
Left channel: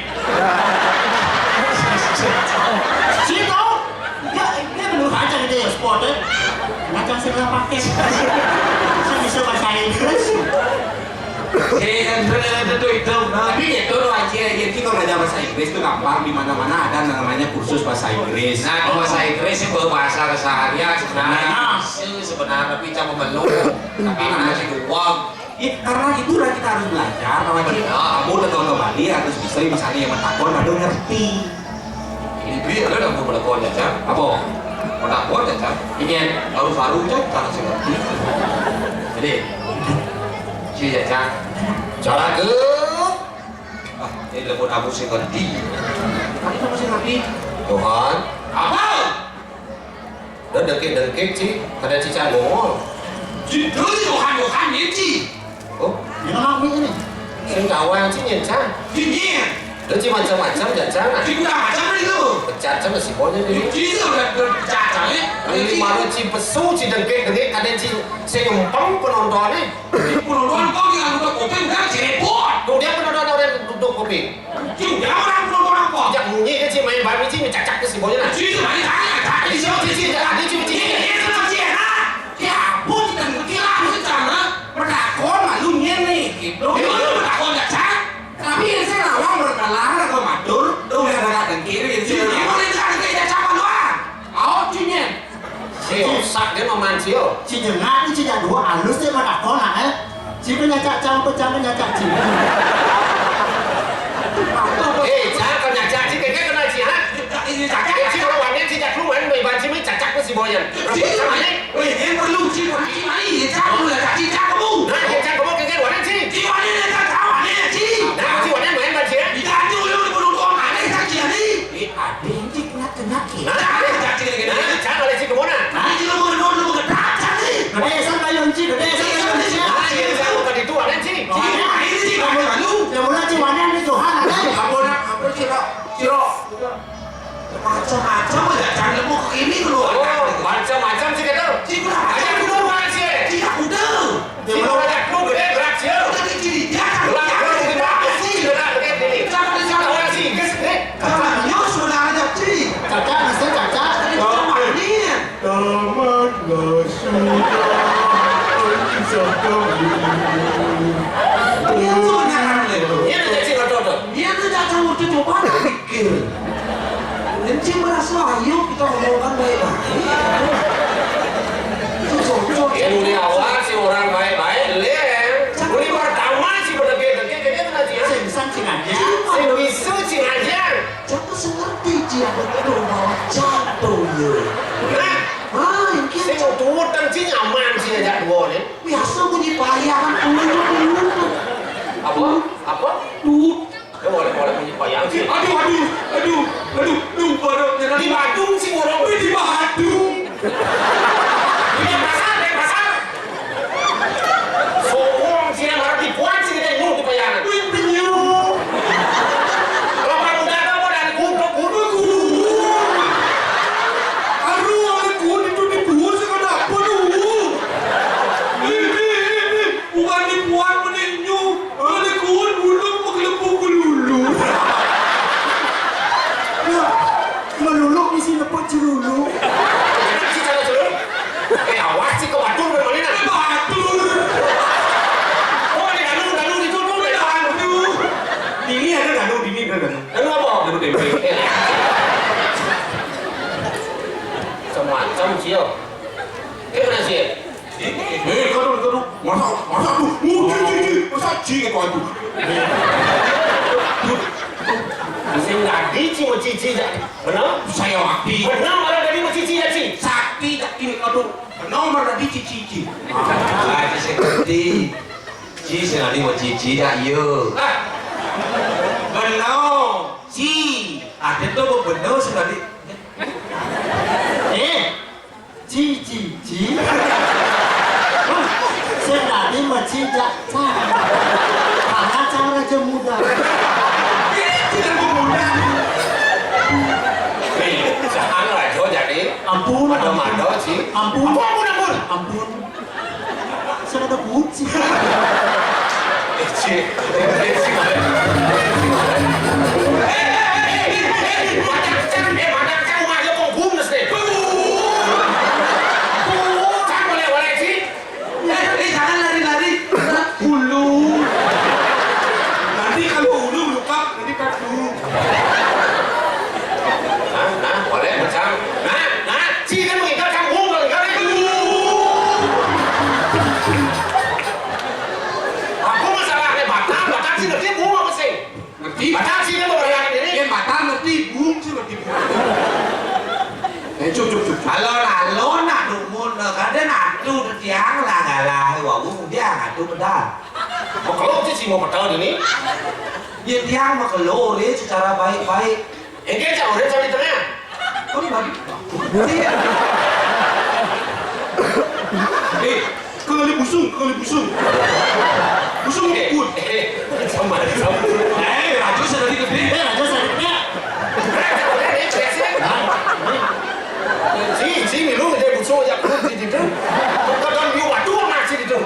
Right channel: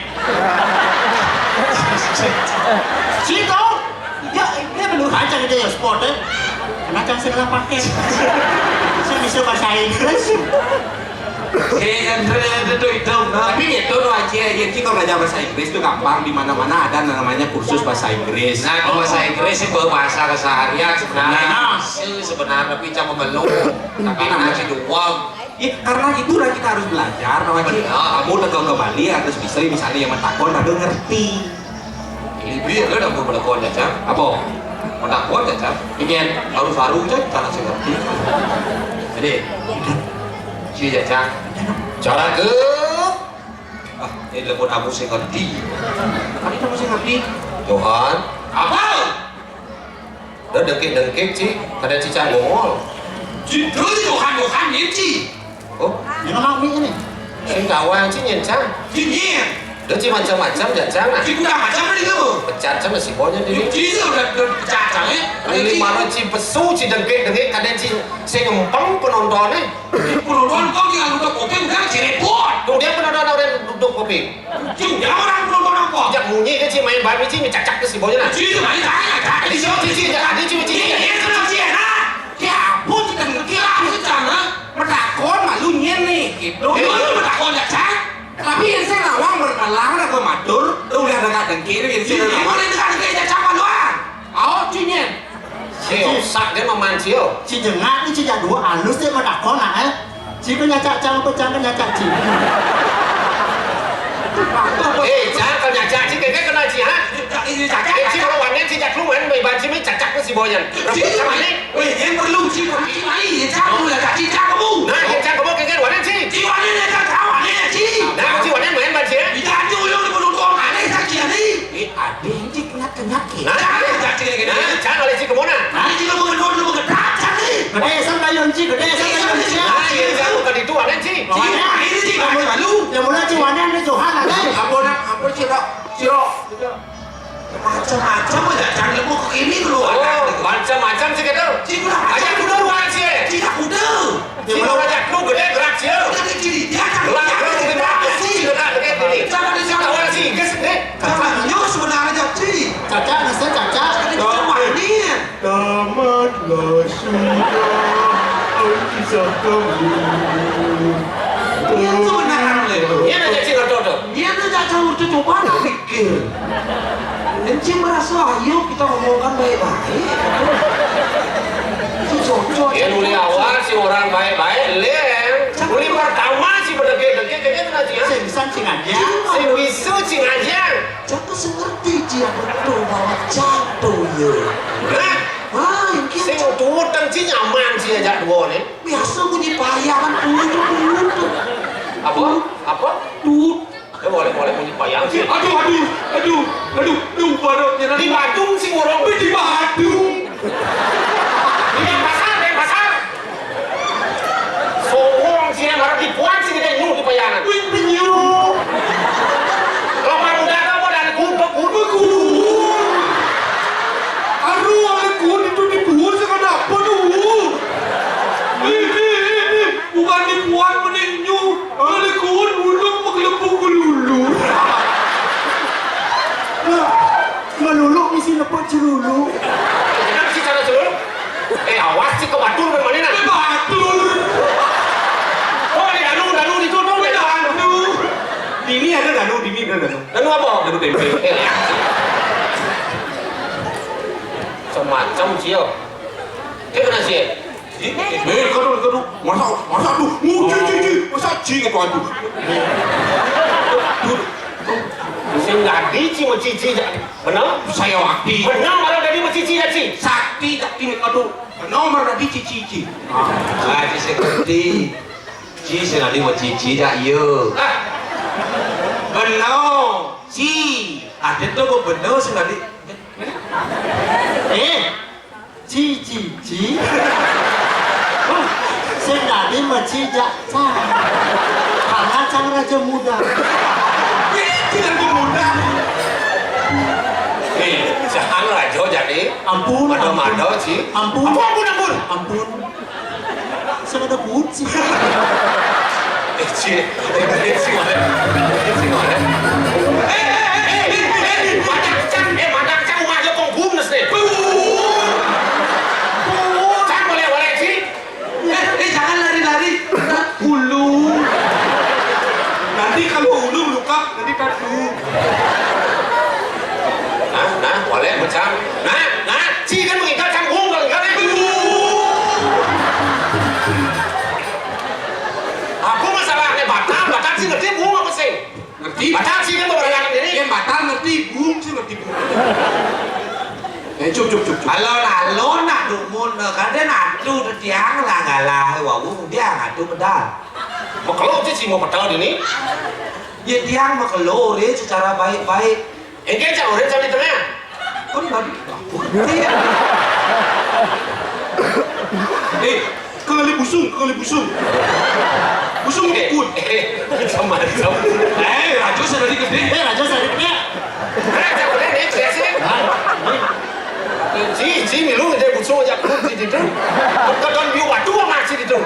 Cito. Ya, dia belum baca gitu ya sport ya. Macam segala paket. Saya bisa bahasa Inggris. Tapi itu loh aja, jadi kalau belajar bahasa Inggris itu gampang, di mana-mana ada namanya kursus bahasa Inggris. Nah, kalau bahasa Inggris itu bahasa keseharian sebenarnya tapi cuma melulu tapi nanti doang. Ya, karena itulah kita harus belajar. Kamu datang ke Bali harus bisa misalnya yang mentakon ada ngerti. Ini udah mau berlakon ya, Cam? Apa? Berlakon ya, Cam? Ingin Baru Cam, karena saya ngerti. Jadi, si ya, Cam? Cara ke? Ini lembut aku saya ngerti. Tadi kamu sih ngerti? Tuhan, Apa? udah dengkit sih, kada cicak ngomong. Itu Tuhan ini Oh, Ini mau ini. saya nggak awal sih nyencang. Dingin. Dia sih macam-macam jangan. Kita macam itu. Pecat sama si bonya jadi. Itu udah cacang ya. Ini malah si pesu si dengkit kadang si saya numpang penontonnya. Penonton kau tinggal duduk kopi udah si repot. Tuh dia penonton orang duduk kopi. Juga orang penonton apa? Jak bunyi kan si main babi si cacak ke si bonya nah. Itu mana tanya? Di sini si jangan dia cuma Ini itu sih ya. Ya ampun kita kira sih cara berdakon malu nih gitu. Itu berdakon ya cak. Tapi yang saya lawang berkalang ada matur, tuh lihat ada kiri yang saya lawang itu kan kayak cacapan doang. Oh cinya. Si osak dia memancil. Si jengat ini si jadua halus dia pada kona eh. Si penyacak campur campur nyacak si. Jangan kau nyacak si kayak ini cacak. Si kalau wanita si cak lu main bayi si cacak ku si boyan. Cik sama ini. Weh, yang perlu cik lagi mai ya cak lu lah cik kamu. Nah, yang cak kamu kan wanita si. Cik wanita cak wanita cik. Nah, si wanita main bayi si. Tidak ada yang perlu kau mana cak cik ni. Ada yang cik kenat ke. Nah, Cak cik ni. nah, cak oleh si kemana? Nah, cik kamu lu kedak cak ni. Gede sampai yang cik, gede sampai yang cik. Nah, yang cak lu tadi tu wanita si. Cik ini cik kamu lalu. Yang mula cik wanita ni Johan ada. Apa ciro. Macam-macam aja jangan lebu ke ini dulu. Oh, macam-macam sih kata. Cik kurang Ajak ajar. dulu wan si. Cik tak muda. Si mau ajak lu gede gerak si. Udah ciri dia kan. Gerak lu di mana si? Gerak gede ni. Jangan di sana. Orang si, kes ni. Jangan nyos sudah aja cik. Caca, nasi caca. Cuma ini. Tamatlah sudah kisah kami. Dia tu benar le. Dia nak jadi rodo. Dia tu tak tahu tu coba nak fikir. Encik merasa ayo kita ngomongkan baik-baik. Itu cocok. Dia muli awal si orang baik-baik lem. Muli pertama si berdeket-deket tu nanti. Singsan cing aja. Si wisu si ngajar. Jangan sengerti dia betul bahwa jatuh ya. Nah, Ah, yang si kita mau tuutang si nyaman si ajak dua ni. biasa bunyi bayaran dulu tu. Apa? Tut. Boleh bunyi payang si. Aduh, baru Di Bandung si orang. di Bandung. Di pasar. Sokong si yang harap dipuan si kita nyuruh di payangan. Wih, penyu. Lomba udara apa dan kudu. Aduh, ada kuat itu dibuat sekarang apa tu? Ini, bukan dibuat menenyu. Ada kuat ulung mengelepuk lulu. Meluluk di sini lepuk cerulu. Kenapa si cara celur? Awas si ke Bandung ke mana? Batur. Oh, di Danu itu tu di Danu. Ini ada danu. Danu apa? Danu tempe. Semacam cio. Kena sih. Kadu. Masa tu. Masa cing itu aku. Sing ngadi ci cici dah. Benar? Saya wakti. Benar kalau dari cici dah ci. Sakti tak ini kadu. Nomor tadi cici. Ah, saya ngerti. Ci senadi mau cici dah iya. Benar. Ci. Ada tu benar senadi. Cici. Senadi maci jaksa. Karena sang raja muda. Tidak mudah. Jangan rajo jadi. Ampun. Mado ci. Ampun. Ampun. Saya ada buci. Ci mana? Madang rumah dia penggum nasi. Jangan boleh ci. Jangan lari. Hulu. Nanti kalau hulu luka, nanti kadu. Nah, boleh macam. Nah, ci kan mengikat kampung kalau ikat ni. Aku masalahnya batal ci ngerti bung apa sih? Ngerti? Batal ci kan beberapa ini. Yang batal ngerti bung sih ngerti bung. Cuk. Halo nak dumun kadang adu tiang lah ngalah wah bung dia adu pedal. Kalau ci mau batal ini, Ya tiang mah kelo dia secara baik-baik. ini jauh dia di tengah. Kan babi. Kali busung. Busung ikut. Macam. Raju sudah gede. Raja saya kena. Si milu dia busuk aja perut di situ. Kadang biu batu masih di situ.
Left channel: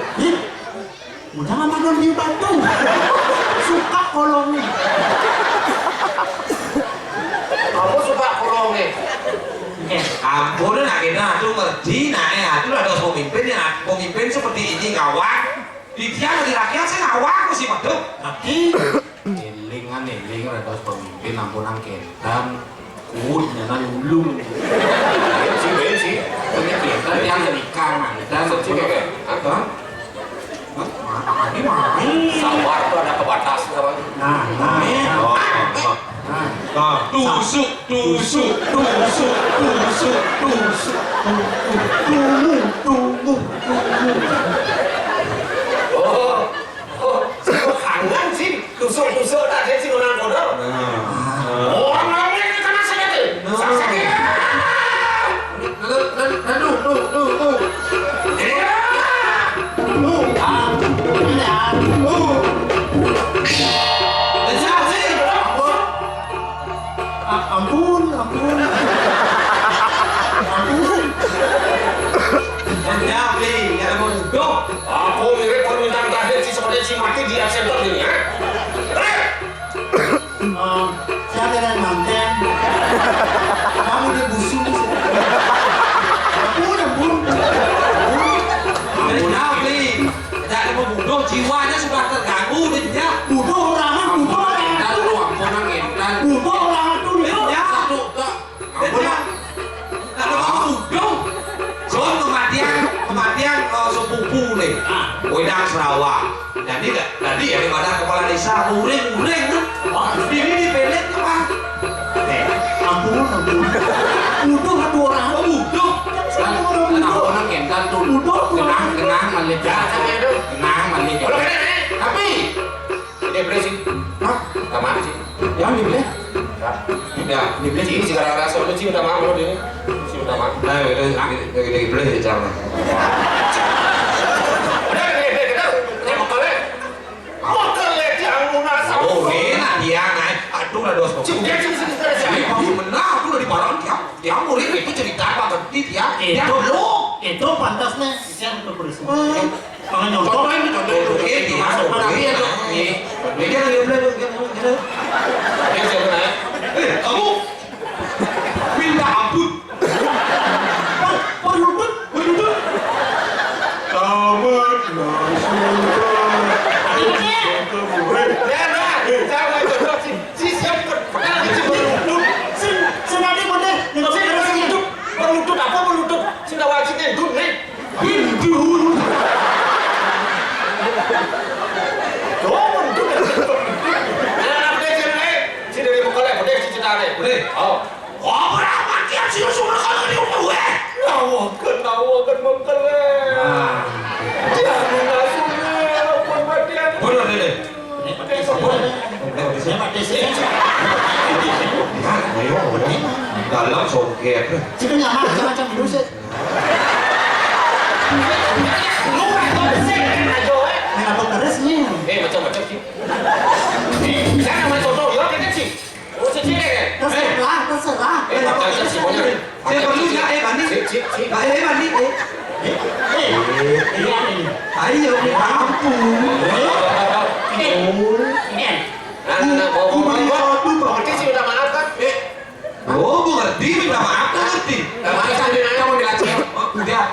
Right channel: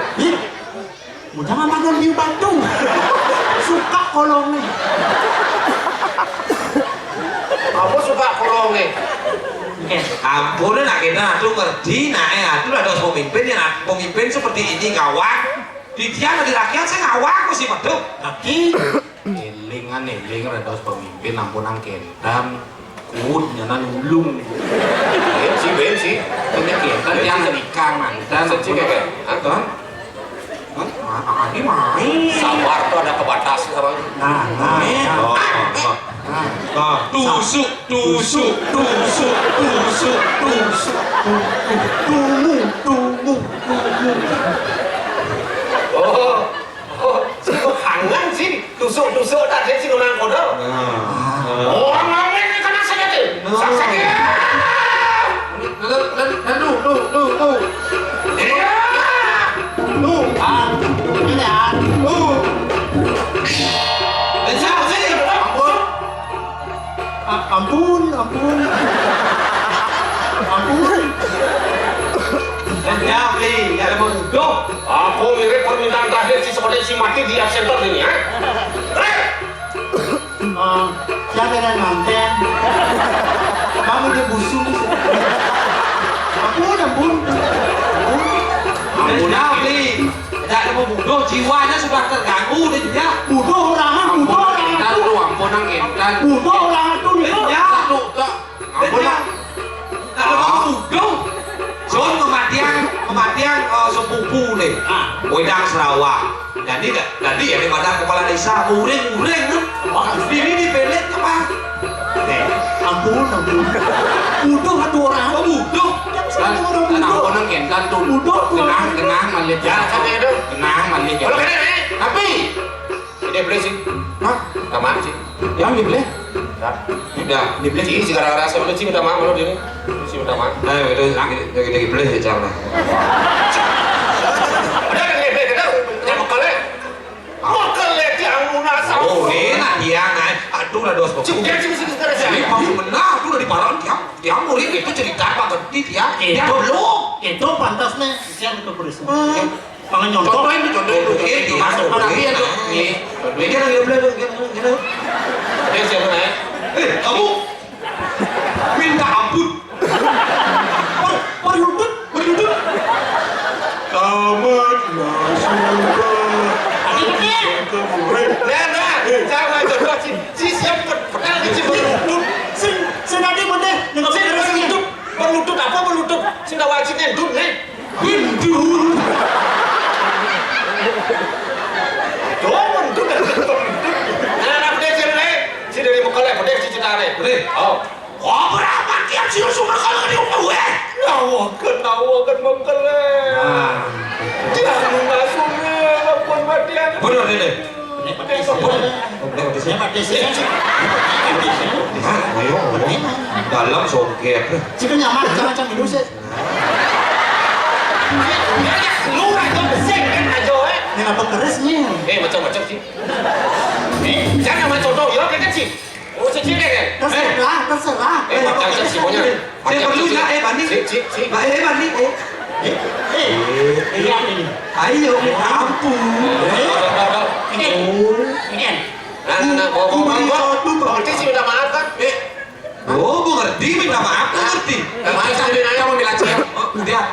Mudah amat di Batu. Suka kolongnya. Aku suka kolong ni. Ampun nak kita adu ngerti adu ada pemimpin seperti ini ngawak. Di tiang di rakyat saya ngawak mesti paduk. Tapi elingan ada pemimpin ampunan kendan. Kuut nyanan ulung. Bensi. Punya kita yang ikan dan Cik Apa? Ini main. Sabar tu ada kebatas sekarang. Nah. Tusuk, tusuk, tusuk, tusuk, tusuk. Sino hangan sih, tusuk-tusuk tak ada sih orang bodoh. Orang lain ini kena sakit. Sakit. Ampun. Jawab nih, nggak ada mau duduk. Aku mirip permintaan terakhir si seperti si mati di absentor ini ya. Siapa yang manten? Kamu dia busuk. Ampun. Jawab nih, nggak ada mau duduk. Jiwanya sudah terganggu dia. Butuh orang. Kita lu ampunan kan. Butuh orang itu dia. Ya, tuh, ampunan. Nggak ada mau duduk. Soal kematian sepupu nih, Wedang Sarawak. Jadi ya daripada kepala desa uring kan. Ini dipelet apa? Ampun. Butuh satu orang. Butuh. Kan orang kentan tuh. Tenang malik ya. Tenang malik ya. Tapi Ini beli sih. hah? Tamat sih. Yang dibeli? Ya, dibeli sih si gara-gara sebelum sih udah mau ini. Si udah mau. Ayo itu lagi beli ya cara. Udah ini mau kale. Mau kale yang munas. Oh, enak dia ngai. Aduh lah dos. Sini. Ini kamu menang tuh dari parang dia murid itu cerita apa tadi dia belum. Itu pantasnya siapa ke polisi. Kalau nyontok. Contohin dulu. Ini masuk pada dia tuh. Ini dia beli. Ini siapa nih? Kamu minta ampun. Berlutut. Tamatlah sudah. Nah, jangan coba si siapa pernah berlutut. Senadi bener. Berlutut apa berlutut? Sudah wajibnya dud nih. Hindu. Nah, dia sini nih. Si dari Bukale, dia si Cina nih. Oh. Kau berapa kian sih sumber kalau di rumah gue? Nawakan Bukale. Jangan mengasuhnya, pun matian. Bener deh. Dalam songket. Jika nyaman macam itu sih. Lu aja sih aja Kenapa kerisnya? macam-macam sih. Jangan main contoh ya kan sih. Oh sih kan. Terserah. Macam sih punya. Saya perlu nggak banding? Si. Banding. Ini. Ayo, ampun. Nah, mau sih udah maaf kan? Oh, gue ngerti, minta maaf, gue ngerti. Kamu bilang sih. Udah,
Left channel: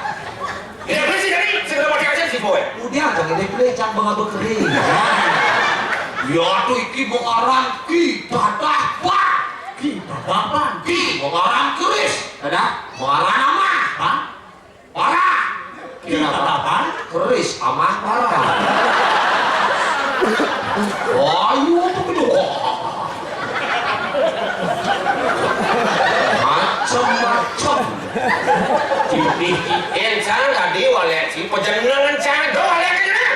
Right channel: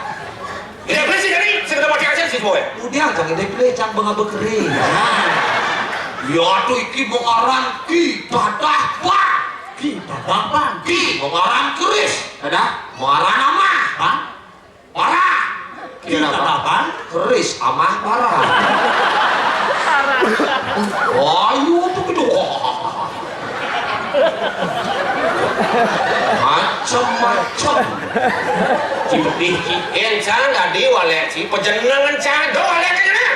Ya bersih dari segera pakai aja sih boy. udah, jangan deh, jangan bangga kering. Ya tuh iki mau orang ki dadah pak. Kita dapat. Ki mau orang keris. Ada mau orang nama. Hah? Parah. Kita dapat. Keris amah parah. Ayo tuh kedua. Macam-macam. Cipih encang tadi walek si pejenengan cado walek kena.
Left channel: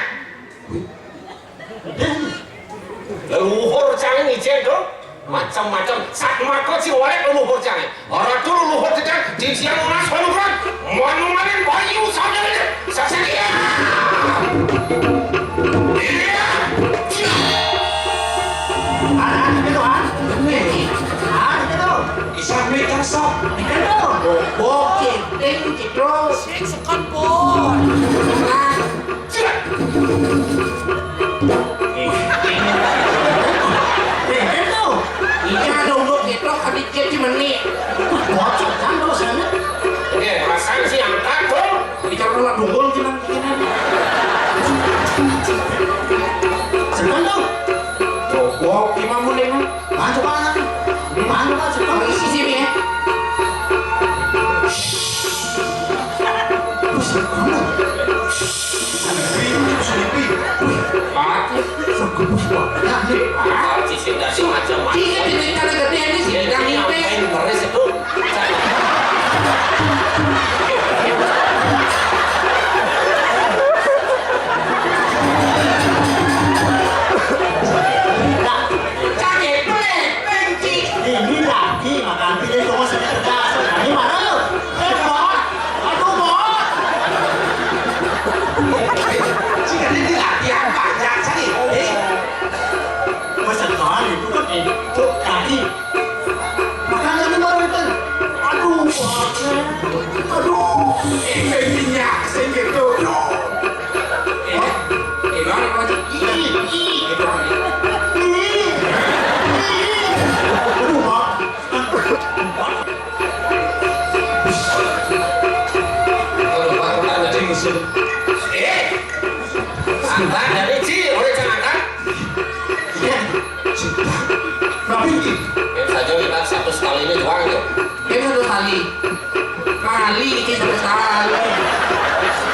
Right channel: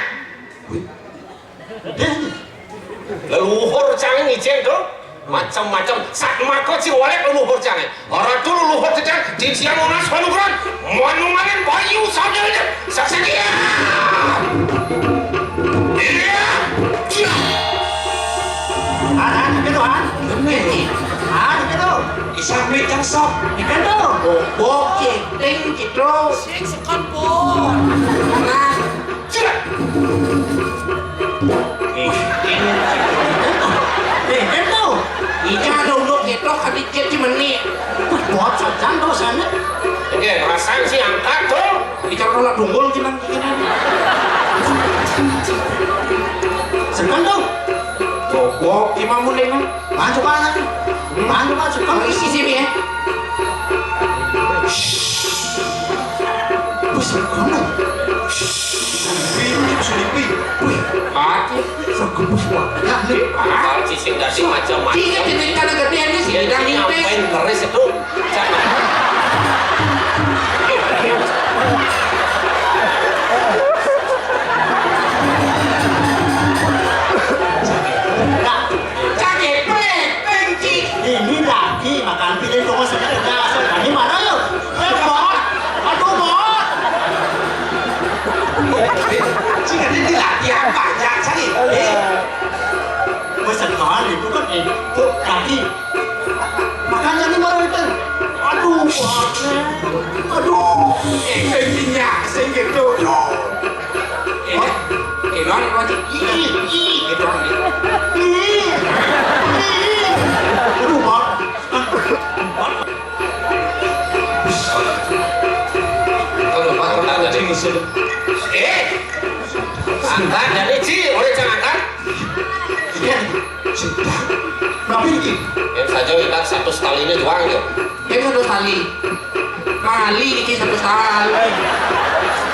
Leluhur cang ni cendo macam-macam sak makot si walek leluhur cang. Orang tu leluhur cang di siang unas panuran manumalin bayu saudara saksakia. Isang may kansap. Oke, thank you, bro. Seksekan po. Itu. Ini ada untuk kita kadiknya di menit. Bocor kan dosanya. Dia rasain si angkat tu. Bicara nolak dunggul kita. Senang tuh. Coba gimana mulai kan? Masuk anak. Masuk Isi sini ya. Mati. Si sing dasi macam-macam. Tiga jenis karena gedean ini Ngapain ngeres itu? Ini lagi makan pilih kok sedikit gas. Ini mana yuk? Bos. Aduh bos. Jika ini latihan banyak sekali. Masa kali itu kan itu kaki. Makan lagi baru itu. Aduh bos. Aduh. Minyak segitu. Orang lagi Itu Aduh bos. Kalau Pak Ronald jadi musuh. Angkat dari Ci, oleh jangan angkat. Tapi ini. Yang saja kita satu sekali ini doang itu. Ini satu kali. Kali ini satu kali.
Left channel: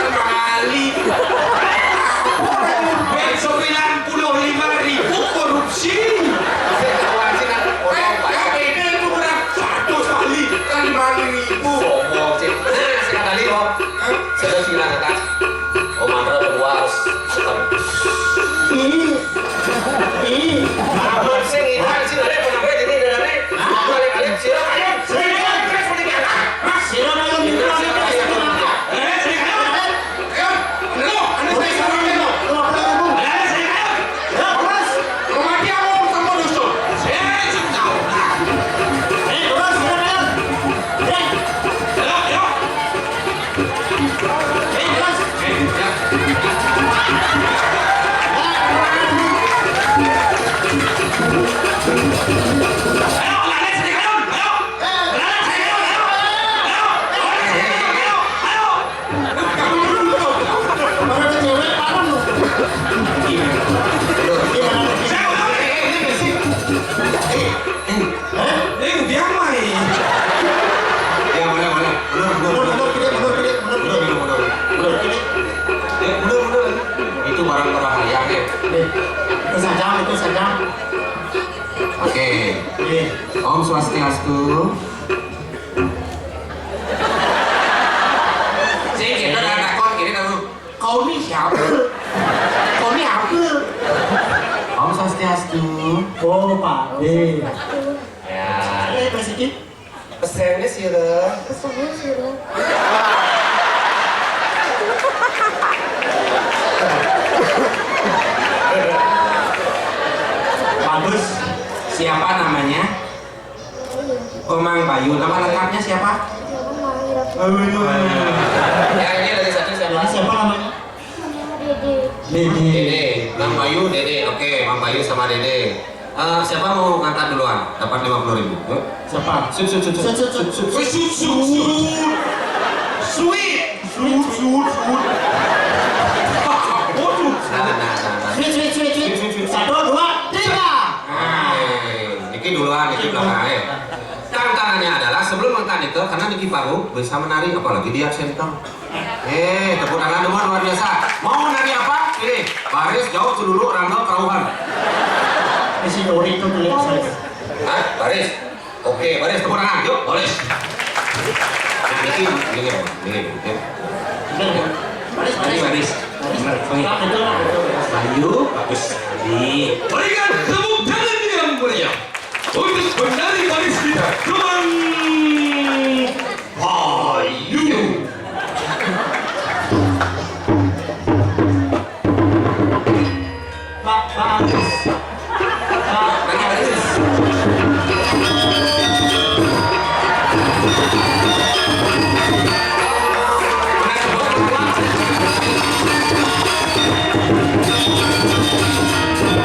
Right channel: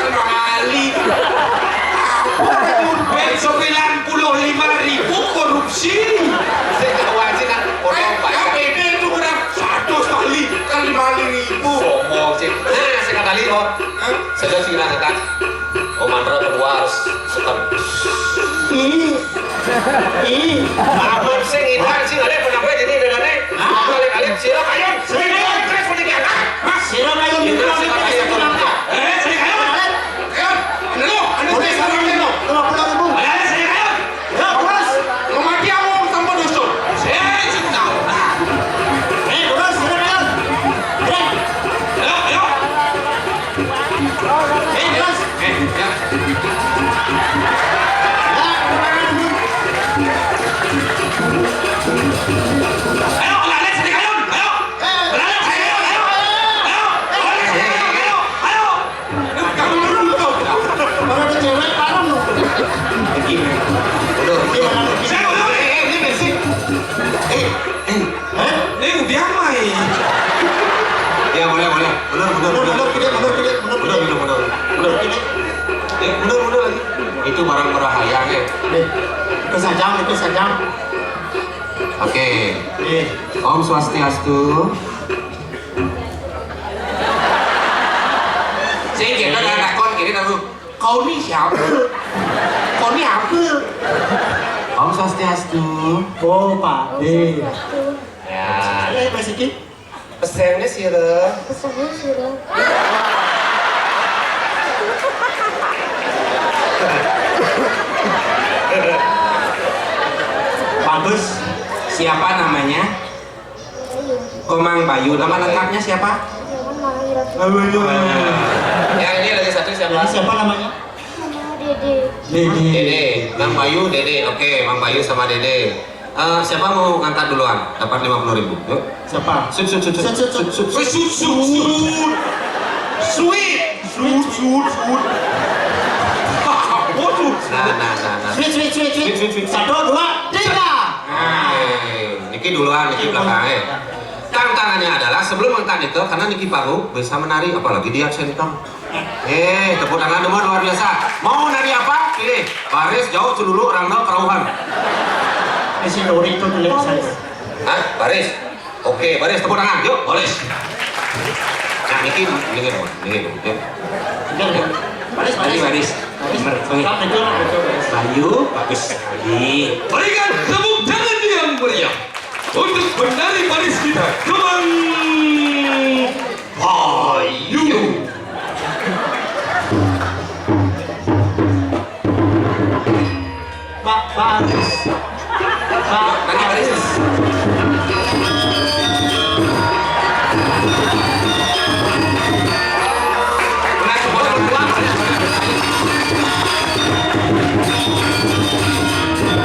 Kali. besok 95.000 korupsi. Saya ketahuan sih kan orang banyak. KPD itu berapa? 1 kali 5.000. Sombong sih. Nah, sekali loh. Sudah bilang kan. Oh Mandra kedua harus setor. Abang sing hilang sih ada penampilan jadi dengan ini. Kali-kali siapa ayo. Sira kayo dito. Itu barang berbahaya ya. Itu sajam. Oke. Om Swastiastu. Saya kira ada nakon kiri tahu. Kau ni siapa? Kau ni apa? Om Swastiastu. Oh, Pak. Ya. Pak Siki. Pesennya sih lo. Pesannya sudah. Bagus. Siapa namanya? Omang Bayu. Nama lengkapnya siapa? Jangan manggil aku. Ya ini lagi satu siapa? Ini siapa namanya? Dede. Dede. Bang Bayu, Dede. Oke, Bang Bayu sama Dede. Siapa mau ngangkat duluan? Dapat 50.000. Yuk. Siapa? Sut. Sweet. Nah. Sweet. 1, 2, 3. Niki duluan, Niki belakang. Tantangannya adalah sebelum angkat itu, karena Niki baru bisa menari, apalagi dia sentong. Tepuk tangan demar luar biasa. Mau nari apa? Pilih. Baris jauh dulu, rangkau kerauhan. Isi lori itu tulis saya. Hah? Baris. Oke, baris tepuk tangan. Yuk, baris. Nah, Niki. Baris. Benar. Bayu. Bagus sekali. Berikan tepuk tangan yang meriah untuk penari baris kita, Teman Bayu. Pak Bagus. Nari baris.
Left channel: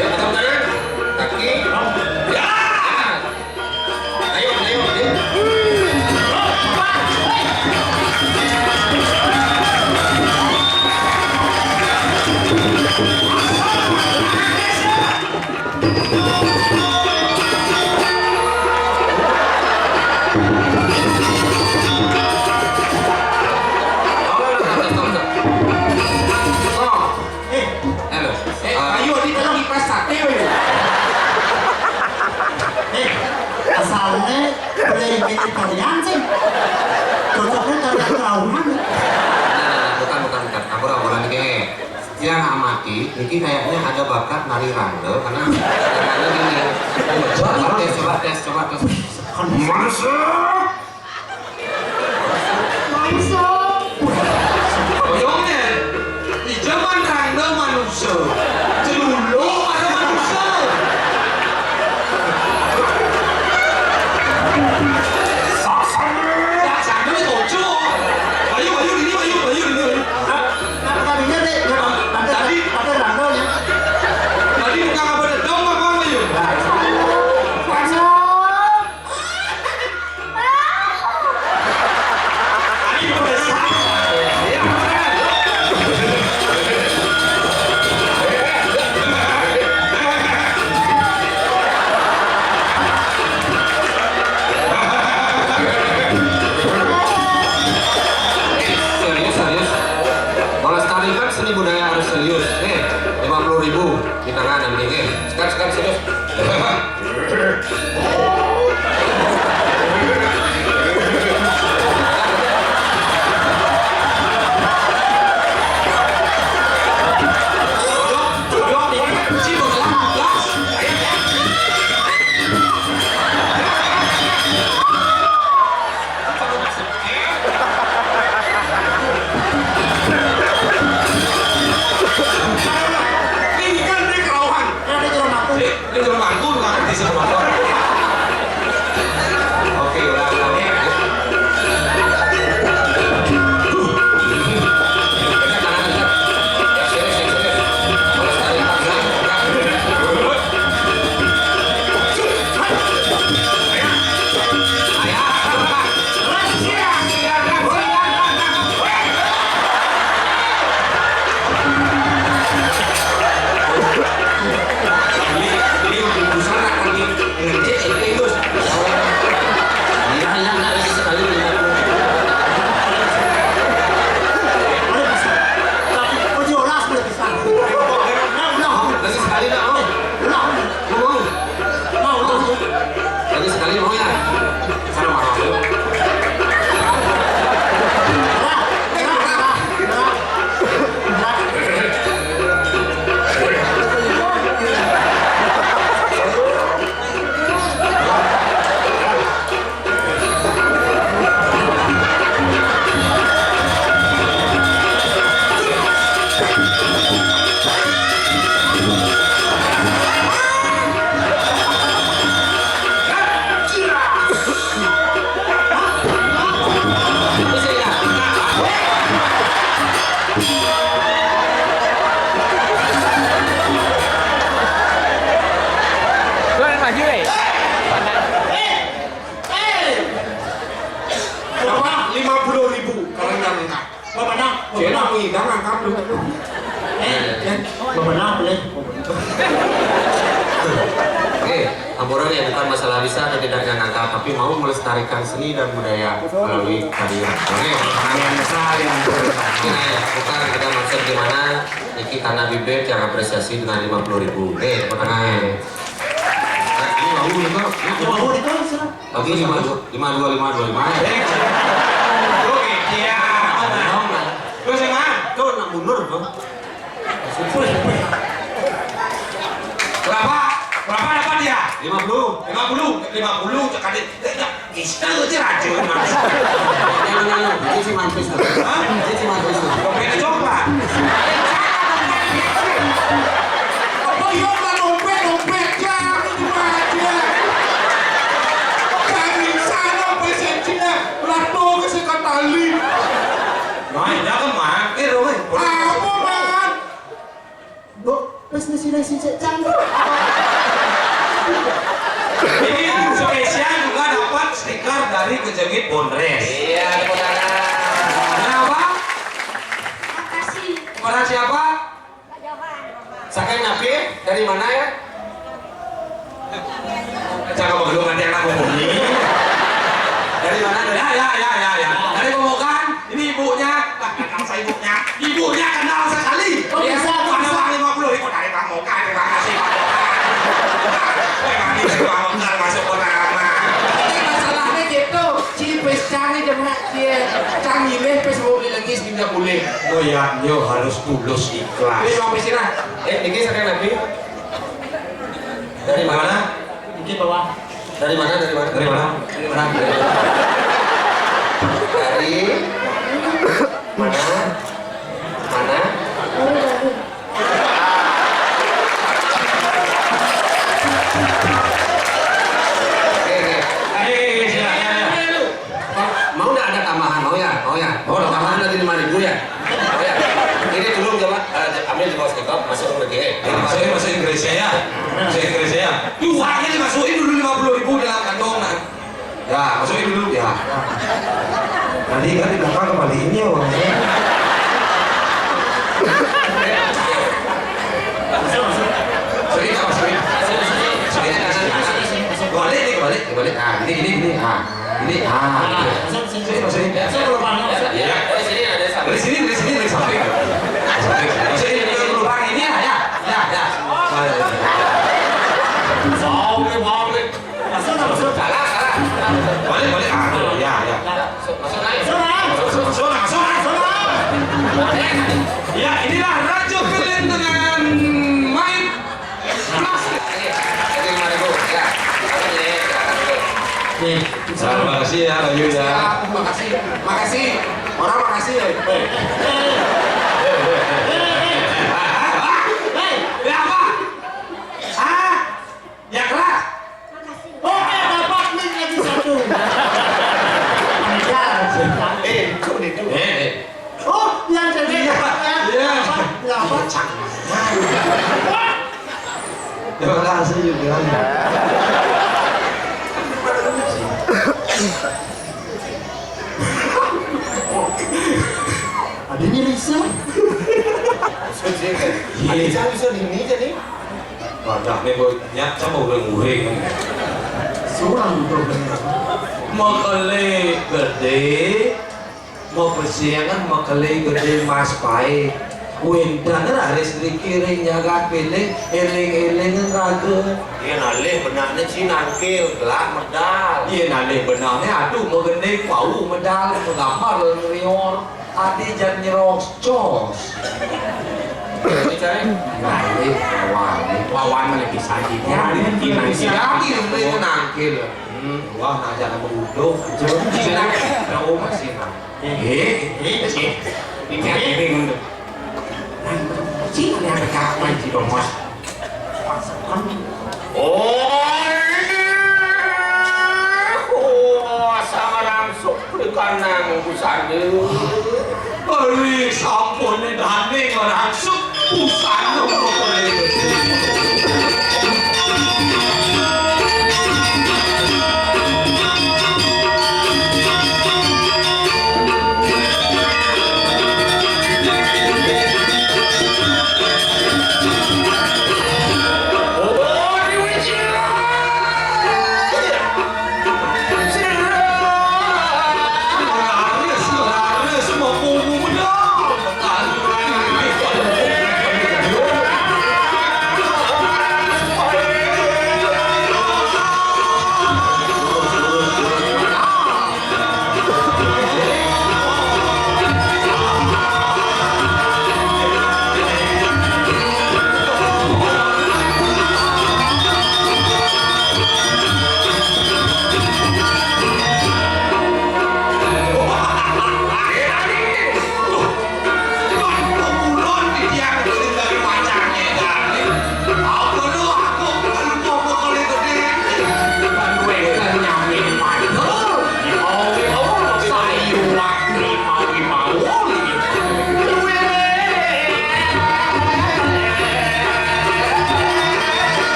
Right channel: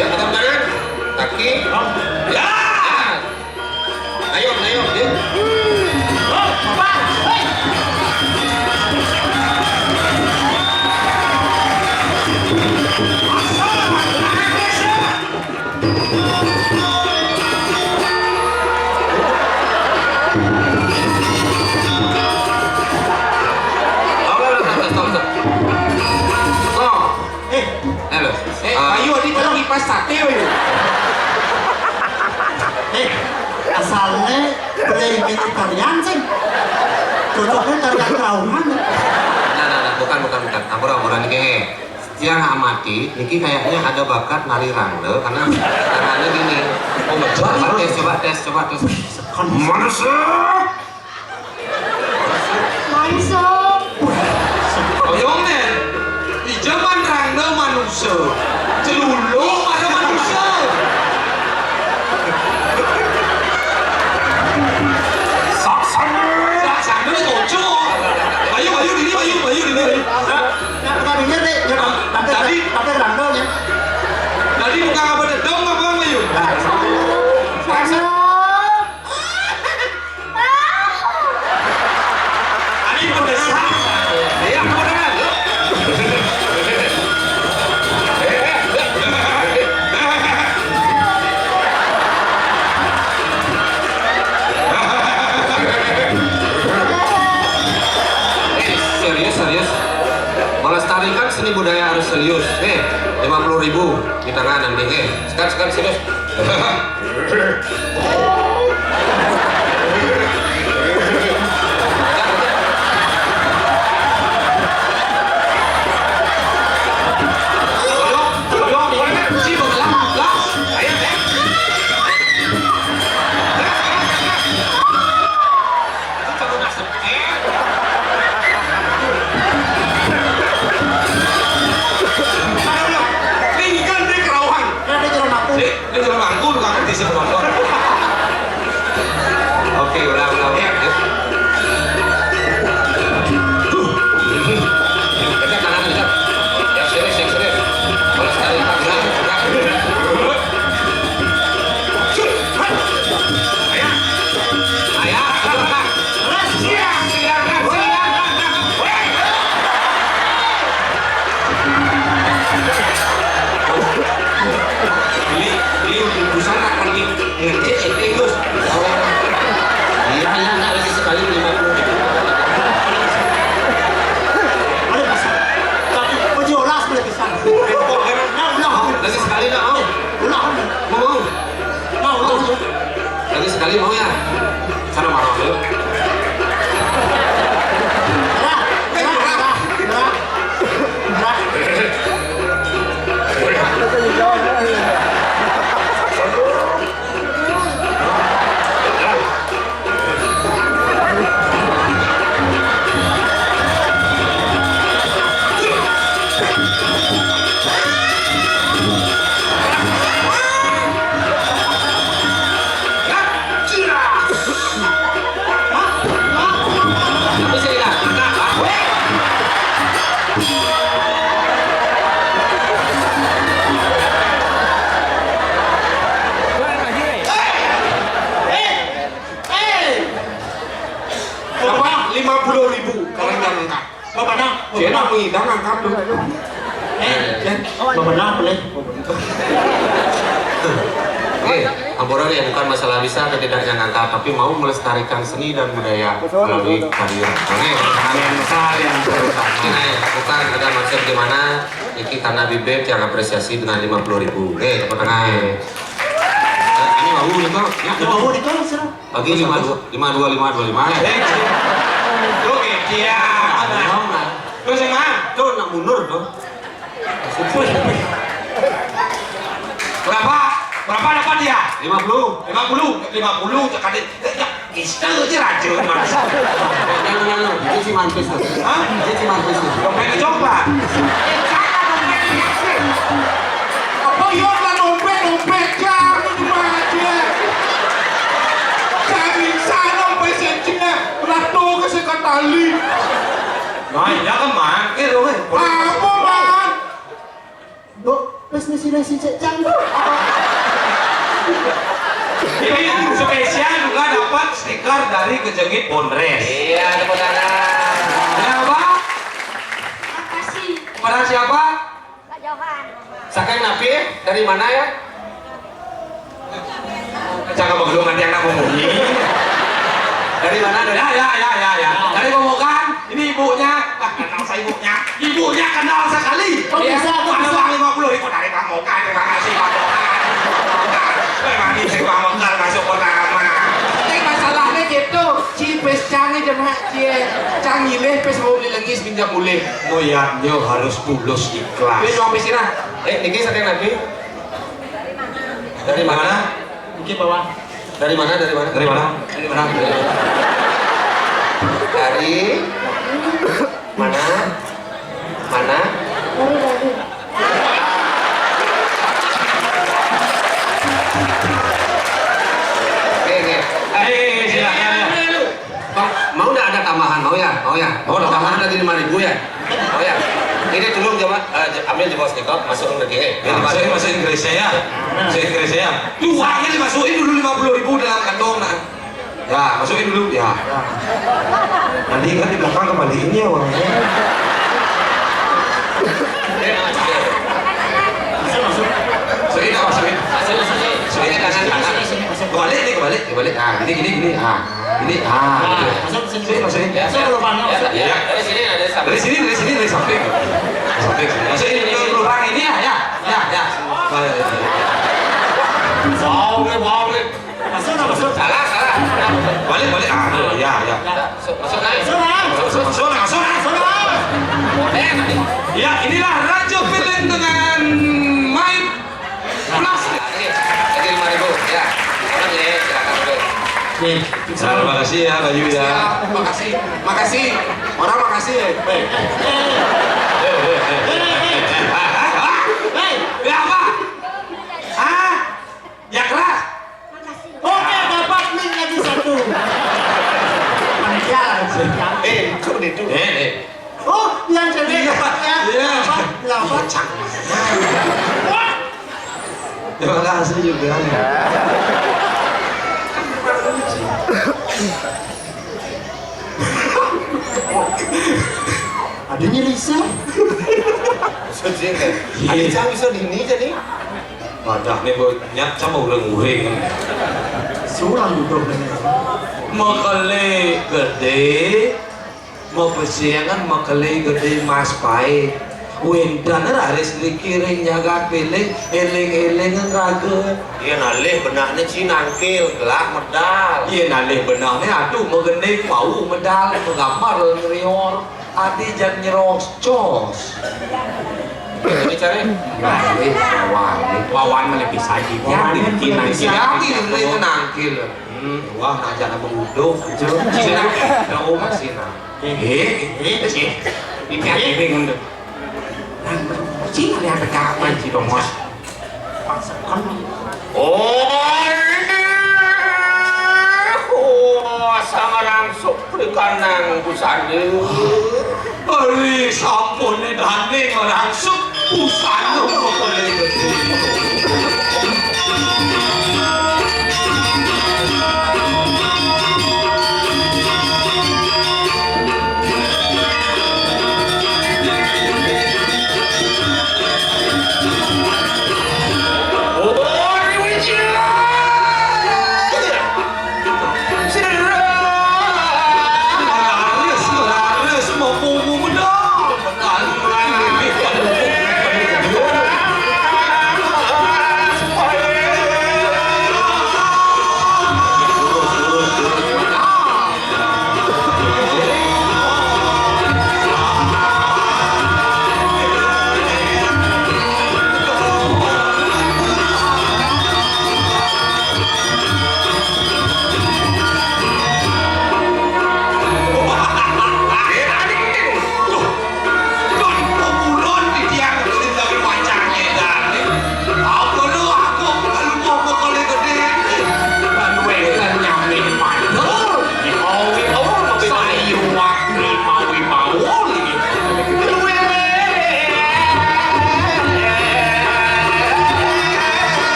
Ya, tepuk tangan. Kaki. Ya. Ayo. yang amati, Niki kayaknya ada bakat nari rangda karena caranya gini. Coba tes. Masuk. Masuk. Oyongnya, di zaman rangda manusia, celuluk ada manusia. Saksana itu cocok. Bayu ini. Tadinya deh, pakai rangkanya. Tadi bukan apa dong apa Bayu? Tadi udah salah. Ya, Serius. Melestarikan seni budaya harus serius. 50.000 di tangan nanti. Sekarang serius. ini kan dia kerawang. Dia jalan bangku nggak ngerti sih motor. Oke, ulang. Dekat kanan. Yang serius. Melestarikan gerak. Ini untuk busana lagi ngecek terus. Iya, lagi sekali 50. Tapi jelas berarti sana. Lagi sekali dah mau. Mau. Lagi sekali mau ya. Sana marah dulu. Bapak 50.000 kalau yang angkat. Bapak nang, Dia nak mengidang angkat dulu. Bapak nang boleh. Oke, Ampura ya bukan masalah bisa atau tidaknya ngangkat, tapi mau melestarikan seni dan budaya melalui kehadiran. Oke, ini bukan ada maksud gimana, ini karena bibit yang apresiasi dengan 50.000. Oke, apa tengah? Ini mau itu, Mau ditolong sih. bagi 52. Oke, dia. Terus yang mana? Tuh nak mundur tuh. Berapa dapat dia? 50. 50 kadang istana aja racun mas. Ini si mantis tuh. Hah? Ini si mantis tuh. Dompet coklat. Apa iya lah dompet jangan cuma aja. Jangan sana pesensinya lato ke sekatali. Nah, jangan makan loh. Apa man? Destinasi canggih. Ini spesial juga dapat stiker dari Kejengit Bondres. Iya, tepuk tangan. Kenapa? Makasih. Kepada siapa? Pak Johan. Sakai Nafi dari mana ya? Jangan belum nanti anak ngomongin. Dari mana? Ya. Dari Komokan. Ini ibunya. Kenal saya ibunya. Ibunya kenal sekali. Oh, bisa. Ada uang 50 itu dari Komokan. Terima kasih Pak Komokan. Terima kasih Pak Komokan masuk ke nama. Masalahnya gitu, si Pescang ini anak dia canggih pes mau beli lagi seminyak boleh Moyaknya harus tulus ikhlas. ini mau sini Niki saya Nabi. Dari mana? Mungkin bawah. Dari mana? Dari mana? Dari mana? Dari mana? Dari mana? Mana? Mau nggak ada tambahan? Mau ya? Mau ya? Oh, tambahan lagi 5.000 ya? Mau ya? Ini tolong coba ambil di bawah stikop, masuk lagi. Bahasa Inggrisnya ya. Bahasa Inggrisnya ya. Uangnya dimasukin dulu 50.000 dalam kantong. Nah. Ya, masukin dulu ya. Nanti kan di belakang kembaliin ya uangnya. Masukin apa masukin? Masukin kanan. Kebalik. Ah, ini. Ah, ini. Ah. Masukin. Ya, dari sini ada sampai. Dari sini, dari samping. Masukin lubang ini ya. boleh Masuk. Salah. Balik. Ah, ya. Masuk naik. Masuk. Ya, inilah Raja Film dengan main plastik. Ini 5.000 ya. Silakan dulu. Terima kasih ya, Bayu ya. makasih orang makasih Ya apa? Ah, ya keras. Oke, dapat link lagi satu. Itu. Oh, yang jadi. Iya. Terima kasih juga. Adanya Risa. Ada bisa ini jadi. Badak nih banyak sama udah nguheng. Seorang problemnya. Makale gede, mau persiangan makale gede mas pai. Wendan harus dikiring jaga pilih, eling-eling raga. Iya nalih benaknya sih nangkil, gelap medal. Iya nalih benarnya aduh mengenai pau medal menggambar rior. Adi jangan nyerok cos. Ini cari. Nalih wawan mana bisa Ya, dibikin bisa. nangkil itu nangkil. Wah ngajak nama uduk. Cina, kau masih nang. Ini ngendep. Cina yang kapan sih dong mas? Sama langsung berikan nang busane. Ari sampun dane langsung pusano pokoknya.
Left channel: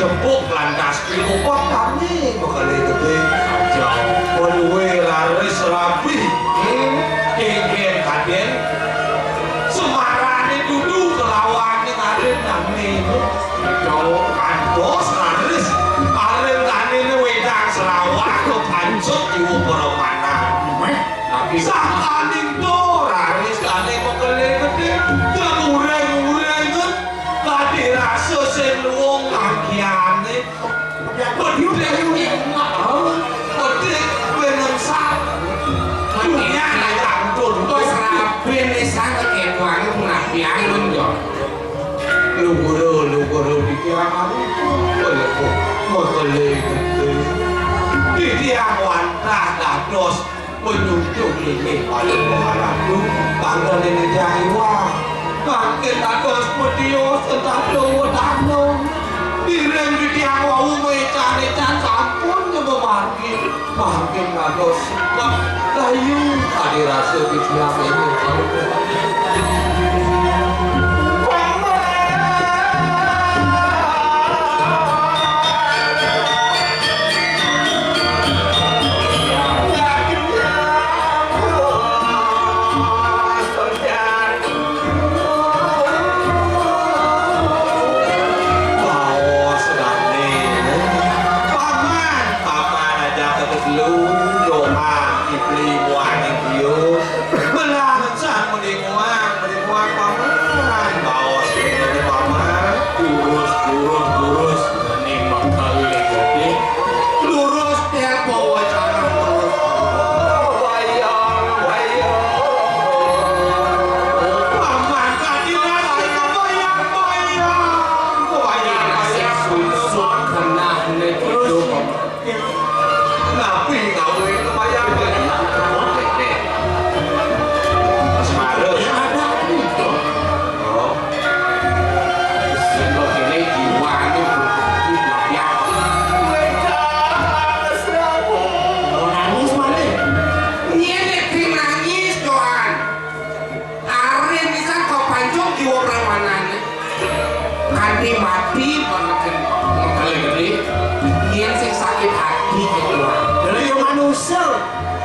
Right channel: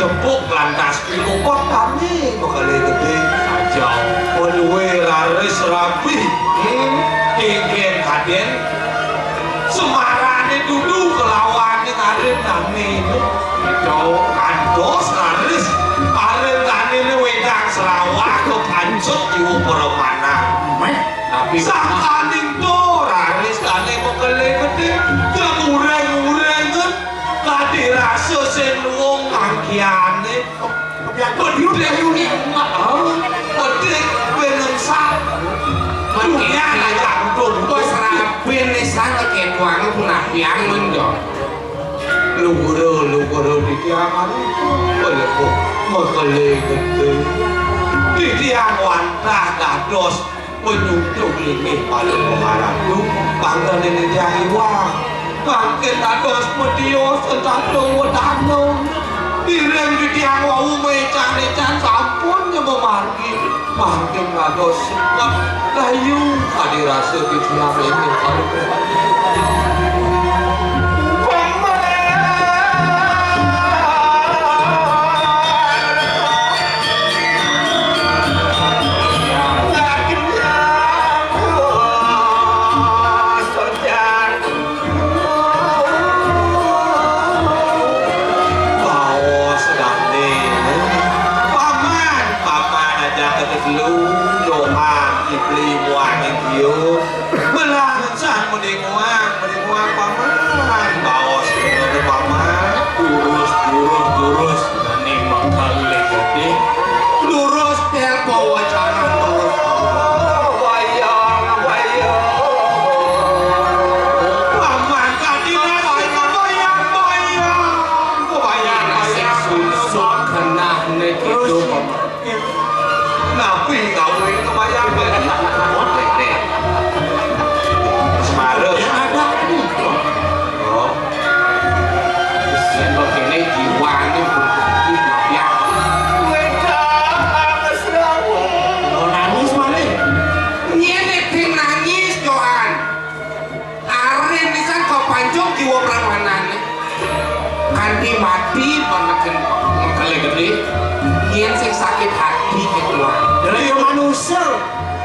tepuk lantas pilupok kami bakal gede kacau penuhi laris rapi geng kaden semarane duduk kelawannya ngarin nami kacau kandos laris aren kanine wedang selawak ke pancuk iwu peremana tapi sakaning to laris kane bakal gede ngureng-ngureng tadi rasa senwong kakiane pedih pedih penengsak dunia yang tuntus rapin nisang keketuan punah piang lunjong lu guru di tiangan itu makale gede di tiang wantah dados penyucuk lingih paling mengharapku bangga ini jahiwang Mungkin dados medios entah wadano direng di tiang wau mecan sampun nyebemargi mungkin dados sebab layu adirasa di tiang ini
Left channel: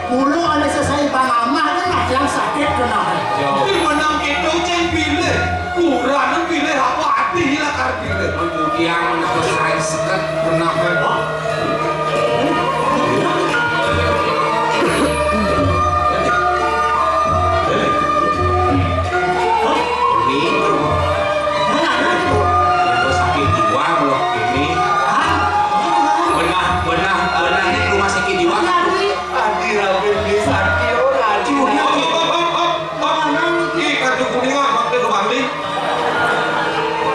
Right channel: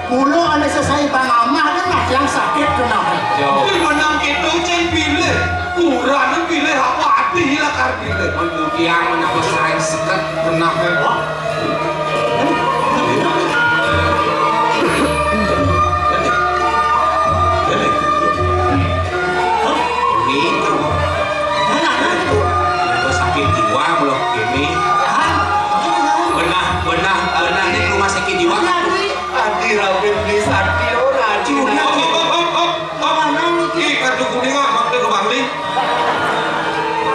Mulu ada selesai pangamah kan mah yang sakit kenapa? Di menang itu ceng pilih, kurang pilih apa hati lah karena kemudian menapa saya sekat kenapa? Sakit jiwa belum ini? Benah ini rumah sakit jiwa. Dirabin di sakit orang curi kartu kuning pakai ke bangling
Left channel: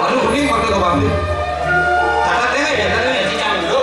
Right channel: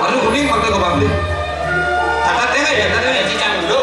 kartu kuning pakai ke bangling catat ya cincang dulu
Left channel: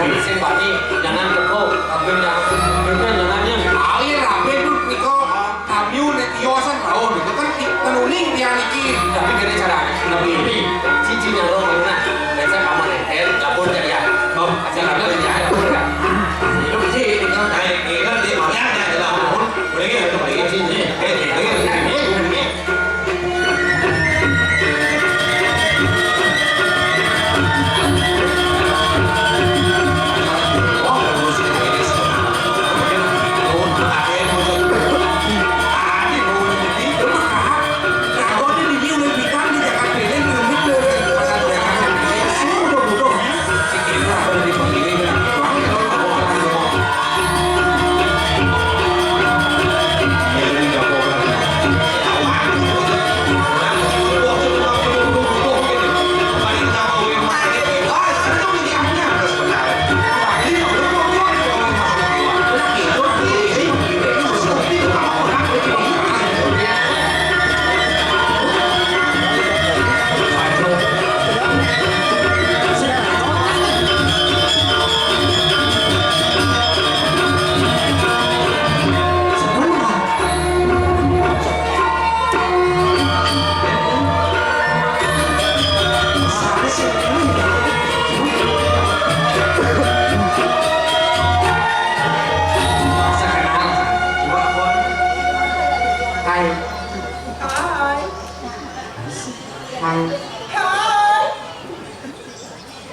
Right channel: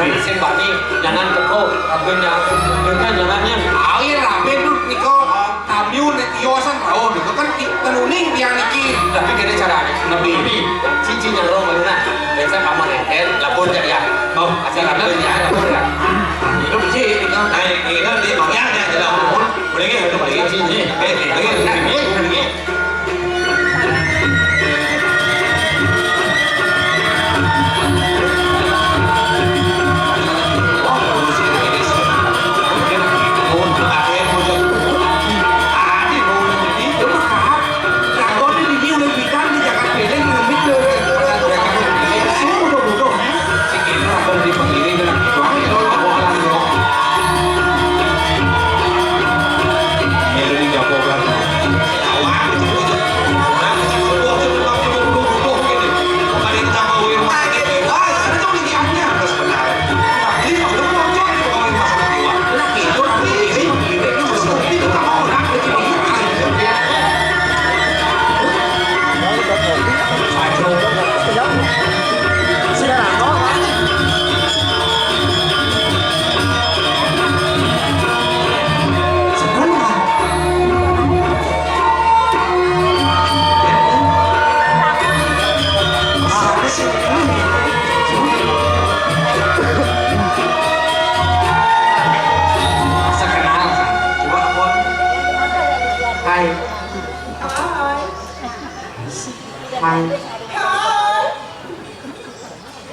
Nanti sing Pak nih jangan teko kabin jangannya. Air rabe tuh niko kamiu nek yosan tahu itu kan penuning dia niki. Tapi gini cara nabi ini cincin yang lo mana? Biasa kamar nempel lapor ya. Oh, acara lapor ya. Itu biji ini kan. Ini kan dia orangnya ada lapor. Boleh gitu, boleh gitu. Boleh.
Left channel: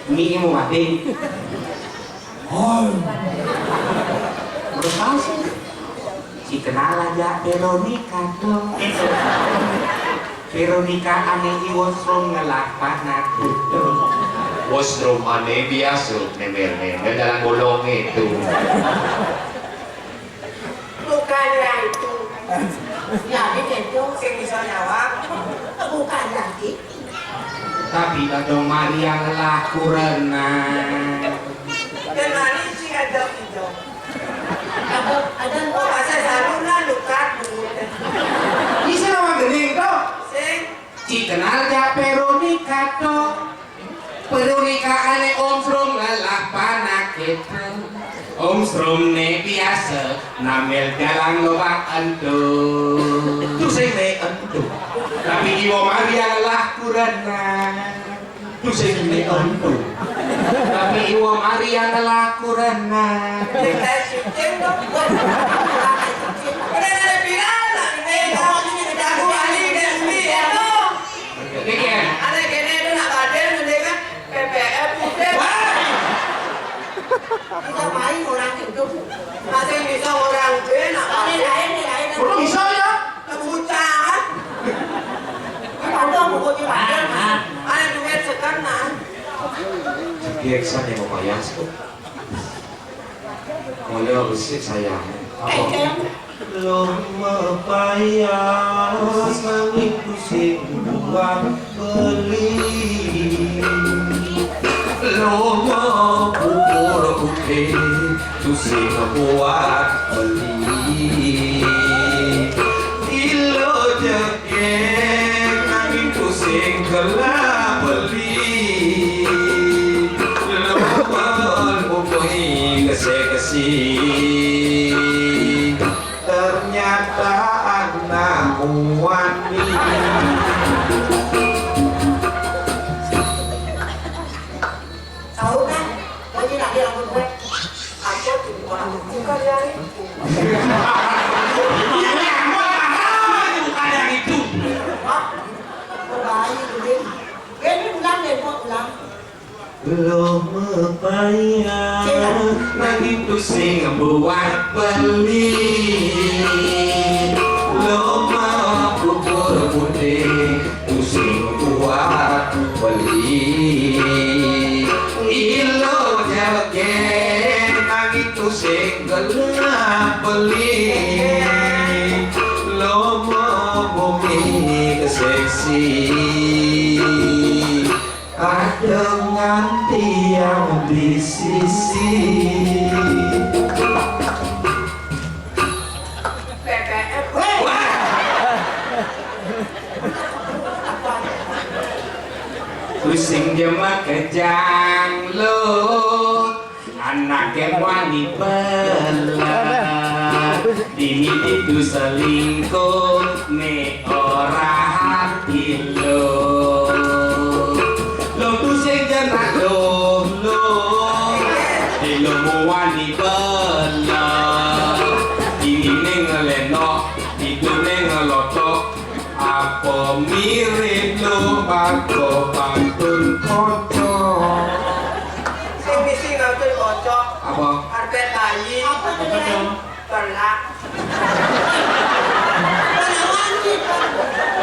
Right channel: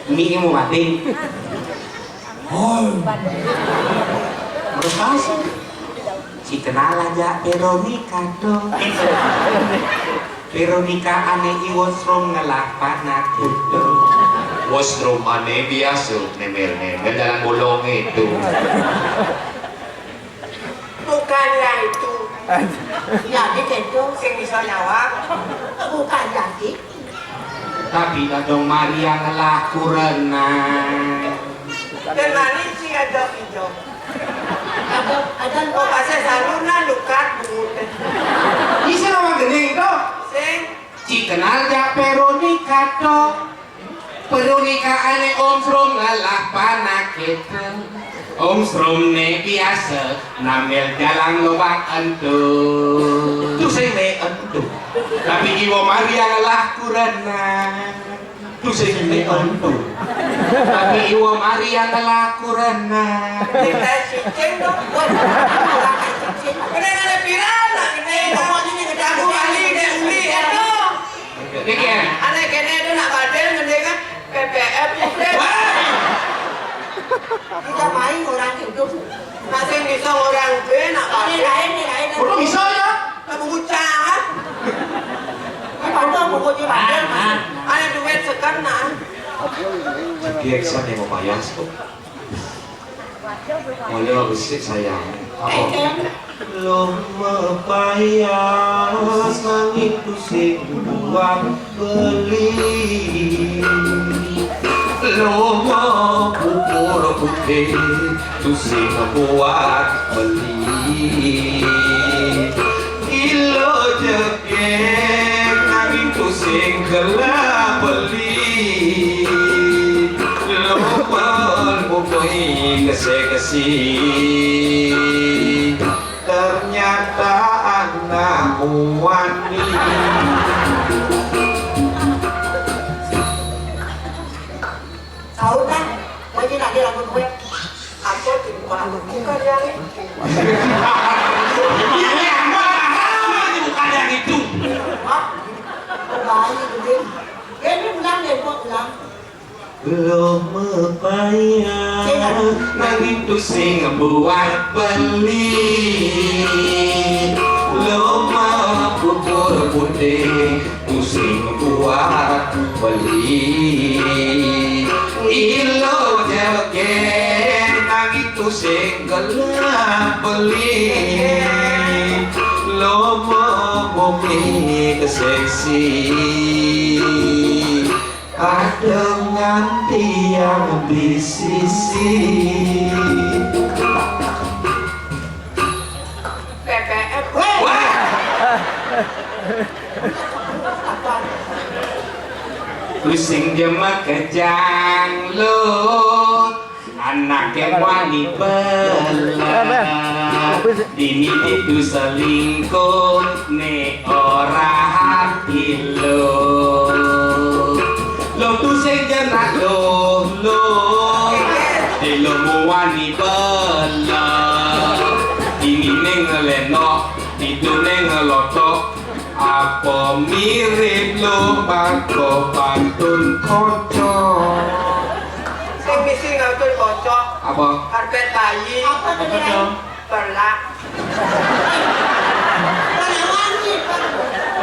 Ini mau mati. Oh, berapa si kenal aja Veronica dong. Veronica aneh iwosrom ngelapan aku. Washroom aneh biasa nemer dalam bolong itu. Bukanlah itu. Ya, itu Sing bisa nyawa. bukan lagi. Tapi dong Maria ngelaku renang. Dan manis sih ada hijau. Ada Oh, pasal saluna lukat bukan. Bisa nama gening dong. Sing Si kenal aja Veronica dong. Veronica aneh om srom ngelapan kita. Om Strom ne biasa namel jalan lubang entuh. Tu saya ne entuh. Tapi Iwo Maria ngalah kurana. Tu saya ne entuh. Tapi Iwo Maria ngalah kurana. kita cicing dong. Udah ada pirana ini. Aku ahli desmi itu. Dikir. Ada kene itu nak badan mendengar PPF. Kita main orang itu. Masih bisa orang gue nak Ini badan. lain. Belum bisa ya? Kamu bucah. Ada buku badan. Ada duit sekarang. Biasa yang mau bayar tuh. Mulai usik sayang. Belum bayar langit pusing buang beli. Lomo pupur putih tusing buat beli. Ilo jekeng angin pusing gelap beli. Lomo pupui kese-kesi. Ternyata anak wani. Tahu kan? Lagi nak dia lakukan gue. Aku bukan yang itu. Ini bukan yang itu. Bayi gede. Ini bulan deh buat bulan. Belum bayar langit pusing buat beli. Loma pupur putih pusing buat beli. Ilo jegen nangis pusing gelap beli. Loma bumi keseksi. Ada nganti yang di sisi. PPF. Pusing jema kejang lo Naken wani belah Dini itu selingkuh ne ora hati lo tu sing jenak lo di lo wani belah Dini ne ngeleno itu ne ngelotok apa mirip lo bako pantun kocok Sing misi ngatur kocok. apa? Karpet bayi. Apa tuh dia? Perlak. Penawangi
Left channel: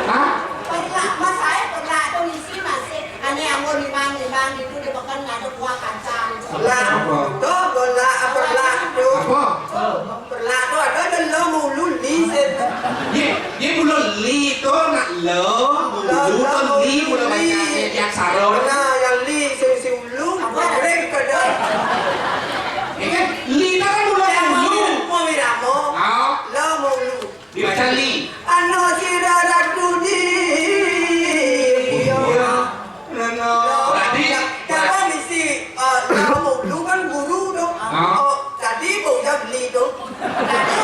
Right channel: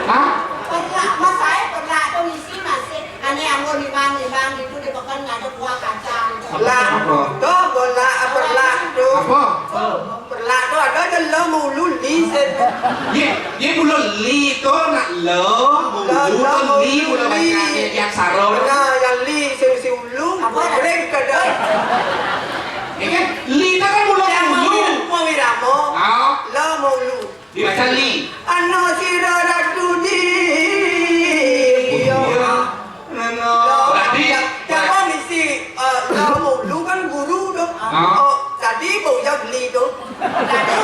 Hah? perlak mas saya perlak tuh isi masih aneh anggur limang itu dimakan ada kuah kacang. Perlak. Tuh bola perlak tuh. Apa? Perlak tuh ada lo mulu liset. Ye mulu li to nak lo mulu to li mulu baca yang saro Nah, yang li si ulu. Mereka kada. ya kan li itu kan mulu Yang mulu mau wiramo. oh Lo mulu. dibaca li Ano sirara duni. berarti Kalau misi lo mulu kan guru dong. Oh, tadi mau jawab li dong. Tadi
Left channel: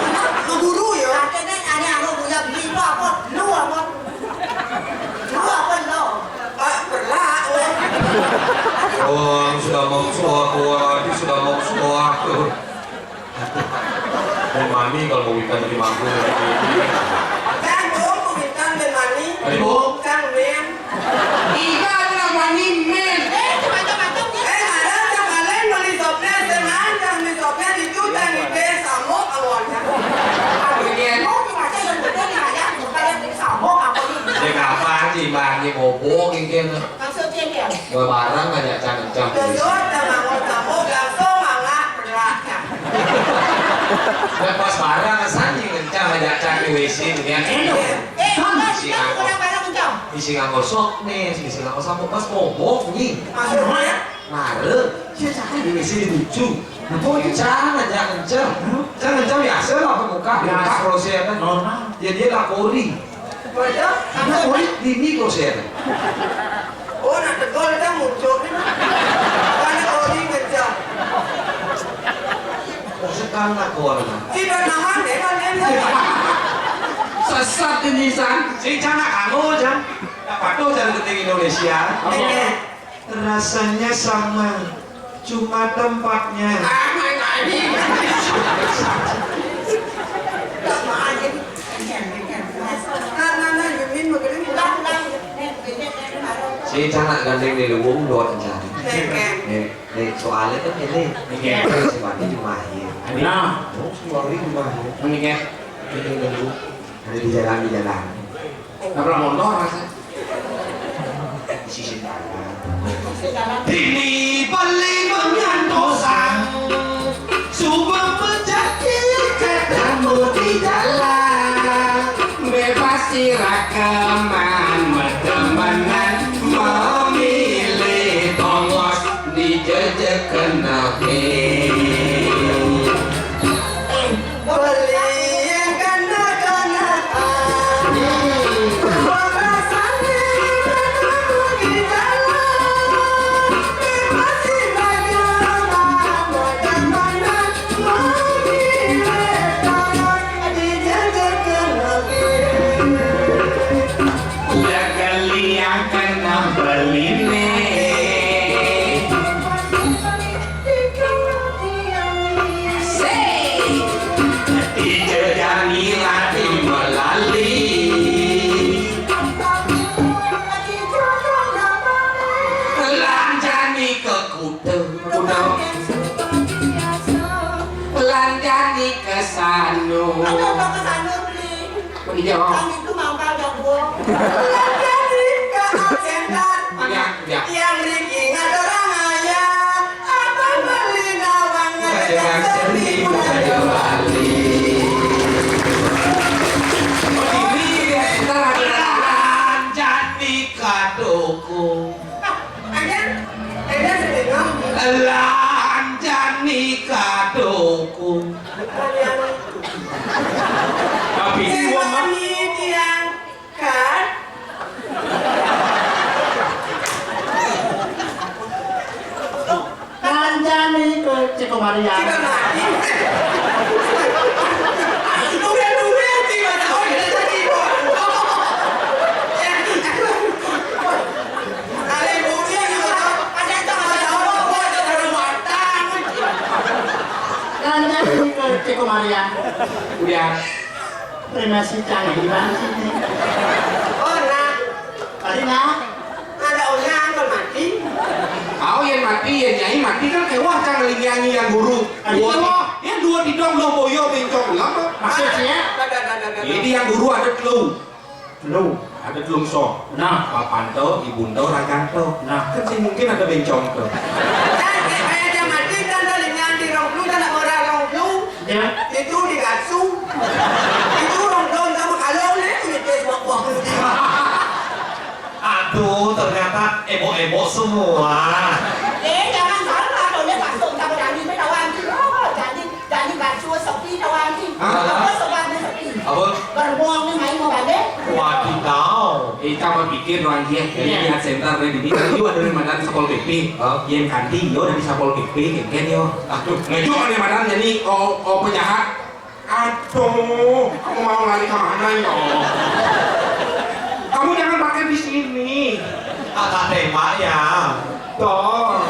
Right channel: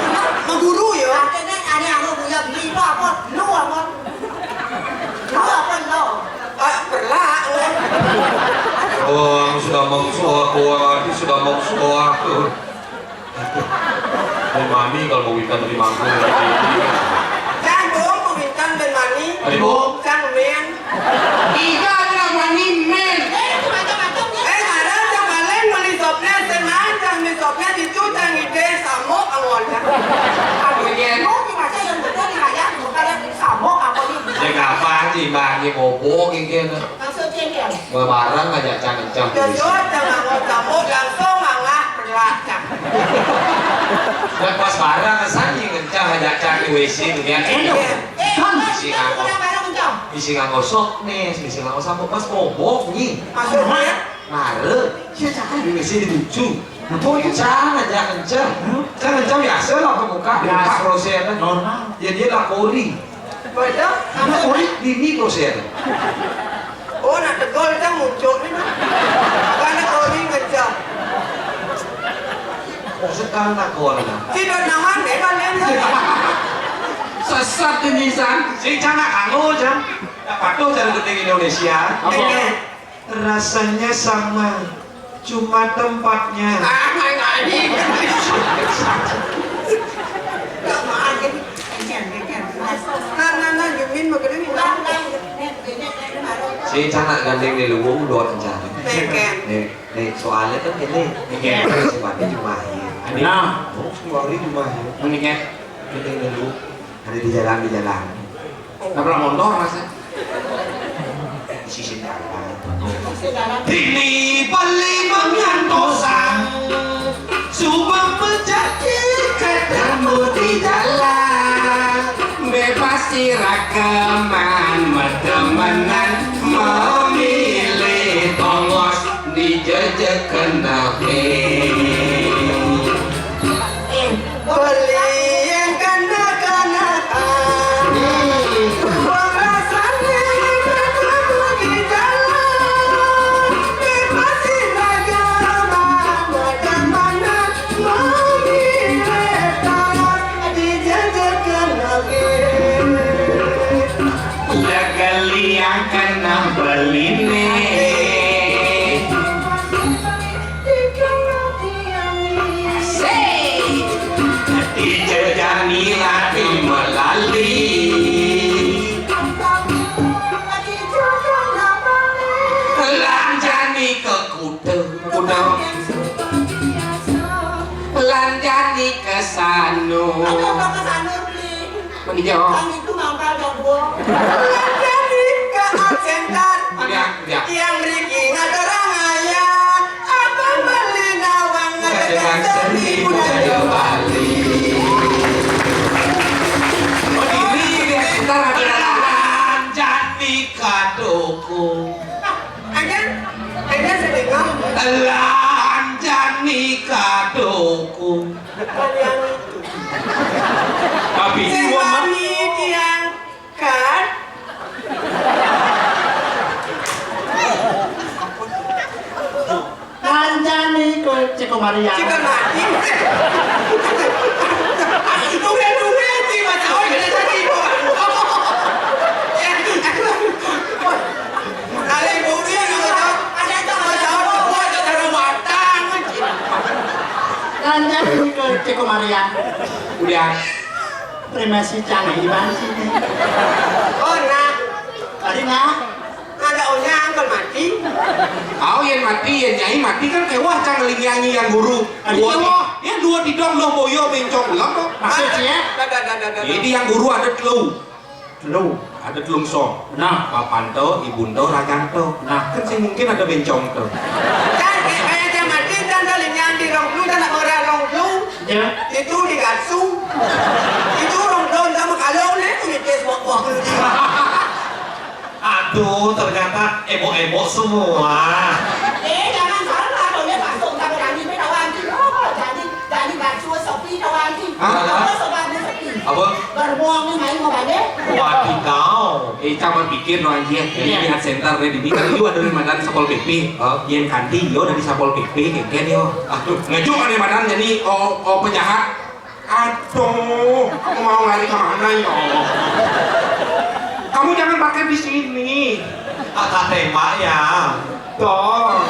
Guru ya. katanya aneh anggur punya beli lo apa? Lu apa? Lu apa lo? Perlak. Oh, sudah mau suah, sudah mau suah tuh. Mami kalau mau ikan dari mampu lagi. Kan dong pemitan ben mani. Ayo. Kan men. Ika adalah mani men Macam-macamnya. Ada yang kalian beli sopnya senang, yang beli sopnya itu yang ide samok awalnya. bagian Mau dibaca yang betul nih ayah, bukan yang disambung apa nih? Ya kapan sih bang, ini ngobong ini. Maksud cengkel. Barang aja jangan-jangan. Jujur jangan mau samok langsung mangah perlaknya. Dan pas barang kesannya kencang aja cari WC tuh ya. Isi nggak gosok nih, isi nggak gosok pas ngobong nih. Maksudnya? Mare, saya cakap di WC dituju. Oh jangan kencang, jangan kencang biasa lah pemuka, buka kroset kan. Ya dia lakori, Betul? lakori ini kroset. Oh, nak tegol kan muncul nih. Karena ori ngejar. Sekarang lakori. Tidak nahan deh kalian. sesat ini san Si jangan kamu jam, patuh dari detik Indonesia. Rasanya sama, cuma tempatnya. Nah, Yumin begini pulang. Si jangan gandeng di luwung dua rencana. Nih soalnya kan ini, sebenarnya cuma ini. nah Semua orang cuma ini. mendingan Ini dulu ada di jalan. nabrak motor masa Di sisi kanan. Dini paling menyantosan Subang menjadi ketemu di jalan Bebas sirakaman Medemenan memilih tongos Dijejek kenapi Beli yang kanak-kanakan. Rasanya ketemu di jalan. Bebas iragaman, bagaimana memilih tongos dijajak kenapi. Ya kali yang kena beli Dijejani lagi melali Lanjani ke kuda Lanjani ke sanu Menjauh Jadi ke aksentan. Ya. Yang Riki ngadorang ayah. Abang beli nawang Dengan seni budaya Bali. Lanjani kadoku Ada sedengah. Lanjani kadoku Tapi Sewani diangkat. Kanjani ke Ciko Maria. Cika mati. Duit sih mas. Oh ini tadi bu. Kali bu dia juga ada rumah tangga. Dan yang ke Ciko Maria. Udah. Terima kasih canggih gimana sih? Oh nah. Tadi nak. Ada onya angkel mati. Au yang mati, yang nyai mati kan kewah cang ngelingiangi yang guru. Dua di dong lo boyo bencong ulang kok. Maksudnya? Jadi yang guru ada telu. Lu. Ada telung so. Nah. Papanto, ibunto, raganto. Nah, kan sih mungkin ada bencong tuh. Kan kayak dia mati dan dalingan di ronglu dan orang ronglu. Ya. Itu digasu. Itu ronglu sama kalau nih itu buah Aduh, ternyata emo-emo semua. Jangan salah, kalau dia langsung sama Dani với Đào An thì Dani bà chua Sophie Đào An thì không có Đào An với Sophie. Apa? Còn buông với máy ngồi bài đấy. Wadidaw. Coba pikir no anjing. Jadi lihat center di sini kan itu ada madan Sapol PP. Yang kanti yo dari Sapol PP kengken yo. Aduh, ngejuk ada madan jadi penjahat. Aduh, kamu mau lari kemana yo? Kamu jangan pakai di sini. Agak tembak ya. Toh.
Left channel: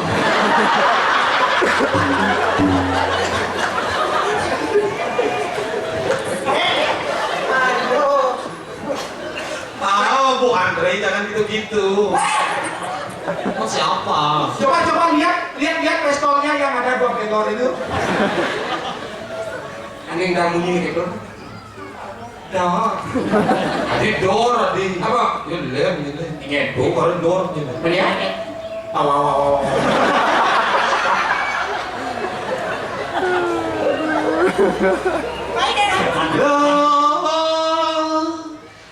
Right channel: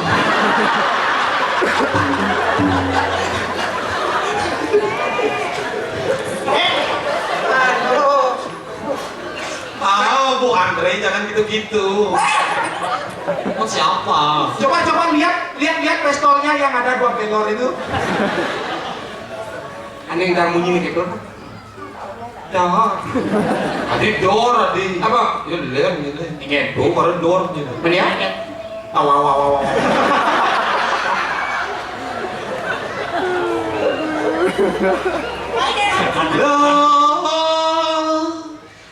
Bu Andre jangan gitu-gitu. Mau siapa? Coba lihat pistolnya yang ada 2 pelor itu. Aneh yang bunyi kayak gitu. Dah. Adi dor, adi. Apa? Ya lem gitu. Ingin. Tuh, baru dor gitu. Melihat? Aw.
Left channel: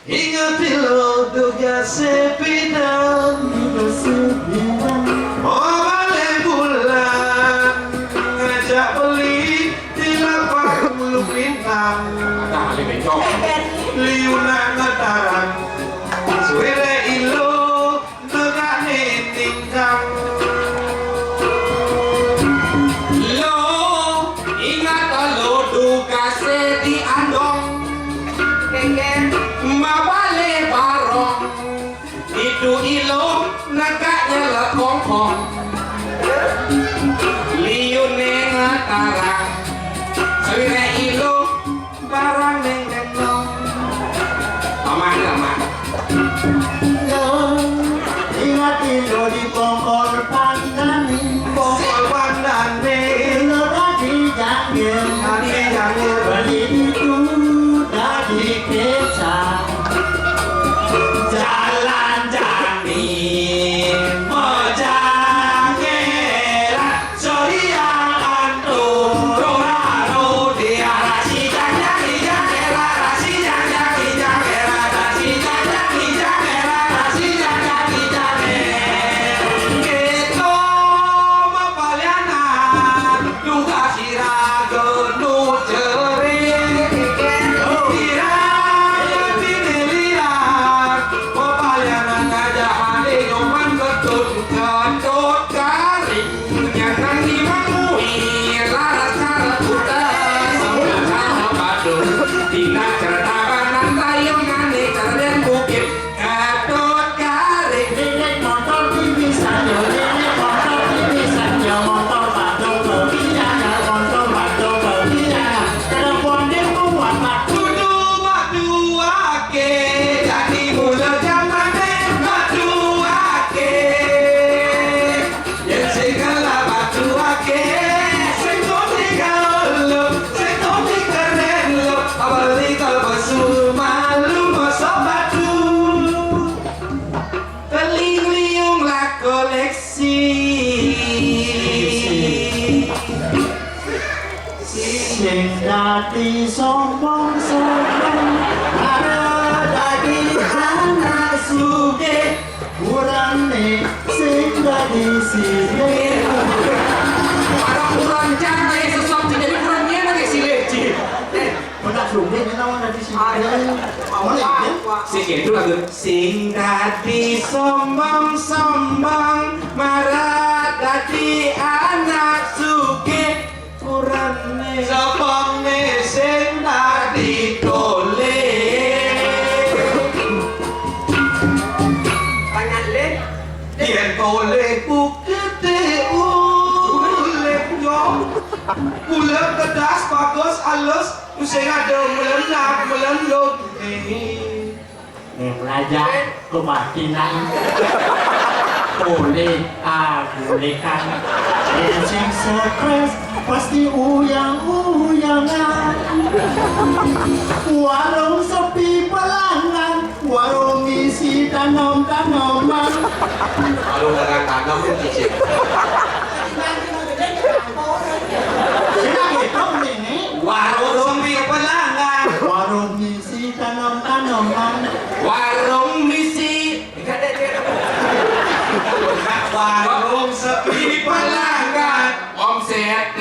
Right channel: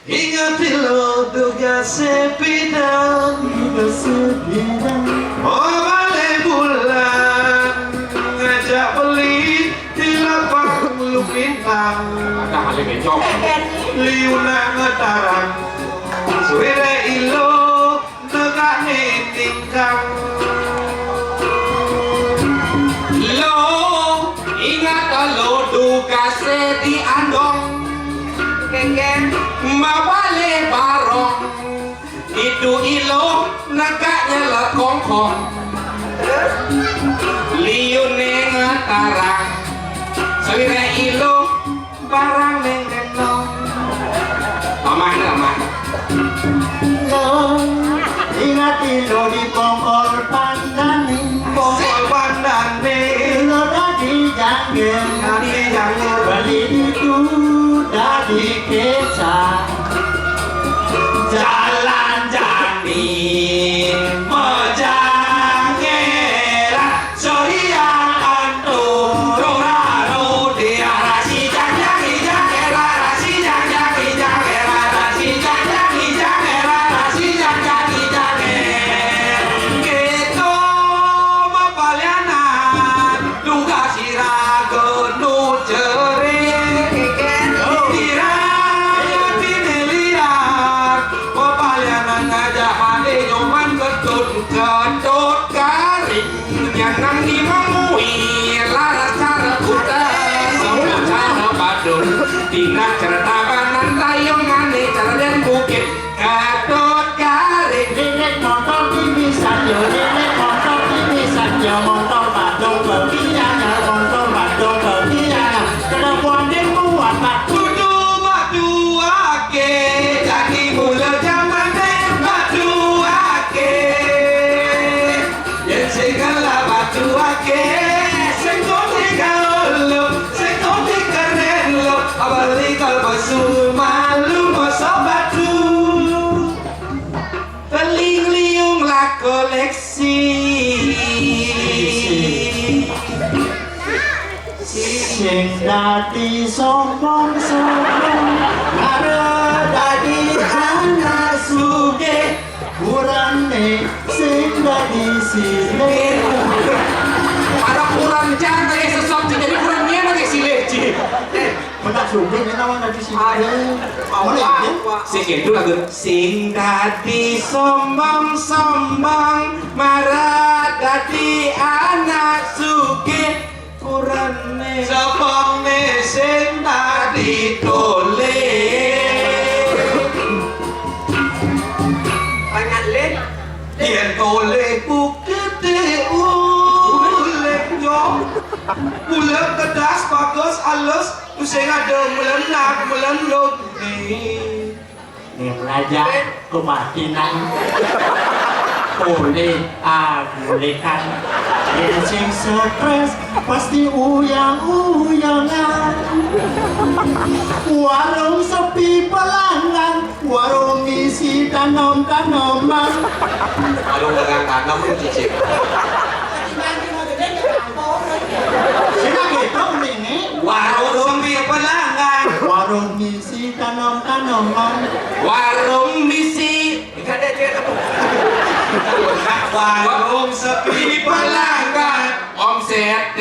Ingatlah duga sepinang oh balik bulan ngajak beli di lapang Lupintang Nah, ada bencong. liuna ngetarang suwere ilo negane tingkang Lo ingat lo duga di andong Kengken. mabale barong itu ilo nagaknya lekongkong liune ngatarang sewire ilo barang neng gendong aman Ingat lo di pongkor pandani. pokok pandane Lo tadi janggil. ane jangan Beli itu dari keca. jalan jani mojangera sohiang antum roraro dia rasi jangan jangera rasi jangan jangera rasi jangan jangera rasi jangan jangera kita mapalianan duga siraga nu jering Tingkat ceritakan tayongan Cerden bukit Gadot garing Nenek motor TV saja, nenek motor TV saja, motor bado berkiana, motor bado berkiana. Telepon dia buat batu. Kudu batu ake jadi mula zaman batu ake yang segala batu ake sentuh lo sentuh keren lo abali kalbasu malu masa batu Teling-liung lah koleksi Sing dadi sombong-sombong, ada dadi anak suge, kurane sing dadi sile. Para kurang jangan kayak sesuatu jadi kurang niat kayak si leci Benar sumpit ni nawan dari sini. Awak lagi. Sing itu lagu sing dadi sombong-sombong marah dadi anak sugih kurane Sapane sing dadi tole. Banyak leh. Yen tole bukete ulek yo. Ulek kedas bagus halus sing ada melendang. Raja kebatinan boleh bolehkan sing stres pasti uyang-uyangan warung sepi pelanggan warung isi tanam-tanaman Kalau dengan tanam pun cicip. sila gitu ini Warung sepi pelanggan. warung isi tanam-tanaman warung misi Warung sepi pelanggan. omset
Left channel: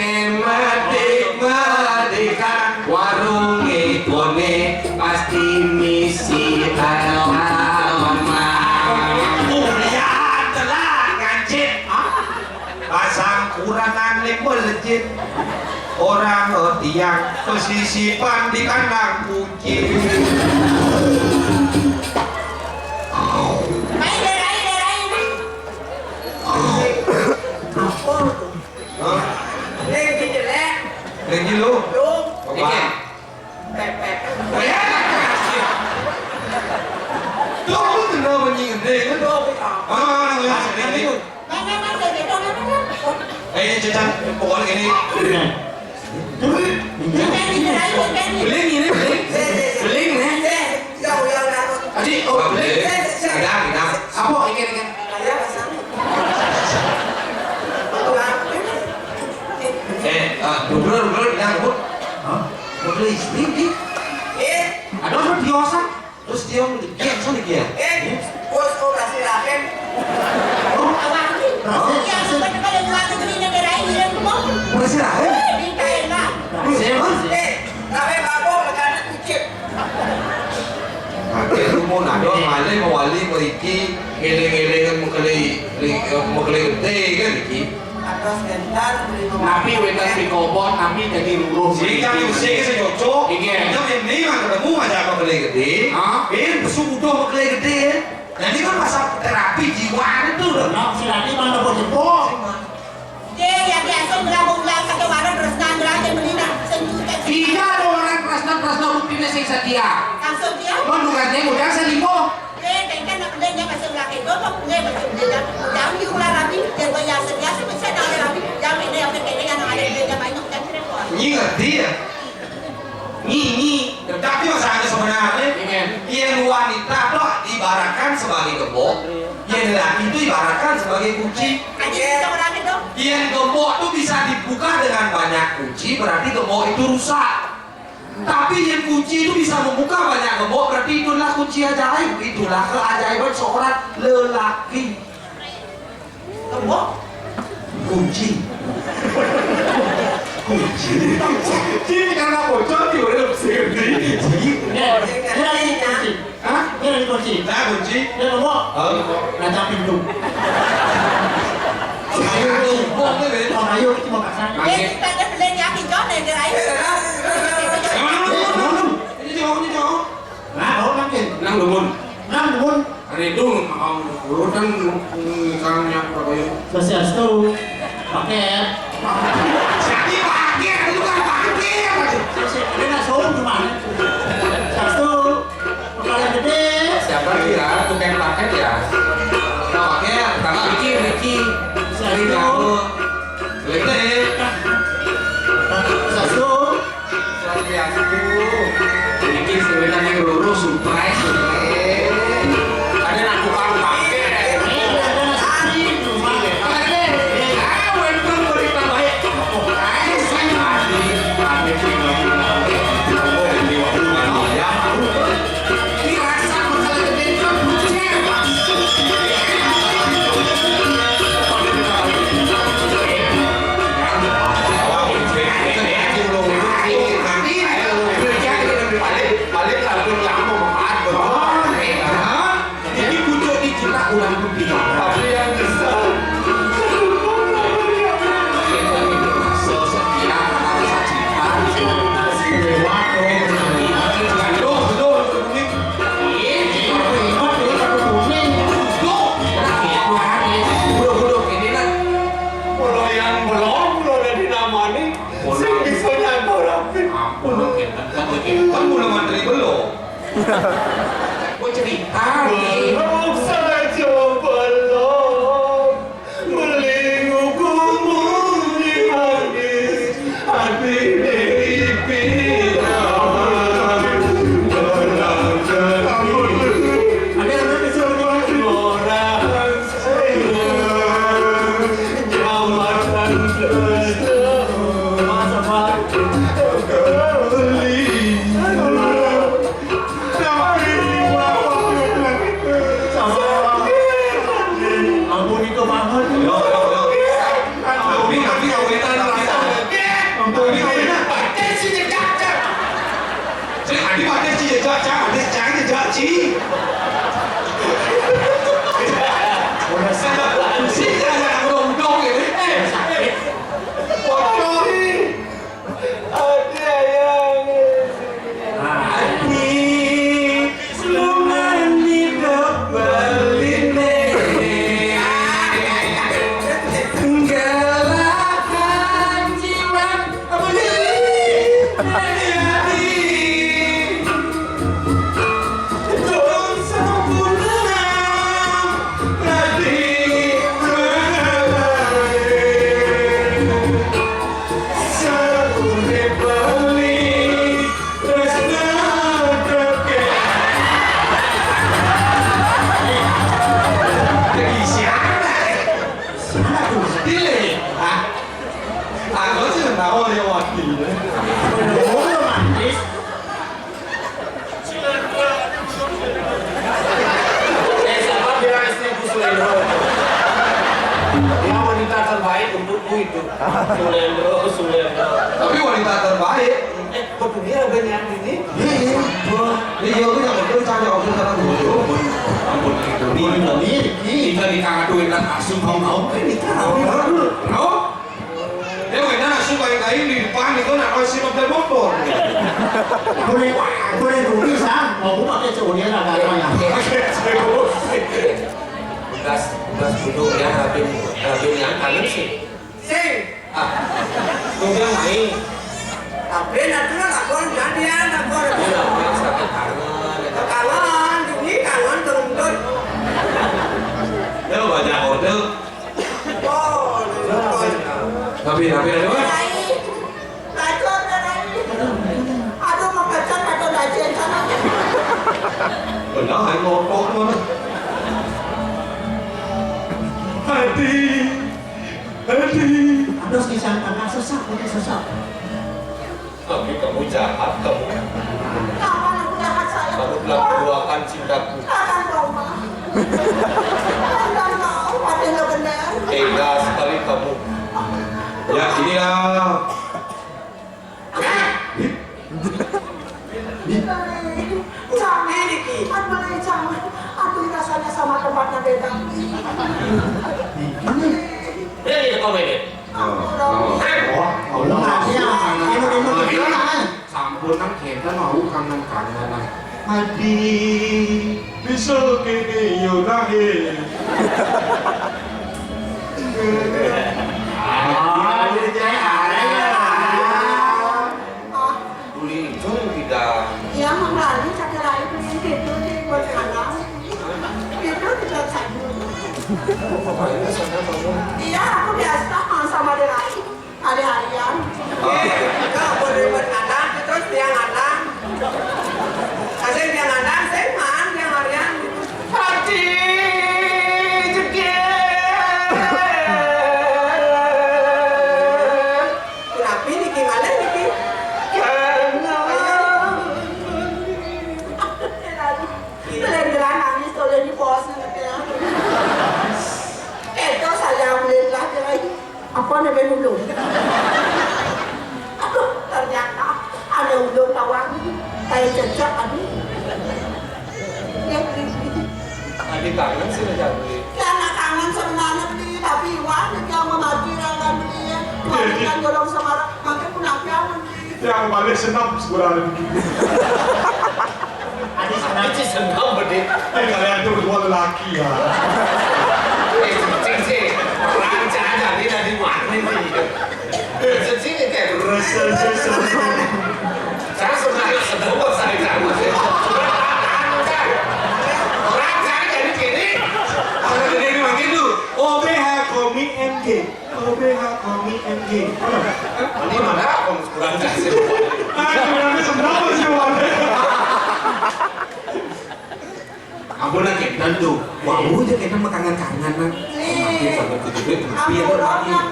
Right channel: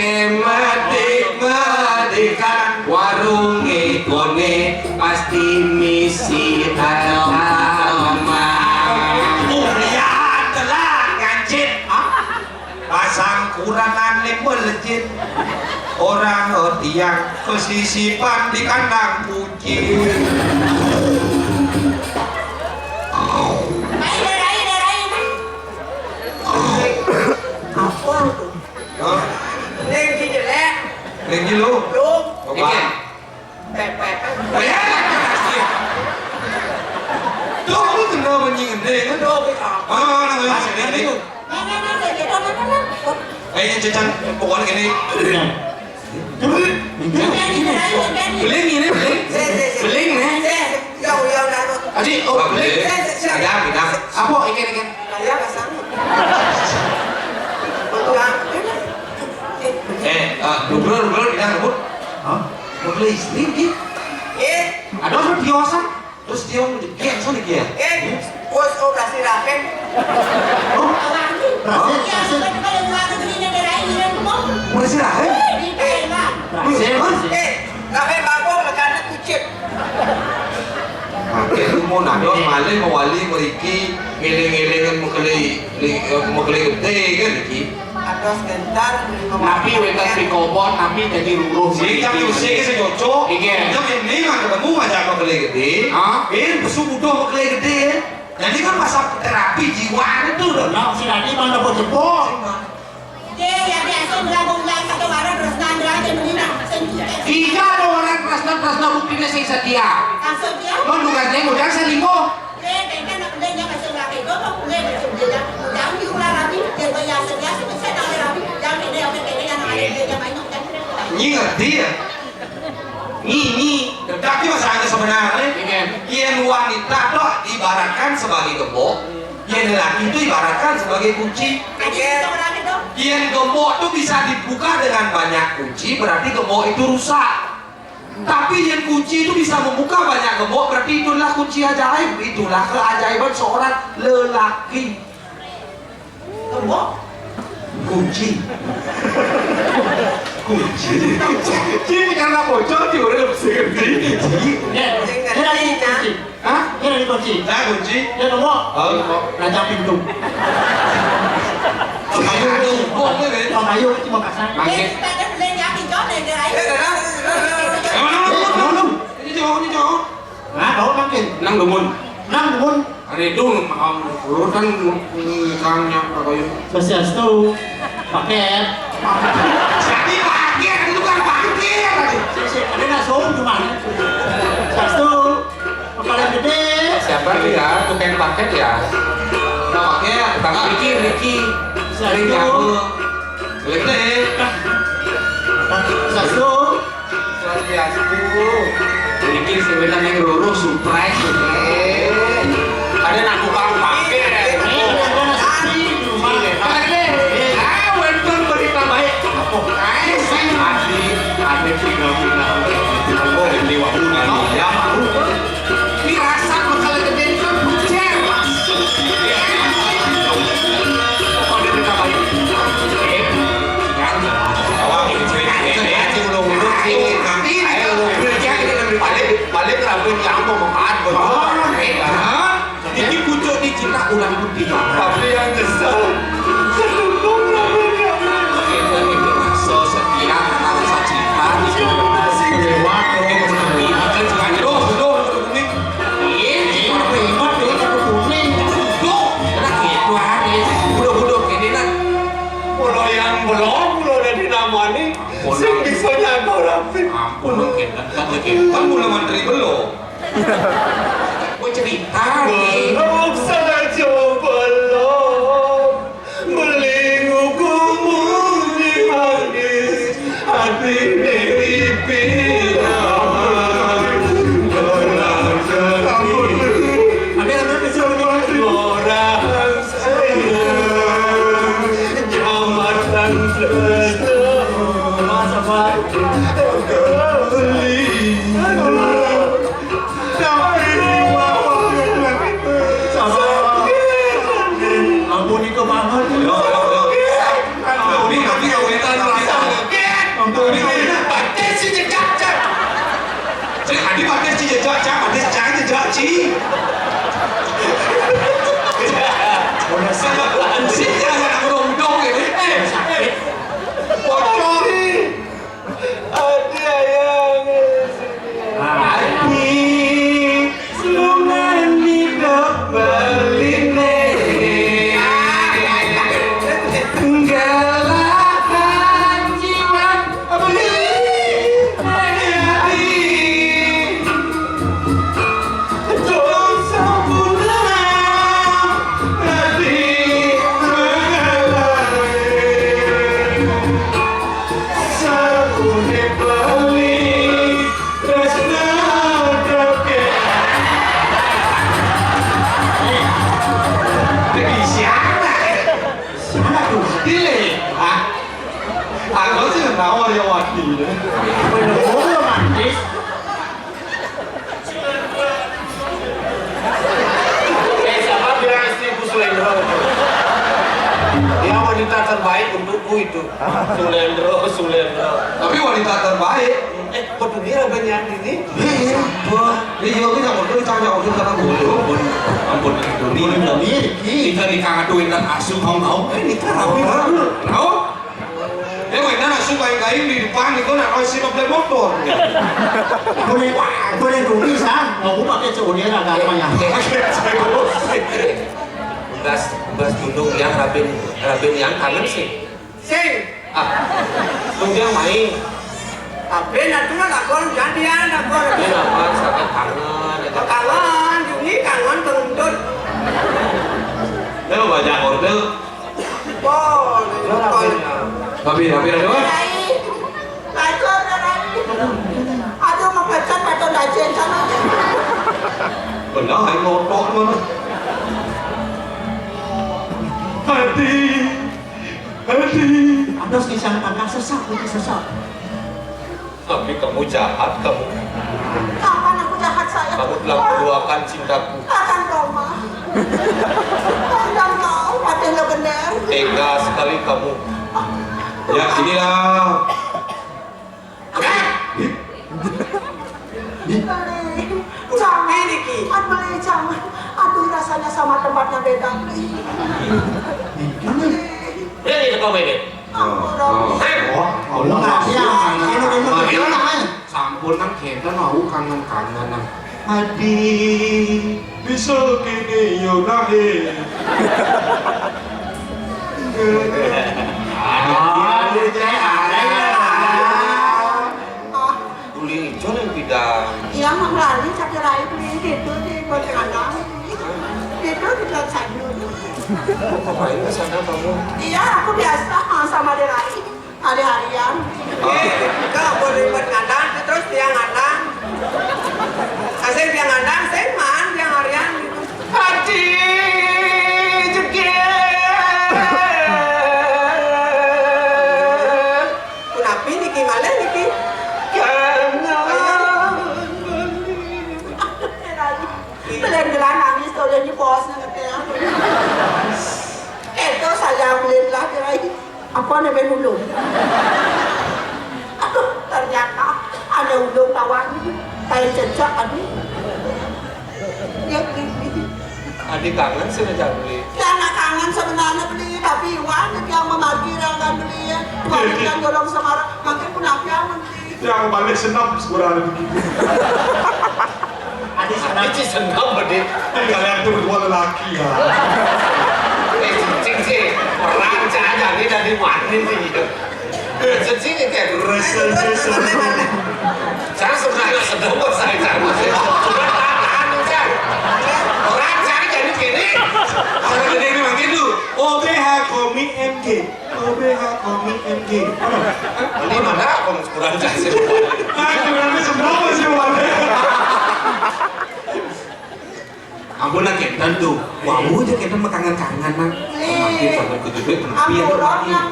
medikan warung ikone pasti misi halaman Ulian telah ngancit. Pasang kurangan melejit. Orang tiang pesisipan di kandang kucing. Leh di jelek. Lagi lu. Lu. Apa? Pepet. Tuh aku kena menyindir. Lu apa? Cecan pokoknya gini. beling ini beling nih Yang lalu. aji oh beling Kita. apa ikan Saya kesana. Dubur bilang rebut. Mau beli istri dia. Ada orang biasa. Terus dia dia sana dia. Bos operasi rahim. Mau sih lah. Rahim aku makanan kucing. Itu mau nado malai mawali meriki ngeleng-ngelengan mengkelai gede kan iki. Ada sebentar. napi wetan pikobon napi jadi ruruh Si kami usik se jojo. Iya. Itu yang ini mah ketemu aja mengkelai gede. Besubuh mengkelai gede. Jadi kan masa terapi jiwa itu loh. nah si Radi mana boleh jemput tiga ada orang prasna rupina sing setia mendugasnya udang selingkuh Ini ngerti ya? Ini. Tapi masalahnya sebenarnya yang wanita tuh diibaratkan sebagai gembok, yang lelaki itu ibaratkan sebagai kunci. Yang gembok tuh bisa dibuka dengan banyak kunci, berarti gembok itu rusak. Tapi yang kunci itu bisa membuka banyak gembok, berarti itulah kunci ajaib. Itulah keajaiban seorang lelaki. Gembok? Kunci. Kunci. Ini karena bocor di udah segede. Ini lagi kunci. Hah? Ini lagi kunci. Nah kunci. Dia ngomong. Oh, Raja pintu. kayu tumpuk kan? Kalau kayu cuma kasar. Ini jauh. Nah, kau makin. nang dumun Nang pun ada itu urutan kangnya kayu Swastiastu paket. Jadi pakai itu kan pakai. Ada langsung cuma. Swastiastu paling gede. Siapa dia? Tukang paket ya? Pakai Bang Ricky. Swastiastu. Gede. Swastiastu. ini sebenarnya yang lurus surprise ada nak tukang pakai Ada nasi cuma. welcome berita baik ada dirasa bakal gede kan bucer Sing bisa nyago rapi. Ampun mungkin kan mulai mantri belum. Gue cerita nih. Belum saja belum melingkupimu di manis hati dari pirang orang jadi orang sayang jambatan masa waktu kembali. Ampuni ko banget. Dia wanita terbaik untukku itu. Sulendro. Tapi wanita terbaik. Pedunia banyak ini. Iya, aku jangan dulu tanya aku karena bodoh. Ampun, ini kita dikaduin dan asuh mau. Nikah rapi baru. Tahu? Dia mainan asuh kayak di depan itu nak kasih mobil motor. Boleh rugi sang. Mau pakai seunir agak banyak. Tugas duduk yang rabin yang kangen sih. Sing, Tunggu yang main. tapi nanti lakon jadian lakon. Dia namanya sakit kangen. Kangen, ini kangen teruntut. Dia banyak order. Oh, Tapi ada apa? Aduh, mau pecat atau dajen sana. Benar, ngotot mana? Hati. Aduh, kisah kakak sesak. Tapi kamu jahat, kamu Kapan aku jahat saya? telah menduakan cintaku. Akan Roma. Anda mau, padahal lo benar. Tega sekali kamu. Ya inilah. Jangan, Aduh, jangan. Aduh, rasanya sama tempatnya beda. Ini kau ini. Sampun kan kita mau kangen-kangenan. Hadi bisa kini yunahi. Tuli hijau yang bidang. Yang mengalami sakit rayu itu di Pontianak. Itu di Sayur. Ngapain ke sana kamu? Iya, aku biasa sama dia lagi. Hari-harian. Kau boleh buat ngadang, terus dia ngadang. Kasih dia ngadang, saya man, dia harian gitu. Hati Kenapa ini gimana Niki? Belan-belan nangis kalau di bosnya katanya. Itu saya belilah lagi. Apa namanya dulu? Aduh, ternyata ada udang tawar kayak cecak aduh. Yang beli. Adik kangen sih udah beli. Ya anak kangen sebenarnya beli, tapi Iwan yang memaki yang beli ya. Makan dorong sama makin pun apa yang beli. Yang balik senap sebenarnya. Adik sana. Ini senang bedit. Kalian tuh berdua lelaki ya. Cing sih, orang jangan ini dari mana sih? Cing kayak Saya sebenarnya sebut saya sama sih. Sudah tahan kan. Orang saya jadi gini. Kalau jadi ini makin dulu. OBH Komik MG. OBH Komik MG. Ini mana aku kurang kasih. Kurangnya semua masih warna. Ampunan kita tuh. Wah, aja kita makangan-kangen nang. Makin sampai kudu Aku orang yang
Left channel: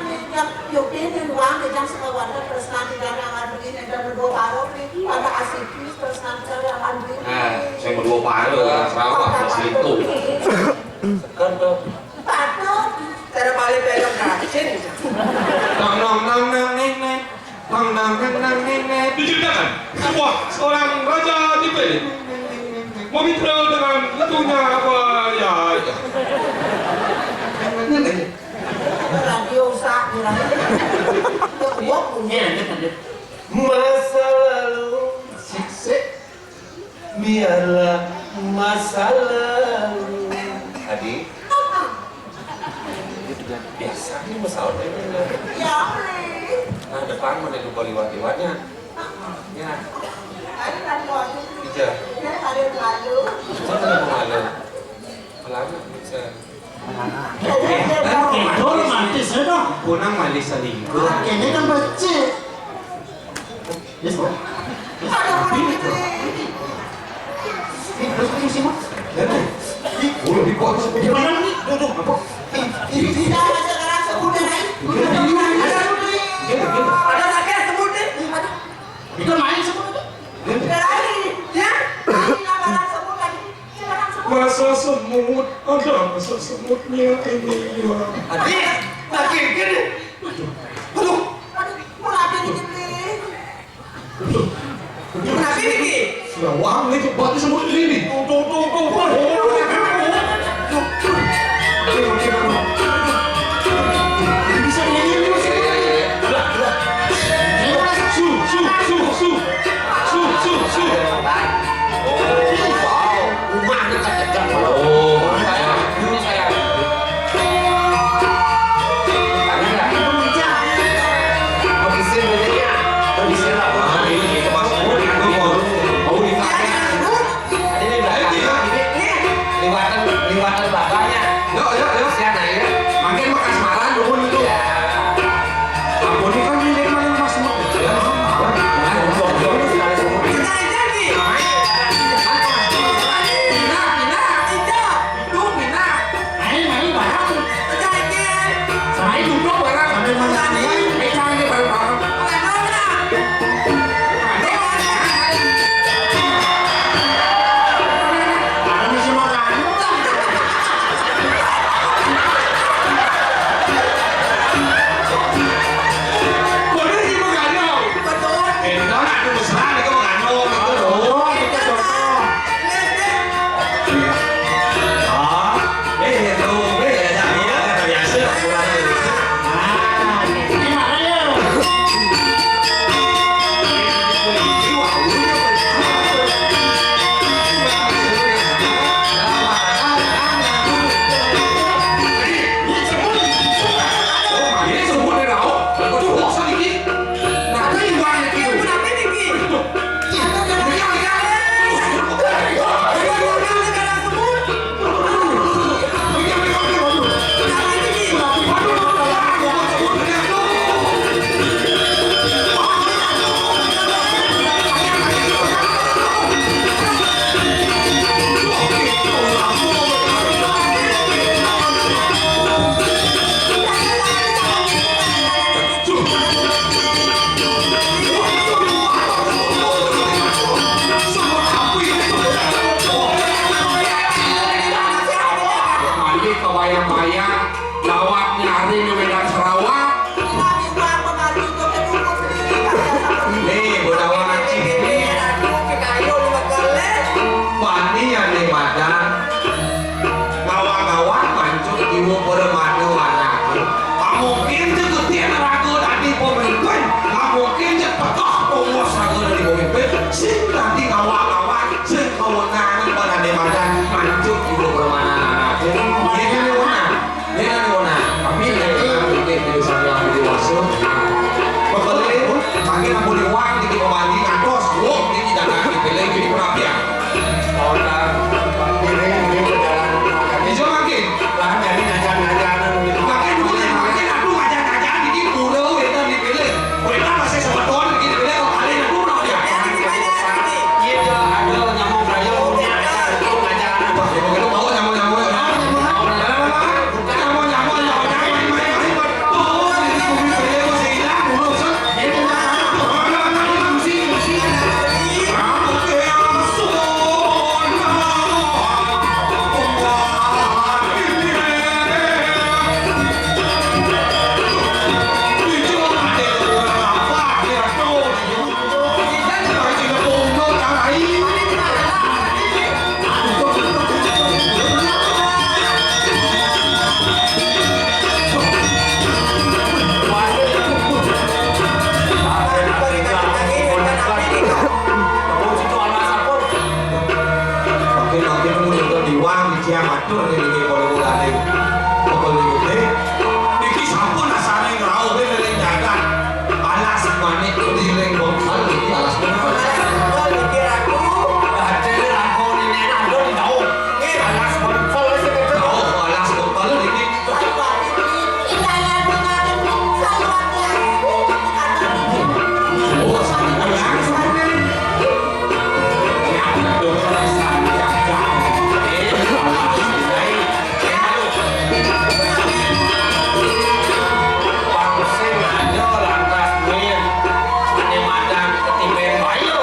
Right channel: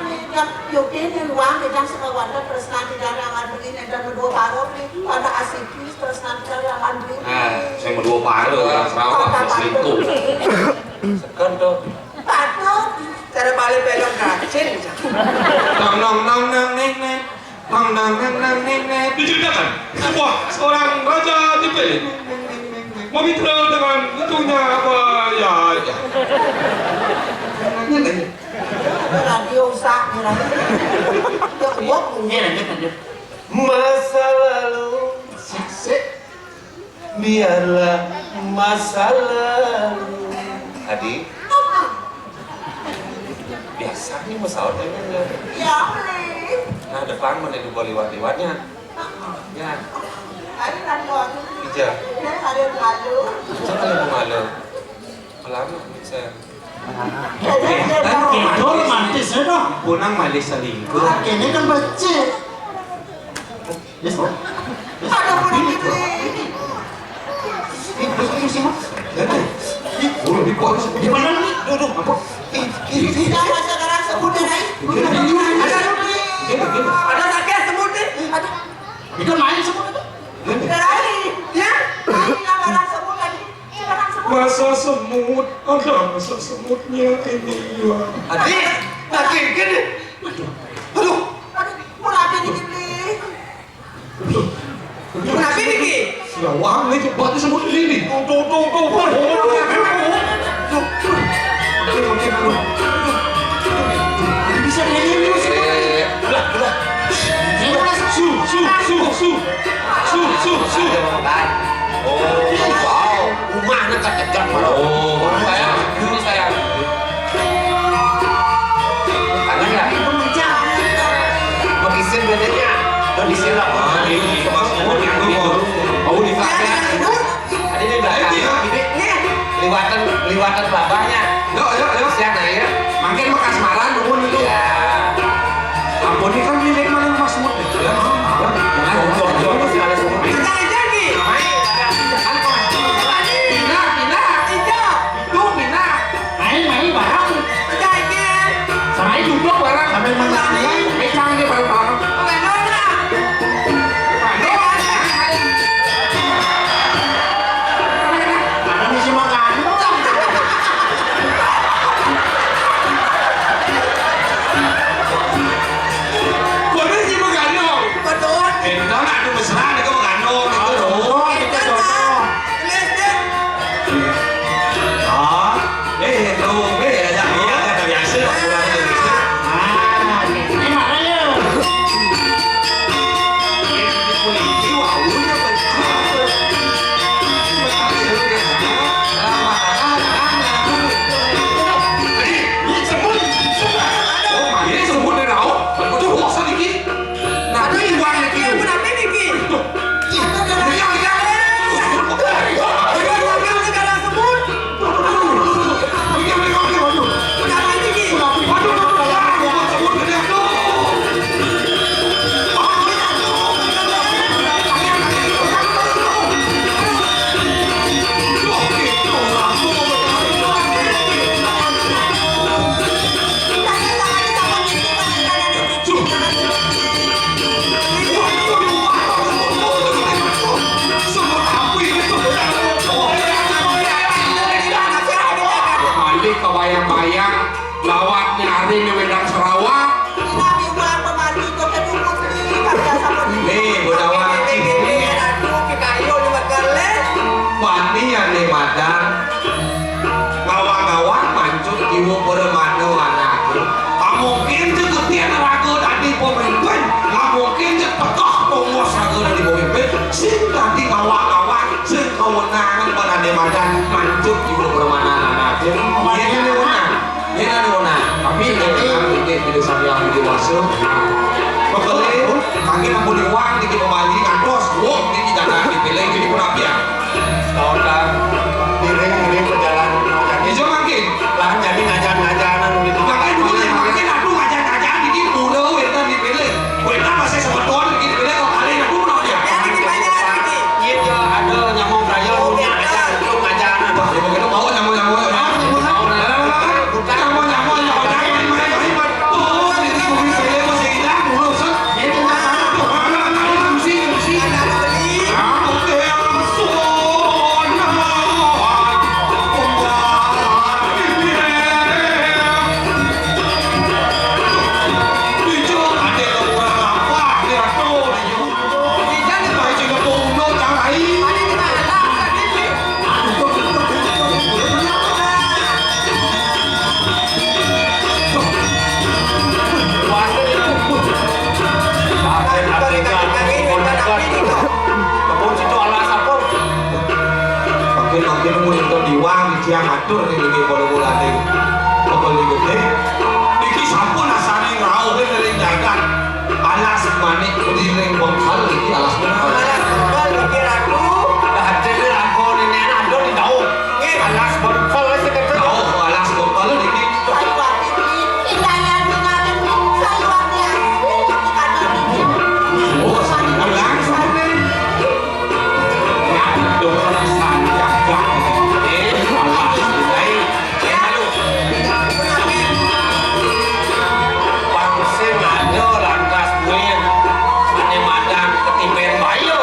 yokin di ruang di dalam sekawan terus nanti dari aman begini dan berdua baru nih ada asikis terus nanti dari aman begini. Saya mau dua paru orang Sarawak selingkuh. Kan tuh. Tato. Cara balik pegang kacin. Nong nong nong nong neng neng. Nong nong nong nong neng neng. Diceritakan sebuah seorang raja dipilih memitra dengan letunya apa ya. Radio sak ni lah. Dia buat punya. Masa lalu biarlah masa lalu. Adi. Biasa nih masalah ini. Ya boleh. Nah depan mana itu liwat-liwatnya. Ya. Ada radio. Ija. Ada radio. Siapa yang malu? Pelama bisa. Itu romantis ya dong. Punang malis selingkuh. Ini kan becek. Ada radio. Gimana nih? Tidak ada sekarang sebutnya naik. Ada sakit semut nih. Ada. Itu main semua itu. Terakhir. Ya. Ini sekarang sebut lagi. Sekarang sebut. Masa semut, ada masa semutnya ini ya. Adi, makin gini. Aduh. Mulai gini. Kenapa ini? Wah, ini buatnya semut ini. Bisa ini. Su. Wow, rumahnya kan tegang. Oh, saya. Ini saya. Ada nggak? Mau isin bedanya? Isin lah. Ini kemas semut itu mau dipakai. Ini belakang. Ini liwatan bapaknya. Yuk. Siapa ya? Makin bekas malan dulu itu. Ampun ini kan milik maling mas semut. Main barang. Sampai duduk barang. Sampai main. Jangan dia bareng-bareng. ngatur ini bola-bola ini. Pokoknya ini. Iki sampun asane ngrau dari jagat. Alas manik kudiring bongkal iki alas bongkal. Kau mikir aku. Ada aku ini ada di daun. Alas bongkal wis ketok. Oh, alas bongkal iki. Oh, sampeyan langsung. Ya, dorong sanjak. Pangsim aja lantas min. Ane madang ketipen bayo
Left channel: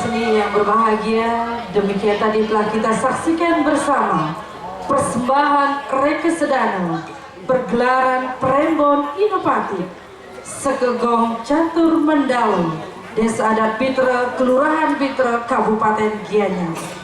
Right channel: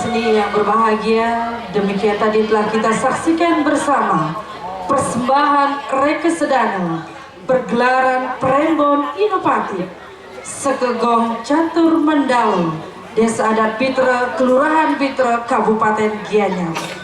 seni yang berbahagia, demikian tadi telah kita saksikan bersama persembahan Rekesedana pergelaran Prembon Inovatif Sekegong Catur Mandalo, Desa Adat Pitra, Kelurahan Pitra, Kabupaten Gianyar.